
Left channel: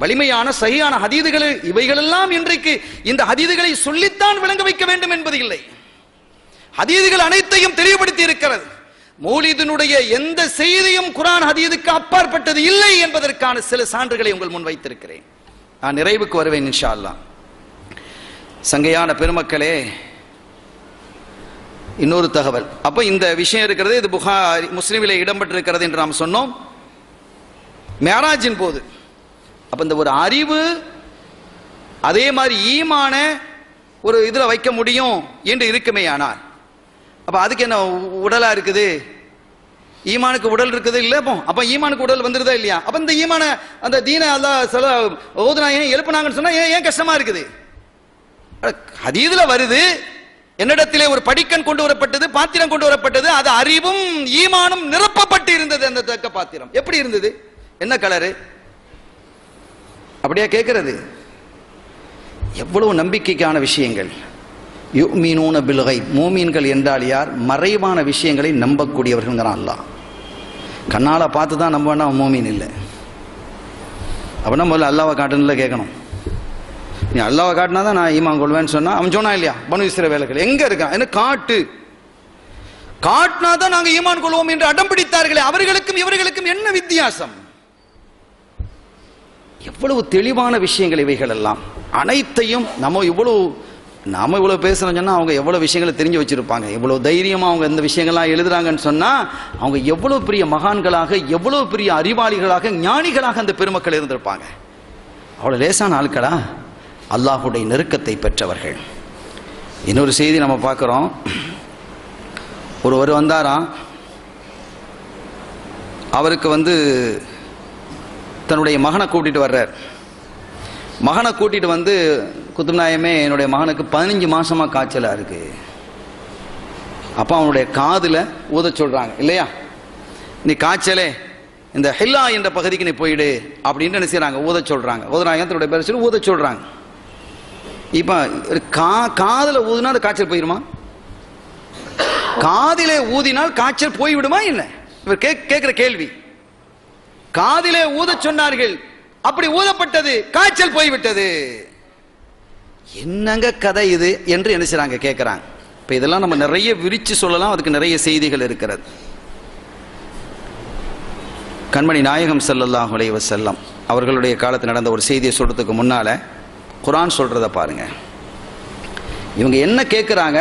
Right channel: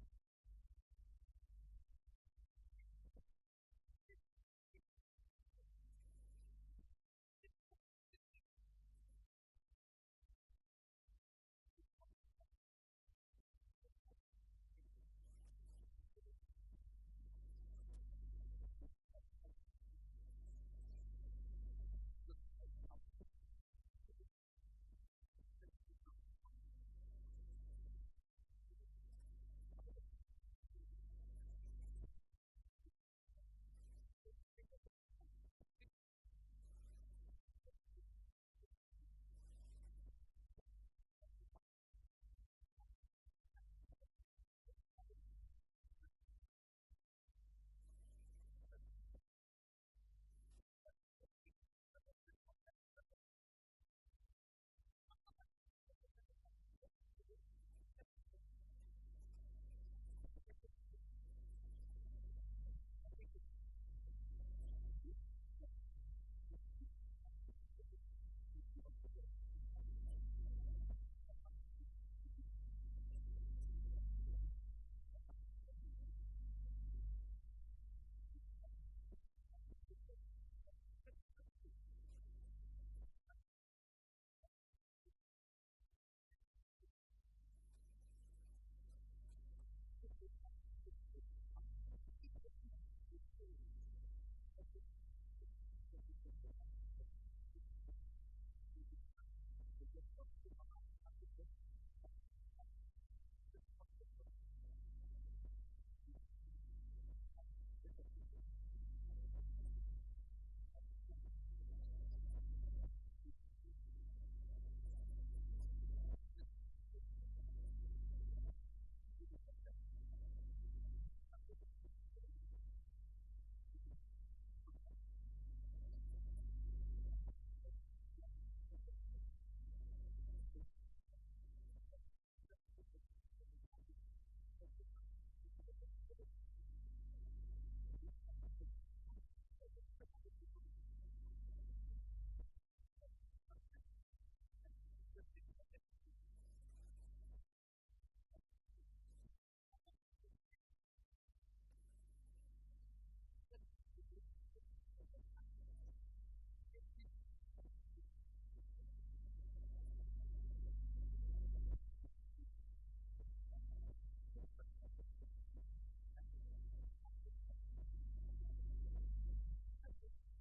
வலிமையான சஹீஹான ஹதீதுகள் இவைகளெல்லாம் இன்றைக்கு இந்த ஹதீதுகளை சொல்லித்தான் விளங்க வைக்க வேண்டும் என்பது இல்லை. ஹதீதுகள் அனைத்தையும் தெளிவுபடுத்தி இருக்கிறது. மௌலிதினுடைய எந்த செய்தியும் குர்ஆன் ஹதீதுக்கு அப்பாற்பட்டது இல்லை என்பதற்கான சில சான்றுகளை உங்கள் முன் வைத்திருக்கிறேன். நான் நிறைவுக்கு வருவேன் இன்ஷா அல்லாஹ். சங்கையான பெருமக்களே, இன்னொரு தகவல். அப்ப இந்த விஷயம் இருக்கிறது, இது புகாரி முஸ்லிமிலே இடம்பெற்றிருக்கிறது என்று நாம் சொன்னோம். மேராஜின் போது அப்ப இந்த ஒரு அறிவு அதே மாதிரி ஈமான ஒரு இதுல வைக்க முடியும் என்று இருக்குமே. ஆனால் அப்ப அதுக்கு என்ன உடலா இருக்குது? ஈமானுக்கு உடல் இருக்குது இல்ல? அப்ப ஈமானுக்கு உடல் வந்துருதா இல்லையா? அப்ப இந்த ஈமான அந்த தீன அல்லாஹ் சில ஓதுனா ஏன் எழுப்புனாங்கன்னு சொன்னா ஏன் கஷ்டமா இருக்குது? ஹதீதுல வருது, என்னிடத்திலே ஒரு படிக்கன் கொண்டு வரப்பட்டது, பாத்திரம் கொண்டு வரப்பட்டது, அது அறிவும் ஈமானும் நிரப்பப்பட்டு இருந்தது. அந்த தக்க பாத்திரம் எப்படி இருந்தது? என்ன கலரு? அப்படியா கேட்கிறது? எவ்வளவு நம்பிக்கைக்கான விஷயங்கள். யுமினூன பில் கைப், மூமீன்கள் என்றால் யார்? மறைவான விஷயங்களை நம்பக்கூடியவர்கள் அல்லாஹ். கண்ணால பார்த்து தான் நம்பனா மூமீன் இல்லை. அப்படின்னா முதல்ல அல்லாஹ்வை காட்டுன்னு கேட்கணும். நீ அல்லாஹ்வை காட்டினா தான் நான் ஈமான் கொள்வேன்னு சொன்னா அவன் சொன்னா இல்லையா? பனு இஸ்ரவேலர்கள் எங்க இருக்கான் என்ன காட்டு, காட்டினா தான் நாங்க ஈமான் கொள்வோம் என்று அடம் பிடித்தார்களே, அவர்களுக்கும் இவர்களுக்கும் என்ன வித்தியாசம்? எவ்வளவு தெளிவான விஷயங்கள் இவைகள் எல்லாம். அனைத்தையும் நாம இவ்வளவு பேசுறோம் சொன்னா அவங்க எவ்வளவு விஷயங்களை தெரிஞ்சு வச்சிருப்பாங்க. எவ்வளவு தைரியமா அவங்க இந்த விஷயங்கள்லாம் எழுதுறாங்கன்னு சொன்னா அவங்க எவ்வளவு பெரிய மகான்களாக, எவ்வளவு பெரிய அறிவாளிகளாக, ஞானிகளாக அந்த பெருமக்கள் இருந்திருப்பாங்க. அவ்வளவு லேசான ஆட்களா? அல்லாஹுடைய நெருக்கத்தை பெற்றவர்கள். இன்னொரு செய்தி நம்ம பார்க்கிறோம். ஒருவர் வந்தாராம், அவருக்கு தன்னுடைய மகனை கூட்டிட்டு வர்றார். மகனை கூட்டிட்டு வந்து, குத்துப்நாயகமே என்னுடைய மகனுக்கு 15 மாசமா காய்ச்சலா இருக்கு. அப்ப அவனுடைய காதுல ஊத சொல்றாங்க இல்லையா, நீ காய்ச்சலே இந்த ஹில்லா என்ற பகுதிக்கு நீ போயிடு அப்படின்னு என்ன செய்யறாங்க, ஊத சொல்றாங்க. ஊதுறாங்க, தன்னுடைய பேரை சொல்லி ஊத சொல்றாங்க. இப்ப காதுல ஊதுனா அந்த காய்ச்சல் போயிருமா? காதிலே ஊதினால் காய்ச்சல் போய்விடுமா என்ன? இவர் கேட்கிற கேள்வி. காதிலே ஊத சொன்னார்கள், அப்படி ஊதப்பட்டது, காய்ச்சல் போய்விட்டது. என்னங்க கதை இது என்று என்ன செய்றாங்க கேட்கிறாங்க. இப்ப இதெல்லாம் நம்ம நிறைய விரிச்சு சொல்லலாம், அதுக்கு நிறைய செய்திகள் இருக்கிறது. கண்மணி நாயகம் ஸல்லல்லாஹு அலைஹி வஸல்லம் அவர்களுடைய காலத்தில் நடந்த ஒரு செய்தியை சொல்றதுக்கு முன்னால குர்ஆன் சொல்றத பாருங்க. இவங்க என்ன கேட்குறாங்க,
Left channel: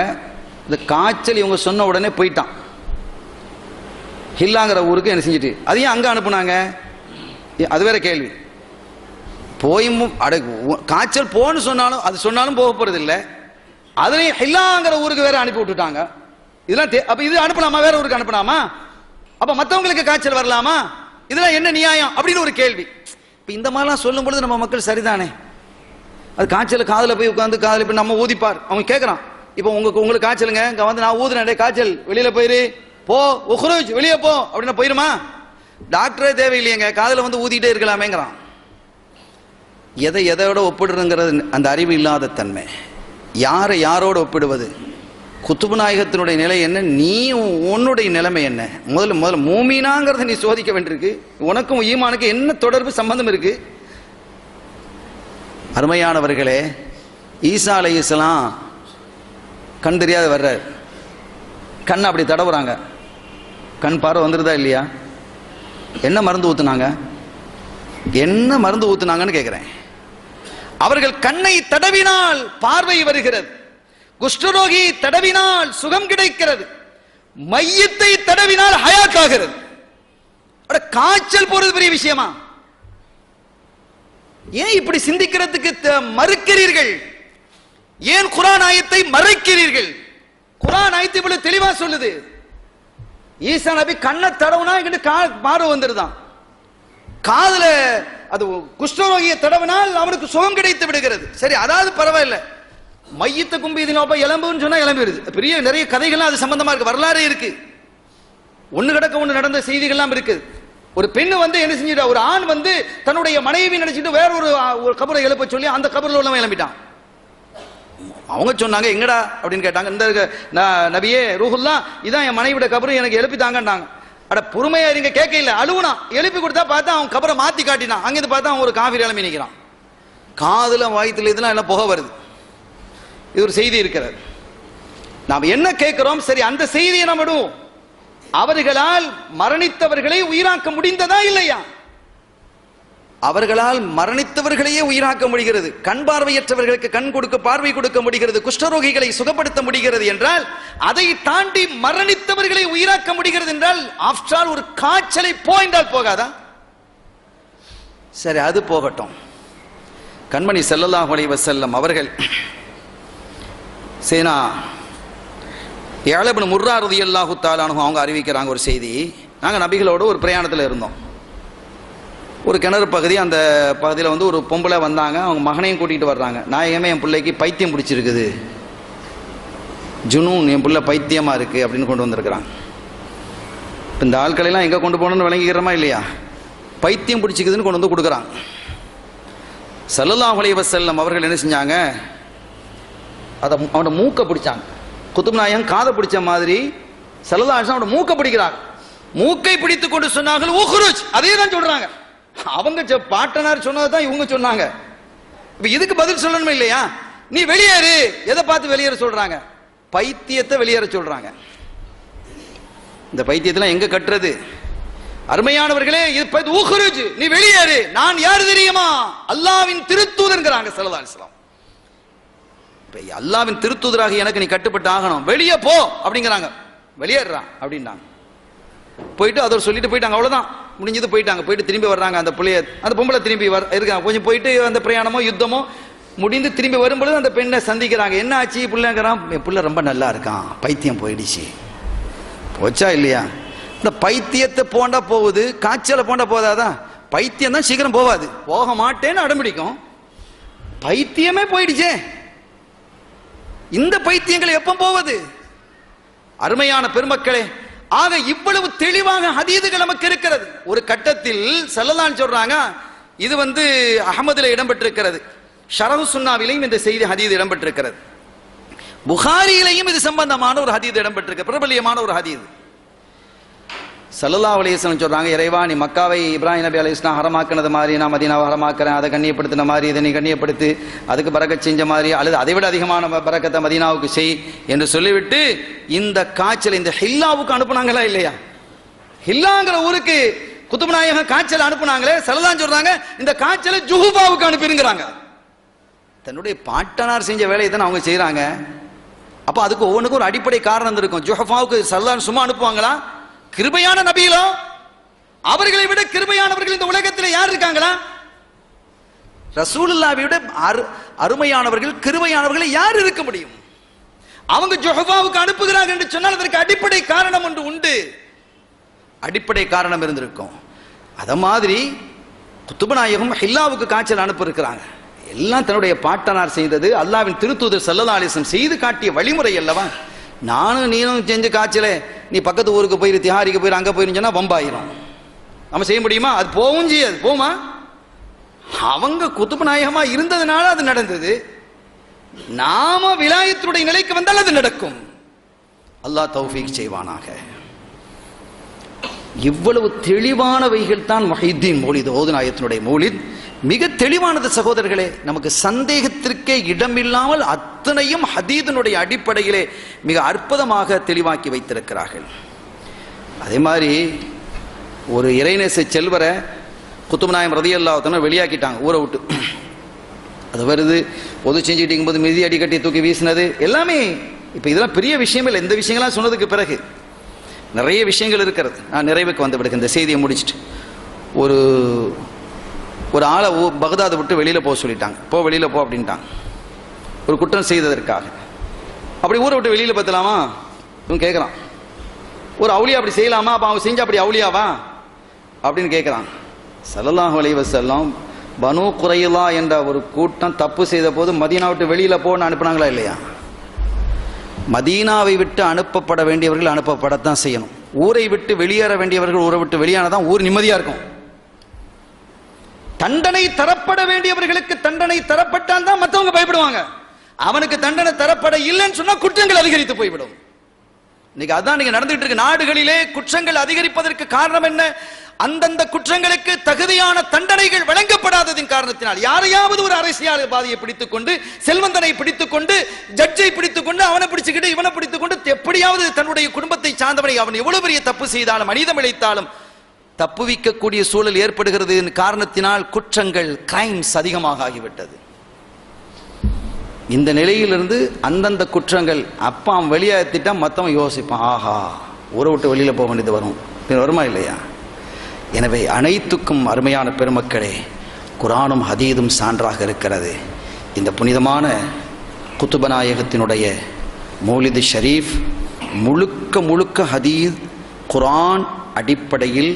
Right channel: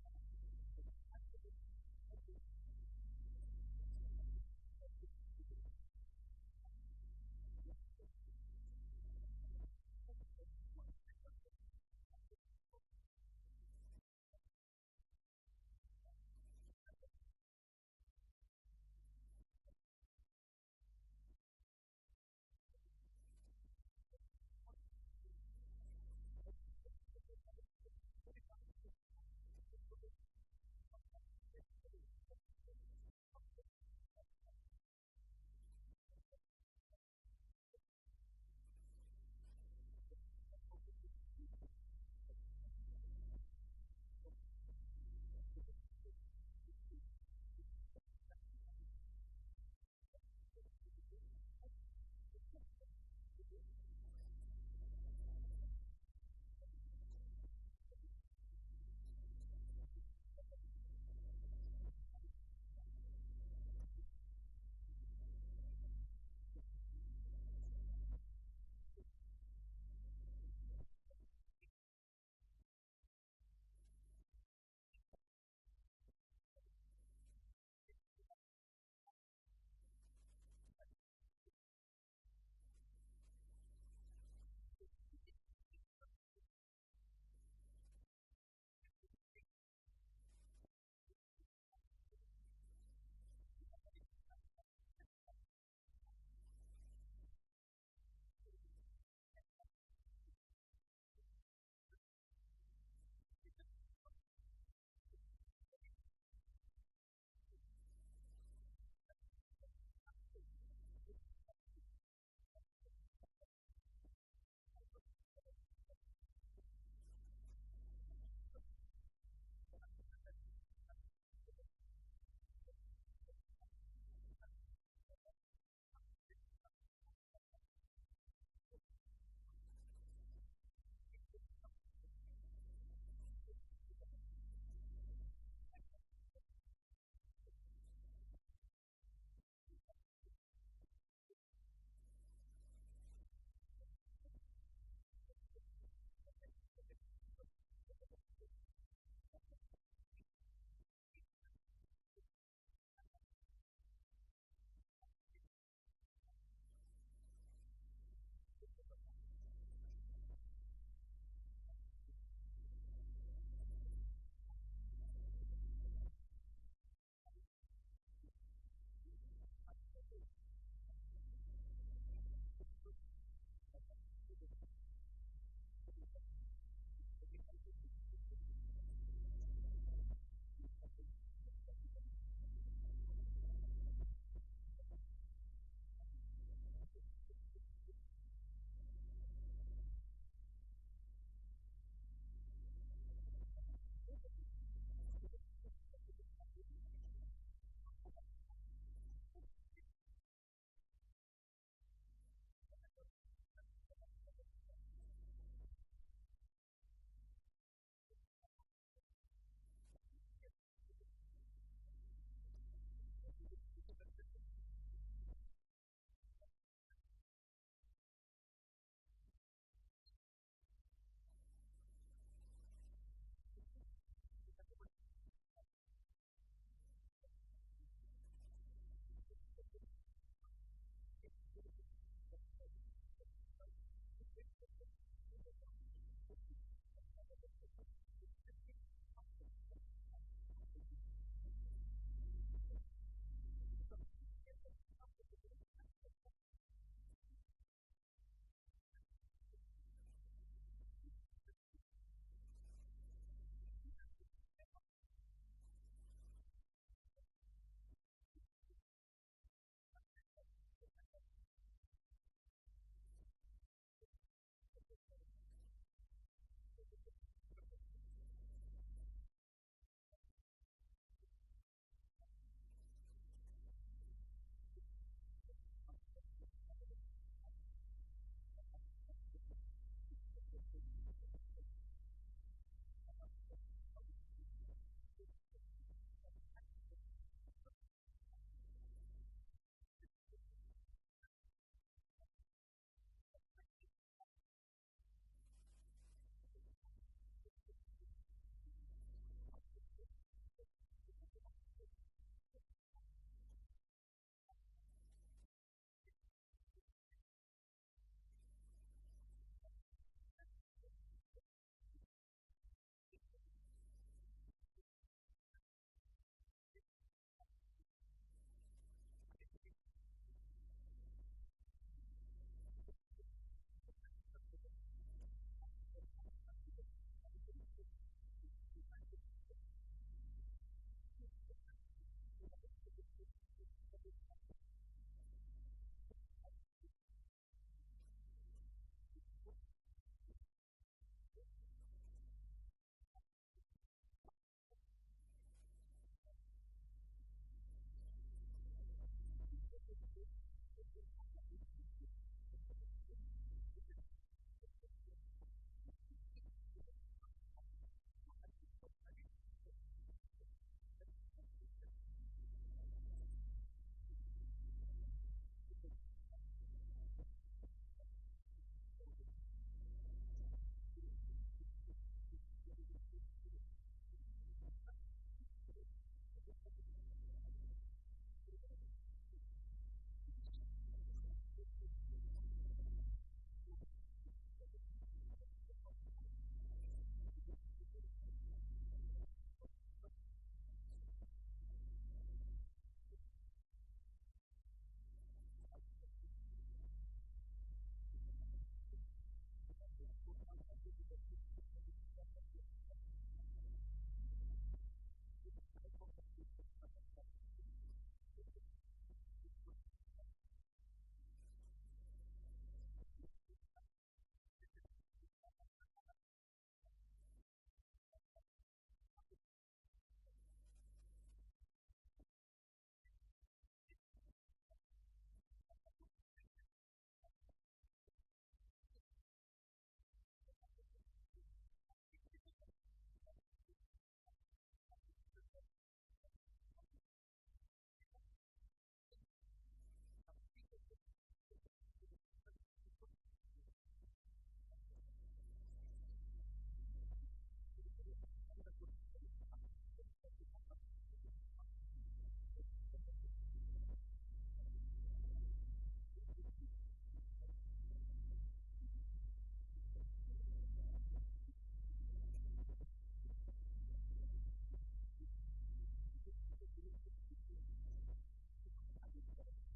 இந்த காய்ச்சல் இவங்க சொன்ன உடனே போயிட்டான் ஹில்லாங்கிற ஊருக்கு. என்ன செஞ்சுட்டு அதையும் அங்கே அனுப்புனாங்க, அது வேற கேள்வி. போயும் காய்ச்சல் போன்னு சொன்னாலும் அது சொன்னாலும் போக போறது இல்லை, அதுலேயும் ஹில்லாங்கிற ஊருக்கு வேற அனுப்பி விட்டுட்டாங்க. இதெல்லாம் அப்ப இது அனுப்பலாமா, வேற ஊருக்கு அனுப்பலாமா? அப்ப மற்றவங்களுக்கு காய்ச்சல் வரலாமா? இதெல்லாம் என்ன நியாயம் அப்படின்னு ஒரு கேள்வி. இப்ப இந்த மாதிரிலாம் சொல்லும் பொழுது நம்ம மக்கள் சரிதானே, அது காய்ச்சல் காதில் போய் உட்காந்து காதில் போய் நம்ம ஊதிப்பார். அவங்க கேட்கறான், இப்போ உங்களுக்கு காய்ச்சலுங்க, இங்க வந்து நான் ஊதுனேன் காய்ச்சல், வெளியில போயிரு போ, உஹ்ருஜ் வெளியே போ அப்படின்னா போயிருமா? டாக்டரே தேவையில்லையங்க, காதில் வந்து ஊதிட்டே இருக்கலாமேங்கிறான். எதையோட ஒப்பிடுறங்கிறது அந்த அறிவு இல்லாத தன்மை. யாரை யாரோட ஒப்பிடுவது? குத்துபு நாயகத்தினுடைய நிலை என்ன, நீ உன்னுடைய நிலைமை என்ன? முதல்ல மூமீனாங்கிறத நீ சோதிக்க வேண்டியிருக்கு. உனக்கும் ஈமானுக்கு என்ன தொடர்பு சம்பந்தம் இருக்கு? அருமையானவர்களே, ஈசா அலைஹிஸ்ஸலாம் கண் தெரியாத வர்றார், கண் அப்படி தடவுறாங்க, கண் பார்வை வந்துருதா இல்லையா? என்ன மருந்து ஊத்துனாங்க, என்ன மருந்து ஊத்துனாங்கன்னு கேட்கிறேன். அவர்கள் கண்ணை தடவினால் பார்வை வருகிறது, குஷ்டரோகி தடவினால் சுகம் கிடைக்கிறது, மையத்தை தடவினால் ஹயாத் ஆகிறது. காய்ச்சல் போறது பெரிய விஷயமா? ஏன் இப்படி சிந்திக்கிறதுக்கு மறுக்கிறீர்கள்? ஏன் குர்ஆன் ஆயத்தை மறைக்கிறீர்கள்? குர்ஆன் ஆயத்தை இவ்வளவு தெளிவா சொல்லுது. ஈசா நபி கண்ணை தடவுனா இங்கிட்டு பார்வை வந்துருதான், காதுல அது குஷ்டரோகியை தடவினால் அவனுக்கு சுகம் கிடைத்து விடுகிறது. சரி, அதாவது பரவாயில்லை. மையத்தை கும்பி எலும்புன்னு சொன்னா எலும்பிடுது. பெரிய நிறைய கதைகள்லாம் அது சம்பந்தமா இருக்கு, வரலாறு இருக்கு, ஒண்ணு கிடக்க ஒண்ணு நடந்த செய்திகள்லாம் இருக்கு. ஒரு பெண்ணு வந்து என்ன செஞ்சிட்டா, ஒரு ஆண் வந்து தன்னுடைய மனைவி நினைச்சிட்டு வேற ஒரு கபரை எழுப்ப சொல்லி அந்த கபரில் உள்ளவன் எழுப்பிட்டான். அவங்க சொன்னாங்க எங்கடா அப்படின்னு கேட்டாங்க. இந்த நபியே ரூஹுல்லா, இதான் என் மனைவியோட கபரு, எனக்கு எழுப்பித்தாங்கன்னாங்க. அட பொறுமையா இருங்க, கேட்க இல்ல, அழுவுனா. எழுப்பி கொடுத்தா பார்த்தா அவன் கபரை மாத்தி காட்டினான். அங்கிருந்து பார்த்தா அவன் ஒரு காஃபி எழுப்பி நிற்கிறான், காதுல வயிற்றுல இதெல்லாம் எல்லாம் புகை வருது. இது ஒரு செய்தி இருக்கிறது. நாம் என்ன கேட்கிறோம்? சரி, அந்த செய்தியை நாம் விடுவோம். அவர்களால் மரணித்தவர்களை உயிராக்க முடிந்ததா இல்லையா? அவர்களால் மரணித்தவர்களையே உயிராக்க முடிகிறது, கண் பார்வையற்றவர்களுக்கு கண் கொடுக்க பார்வை கொடுக்க முடிகிறது, குஷ்டரோகிகளை சுகப்படுத்த முடிகிறது என்றால், அதை தாண்டி மரணித்தவர்களை உயிராக்க முடிகிறது என்றால், ஆஃப்டர் ஆல் ஒரு காய்ச்சலை போய்ந்தால் போகாதா? சரி, அது போகட்டும். கண்மணி ஸல்லல்லாஹு அலைஹி வஸல்லம் அவர்கள் சேனா இப்னு முர்ரா ரலியல்லாஹு தஆலா அன்ஹு அவங்க அறிவிக்கிறாங்க ஒரு செய்தி. நாங்கள் நபிகளோடு ஒரு பிரயாணத்தில் இருந்தோம். ஒரு கிணறு பகுதி, அந்த பகுதியில் வந்து ஒரு பொம்பளை வந்தாங்க, அவங்க மகனையும் கூட்டிகிட்டு வர்றாங்க. நாயகமே, என் பிள்ளைக்கு பைத்தியம் பிடிச்சிருக்குது, ஜுனூன், என் பிள்ளை பைத்தியமாக இருக்குது அப்படின்னு கொண்டு வந்திருக்கிறாங்க. இந்த ஆட்களெல்லாம் எங்கே கொண்டு போகணும்னு விளங்கிக்கிறோமா இல்லையா? பைத்தியம் பிடிச்சிக்குதுன்னு கொண்டு வந்து கொடுக்குறாங்க. ஸல்லல்லாஹு அலைஹி வஸல்லம் அவர்கள் என்ன செஞ்சாங்க, அதை அவனோட மூக்கை பிடிச்சாங்க. குத்துபு நாயகம் காதை பிடிச்ச மாதிரி ஸல்லல்லாஹு அலைஹி வஸல்லம் அவனோட மூக்கை பிடிக்கிறாங்க. மூக்கை பிடித்து கொண்டு சொன்னார்கள் உஹ்ருஜ், அதே தான் சொல்றாங்க. அவங்க பாட்டனார் சொன்னதை தான் இவங்க சொன்னாங்க. இப்ப இதுக்கு பதில் சொல்லணுமா இல்லையா? நீ வெளியேறு. எதை பார்த்து வெளியேற சொல்றாங்க? பைத்தியத்தை வெளியேற சொல்றாங்க. இந்த பைத்தியத்தெல்லாம் எங்க கட்டுறது? அருமையானவர்களே, இது உஹ்ருஜ், நீ வெளியேறு. நான் யாரு தெரியுமா? அல்லாஹ்வின் திருத்தூதர்ங்கறாங்க ஸல்லல்லாஹு அலைஹி வஸல்லம். அல்லாஹ்வின் திருத்தூதராக எனக்கு நீ கட்டுப்பட்டு ஆகணும், வெளியே போ அப்படிங்கிறாங்க. வெளியேறான் அப்படின்னாங்க. போயிட்டு அதை சொல்லிட்டு போயிட்டாங்க, அவ்வளவுதான் முடிஞ்சது. போயிட்டாங்க. போயிட்டு திரும்பி வர்றாங்க. அந்த புள்ளைய, அந்த பொம்பளை திரும்பி இருக்காங்க. கொஞ்சம் போயிட்டு அந்த பிரயாணமோ யுத்தமோ முடிந்து திரும்பி வரும்பொழுது அந்த பெண்ணை சந்திக்கிறாங்க. என்ன ஆச்சு பிள்ளைங்கிறான்? என் பிள்ளை ரொம்ப நல்லா இருக்கான், பைத்தியம் போயிடுச்சு. போச்சா இல்லையா? இந்த பைத்தியத்தை போண்டா போகுது, காய்ச்சலை போண்டா போதாதான்? பைத்தியம் தான் சீக்கிரம் போவாது, போக மாட்டேன்னு அடம்பிடிக்கும். பைத்தியமே போயிடுச்சே, இந்த பைத்தியங்கள் எப்ப போவது? அருமையான பெருமக்களே, ஆக இவ்வளவு தெளிவாக ஹதீதுகள் நமக்கு இருக்கிறது. ஒரு கட்டத்தில் ஸல்லல்லாஹு சொல்றாங்க, இது வந்து அஹ்மதுல இடம்பெற்றிருக்கிறது, ஷரஹு சுன்னாவிலையும் இந்த செய்தி ஹதீது இடம்பெற்றிருக்கிறது, புகாரியிலையும் இது சம்பந்தமான ஒரு ஹதீது இடம்பெற்றிருக்கிறது, பிரபல்யமான ஒரு ஹதீது. ஸல்லல்லாஹு அலைஹி வஸல்லம் சொல்றாங்க, இறைவா, நீ மக்காவை இப்ராஹிம் நபி அலைஹிஸ்ஸலாம் ஹரமாக்கினது மாதிரி நான் மதீனாவை ஹரமாக்குறேன், அதை கண்ணியப்படுத்தின மாதிரி இதை நீ கண்ணியப்படுத்து, அதுக்கு பரக்கத் செஞ்ச மாதிரி அல்லது அதை விட அதிகமான பரக்கத்தை மதீனாவுக்கு செய் என்று சொல்லிவிட்டு இந்த காய்ச்சல் இந்த ஹில்லாவுக்கு அனுப்புனாங்களா இல்லையா? ஹில்லாங்கிற ஊருக்கு குத்துபு நாயகம் காய்ச்சல் அனுப்புனாங்களே, ஸல்லல்லாஹு சொல்றாங்க இந்த காய்ச்சலை ஜுஹுபாவுக்கு அனுப்பிருங்கிறாங்க. தன்னுடைய பாட்டனார் செஞ்ச வேலையை தான் அவங்க செய்யறாங்க. அப்ப அதுக்கு ஒவ்வொன்றுக்கும் ஒரு அடிப்படை காரணம் இருக்கும். ஜுஹஃபாவுக்கு சல்லல்லாஹு சும்மா அனுப்புவாங்களா? கிருபையான நபிகளோ, அவர்களை விட கிருபையானவர்கள் இந்த உலகத்தில் யார் இருக்காங்களா? ரசூலுல்லாஹ்வை விட அருமையானவர்கள் கிருபையானவர்கள் யார் இருக்க முடியும்? அவங்க ஜுஹஃபாவுக்கு அனுப்புகிறார்கள் என்று சொன்னால் அதற்கு அடிப்படை காரணம் ஒன்று உண்டு. அடிப்படை காரணம் இருந்திருக்கும். அத மாதிரி குத்துபு நாயகம் ஹில்லாவுக்கு காய்ச்சல் அனுப்ப இருக்கிறாங்க. எல்லாம் தன்னுடைய பாட்டனார் செய்தது, அல்லாஹ்வின் திருத்தூதர் ஸல்லல்லாஹு அலைஹி வஸல்லம் செய்து காட்டிய வழிமுறை அல்லவா? நானும் நீனும் செஞ்சு காய்ச்சலே நீ பக்கத்து ஊருக்கு போயிரு, திஹாரிக்கு போயிரு, அங்க போயிருன்னு சொன்னா வம்பாயிரும். நம்ம செய்ய முடியுமா? அது போவும் செய்யாது. போமா? அவங்க குத்துபு நாயகமா இருந்ததுனால அது நடந்தது. நாம விலாயத்துடைய நிலைக்கு வந்தால் அது நடக்கும். அல்லாஹ் தௌஃபீக் செய்வானாக. இவ்வளவு தெளிவானவைகள் தான் முஹைத்தீன் மௌலித், ஓதுநாயகத்தினுடைய மௌலித். மிக தெளிவானது சகோதரர்களே. நமக்கு சந்தேகத்திற்கே இடமில்லாமல் அத்தனையும் ஹதீதினுடைய அடிப்படையிலே மிக அற்புதமாக தெளிவாக்கி வைத்திருக்கிறார்கள். அதே மாதிரி ஒரு இறைநேச செல்வரை குத்துபு நாயகம் ரலியல்லாஹு அன்ஹு வெளியாக்கிட்டாங்க ஊரை விட்டு. அது வருது, பொது செஞ்சுட்டு இருக்கும்போது மிதி அடி கட்டி தூக்கி வீசினது எல்லாமே. இப்போ இதெல்லாம் பெரிய விஷயம் இல்லை. இந்த விஷயங்கள்லாம் சொன்னதுக்கு பிறகு நிறைய விஷயங்கள் இருக்கிறது. நான் நிறைவுக்கு வந்து விடுங்க இந்த செய்தியை முடிச்சுட்டு. ஒரு ஆளை பகதாதை விட்டு வெளியில் போக சொல்லிட்டாங்க. வெளியில் போ அப்படின்ட்டாங்க, ஒரு குற்றம் செய்ததற்காக. அப்படி ஊரை விட்டு வெளியில் பத்தலாமா? இவன் கேட்குறான். ஒரு அவுளியா அப்படி செய்யலாமா? அப்போ அவன் செஞ்சா அப்படி அவுளியாவா அப்படின்னு கேட்குறான். ஸல்லல்லாஹு அலைஹி வஸல்லம் பனு குரைலா என்ற ஒரு கூட்டம் தப்பு செய்த போது மதீனா விட்டு வெளியில் போன்னு அனுப்புனாங்களா இல்லையா? மதீனாவை விட்டு அனுப்பப்பட வேண்டியவர்கள் அனுப்பப்படத்தான் செய்யணும். ஊரை விட்டு வெளியேற வேண்டியவர்கள் ஊரை விட்டு வெளியானதான் ஊர் நிம்மதியா இருக்கும். தண்டனை தரப்பட வேண்டியவர்களுக்கு தண்டனை தரப்பட்டால் தான் மற்றவங்க பயப்படுவாங்க. அவனுக்கு தண்டனை தரப்பட இல்லைன்னு சொன்னா குற்றங்கள் அதிகரித்து போய்விடும். இன்னைக்கு அதான் நீங்க நடந்துட்டு இருக்கு. நாடுகளிலே குற்றங்கள் அதிகரிப்பதற்கு காரணம் என்ன? அந்தந்த குற்றங்களுக்கு தகுதியான தண்டனைகள் வழங்கப்படாததின் காரணத்தினால் யாரையாவது ஒரு அரசியல்வாதியை பிடித்துக் கொண்டு, செல்வந்தனை பிடித்துக் கொண்டு, ஜட்ஜை பிடித்துக் கொண்டு, அவனை பிடிச்சுக்கிட்டு இவனை பிடித்துக் கொண்டு எப்படியாவது தன்னுடைய குடும்பத்தை சார்ந்தவனை அவன் எவ்வளவு பெரிய தப்பு செய்தாலும் மனிதம் இழைத்தாலும் தப்புவிக்கக்கூடிய சூழல் ஏற்படுகிறது. காரணத்தினால் குற்றங்கள், கிரைம்ஸ் அதிகமாக ஆகிவிட்டது. இந்த நிலையிலிருந்து அந்தந்த குற்றங்கள் அப்பா அவன் வெளியேற்றிட்டா மற்றவன் யோசிப்பான், ஆஹா ஊரை விட்டு வெளியில போக வேண்டியது வருமா இல்லையா? எனவே அனைத்துக்கும் அருமையான பெருமக்களே, குர்ஆனும் ஹதீதும் சான்றாக இருக்கிறது. இந்த புனிதமான குத்துபநாயகத்தினுடைய மௌலிது ஷரீஃப் முழுக்க முழுக்க ஹதீத் குர்ஆன் அடிப்படையில்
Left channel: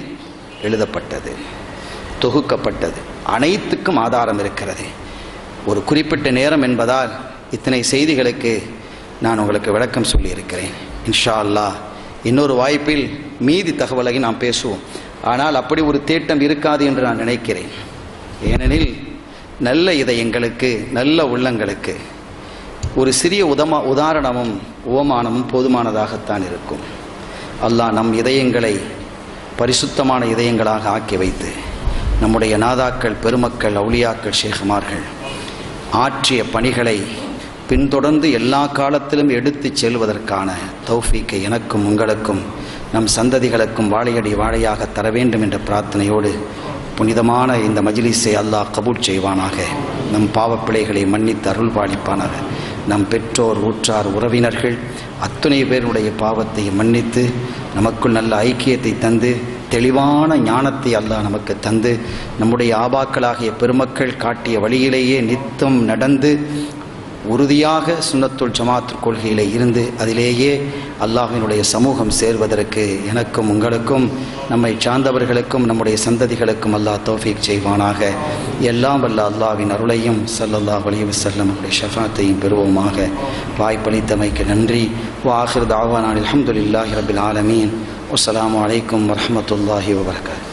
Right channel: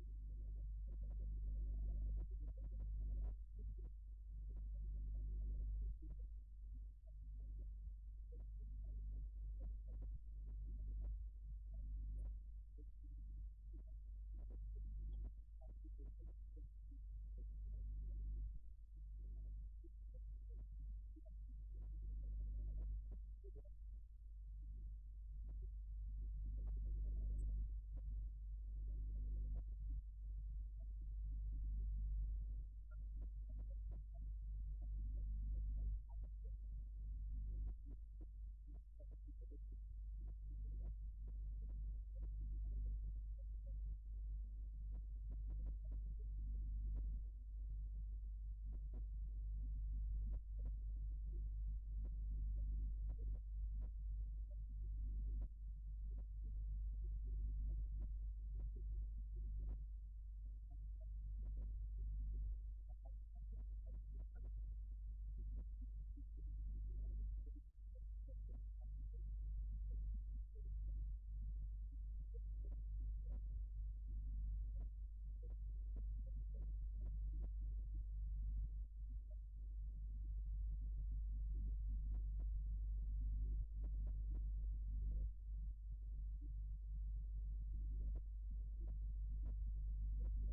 எழுதப்பட்டது, தொகுக்கப்பட்டது. அனைத்துக்கும் ஆதாரம் இருக்கிறது. ஒரு குறிப்பிட்ட நேரம் என்பதால் இத்தனை செய்திகளுக்கு நான் உங்களுக்கு விளக்கம் சொல்லியிருக்கிறேன். இன்ஷா அல்லாஹ் இன்னொரு வாய்ப்பில் மீதி தகவலை நாம் பேசுவோம். ஆனால் அப்படி ஒரு தேட்டம் இருக்காது என்று நான் நினைக்கிறேன். ஏனெனில் நல்ல இதயங்களுக்கு, நல்ல உள்ளங்களுக்கு ஒரு சிறிய உதாரணமும் உவமானமும் போதுமானதாகத்தான் இருக்கும். அல்லாஹ் நம் இதயங்களை பரிசுத்தமான இதயங்களாக ஆக்கி வைத்து நம்முடைய நாதாக்கள், பெருமக்கள், அவுலியாக்கள், ஷேகுமார்கள் ஆற்றிய பணிகளை பின்தொடர்ந்து எல்லா காலத்திலும் எடுத்து செல்வதற்கான தௌஃபீக்கை எனக்கும் உங்களுக்கும் நம் சந்ததிகளுக்கும் வாழையடி வாழையாக தர வேண்டும் என்ற பிரார்த்தனையோடு புனிதமான இந்த மஜ்லிஸை அல்லாஹ் கபூல் செய்வானாக. நம் பாவப்பிழைகளை மன்னித்து அருள் பாலிப்பானாக. நம் பெற்றோர், ஊற்றார், உறவினர்கள் அத்துணை பேருடைய பாவத்தை மன்னித்து நமக்குள் நல்ல ஐக்கியத்தை தந்து தெளிவான ஞானத்தை அல்லாஹ் நமக்கு தந்து நம்முடைய ஆபாக்களாகிய பெருமக்கள் காட்டிய வழியிலேயே நித்தம் நடந்து உறுதியாக சுன்னத்துல் ஜமாத் கொள்கையிலே இருந்து அதிலேயே அல்லாஹ்வினுடைய சமூகம் சேர்வதற்கு எனக்கும் உங்களுக்கும் நம்மை சார்ந்தவர்களுக்கும் நம்முடைய சந்ததிகளுக்கும் அல்லாஹ் தௌஃபீக் செய்வானாக. எல்லாம் வல்ல அல்லாஹ்வின் அருளையும் ஸல்லல்லாஹு அலைஹி வஸல்லம் அவருடைய ஷஃபாத்தையும் பெறுவோமாக. வாய்ப்பளித்தமைக்கு நன்றி. வஆகிரு தஅவானா அல்ஹம்துலில்லாஹி ரப்பில் ஆலமீன். வஸ்ஸலாமு அலைக்கும் வரஹ்மத்துல்லாஹி வபரகாத்துஹு.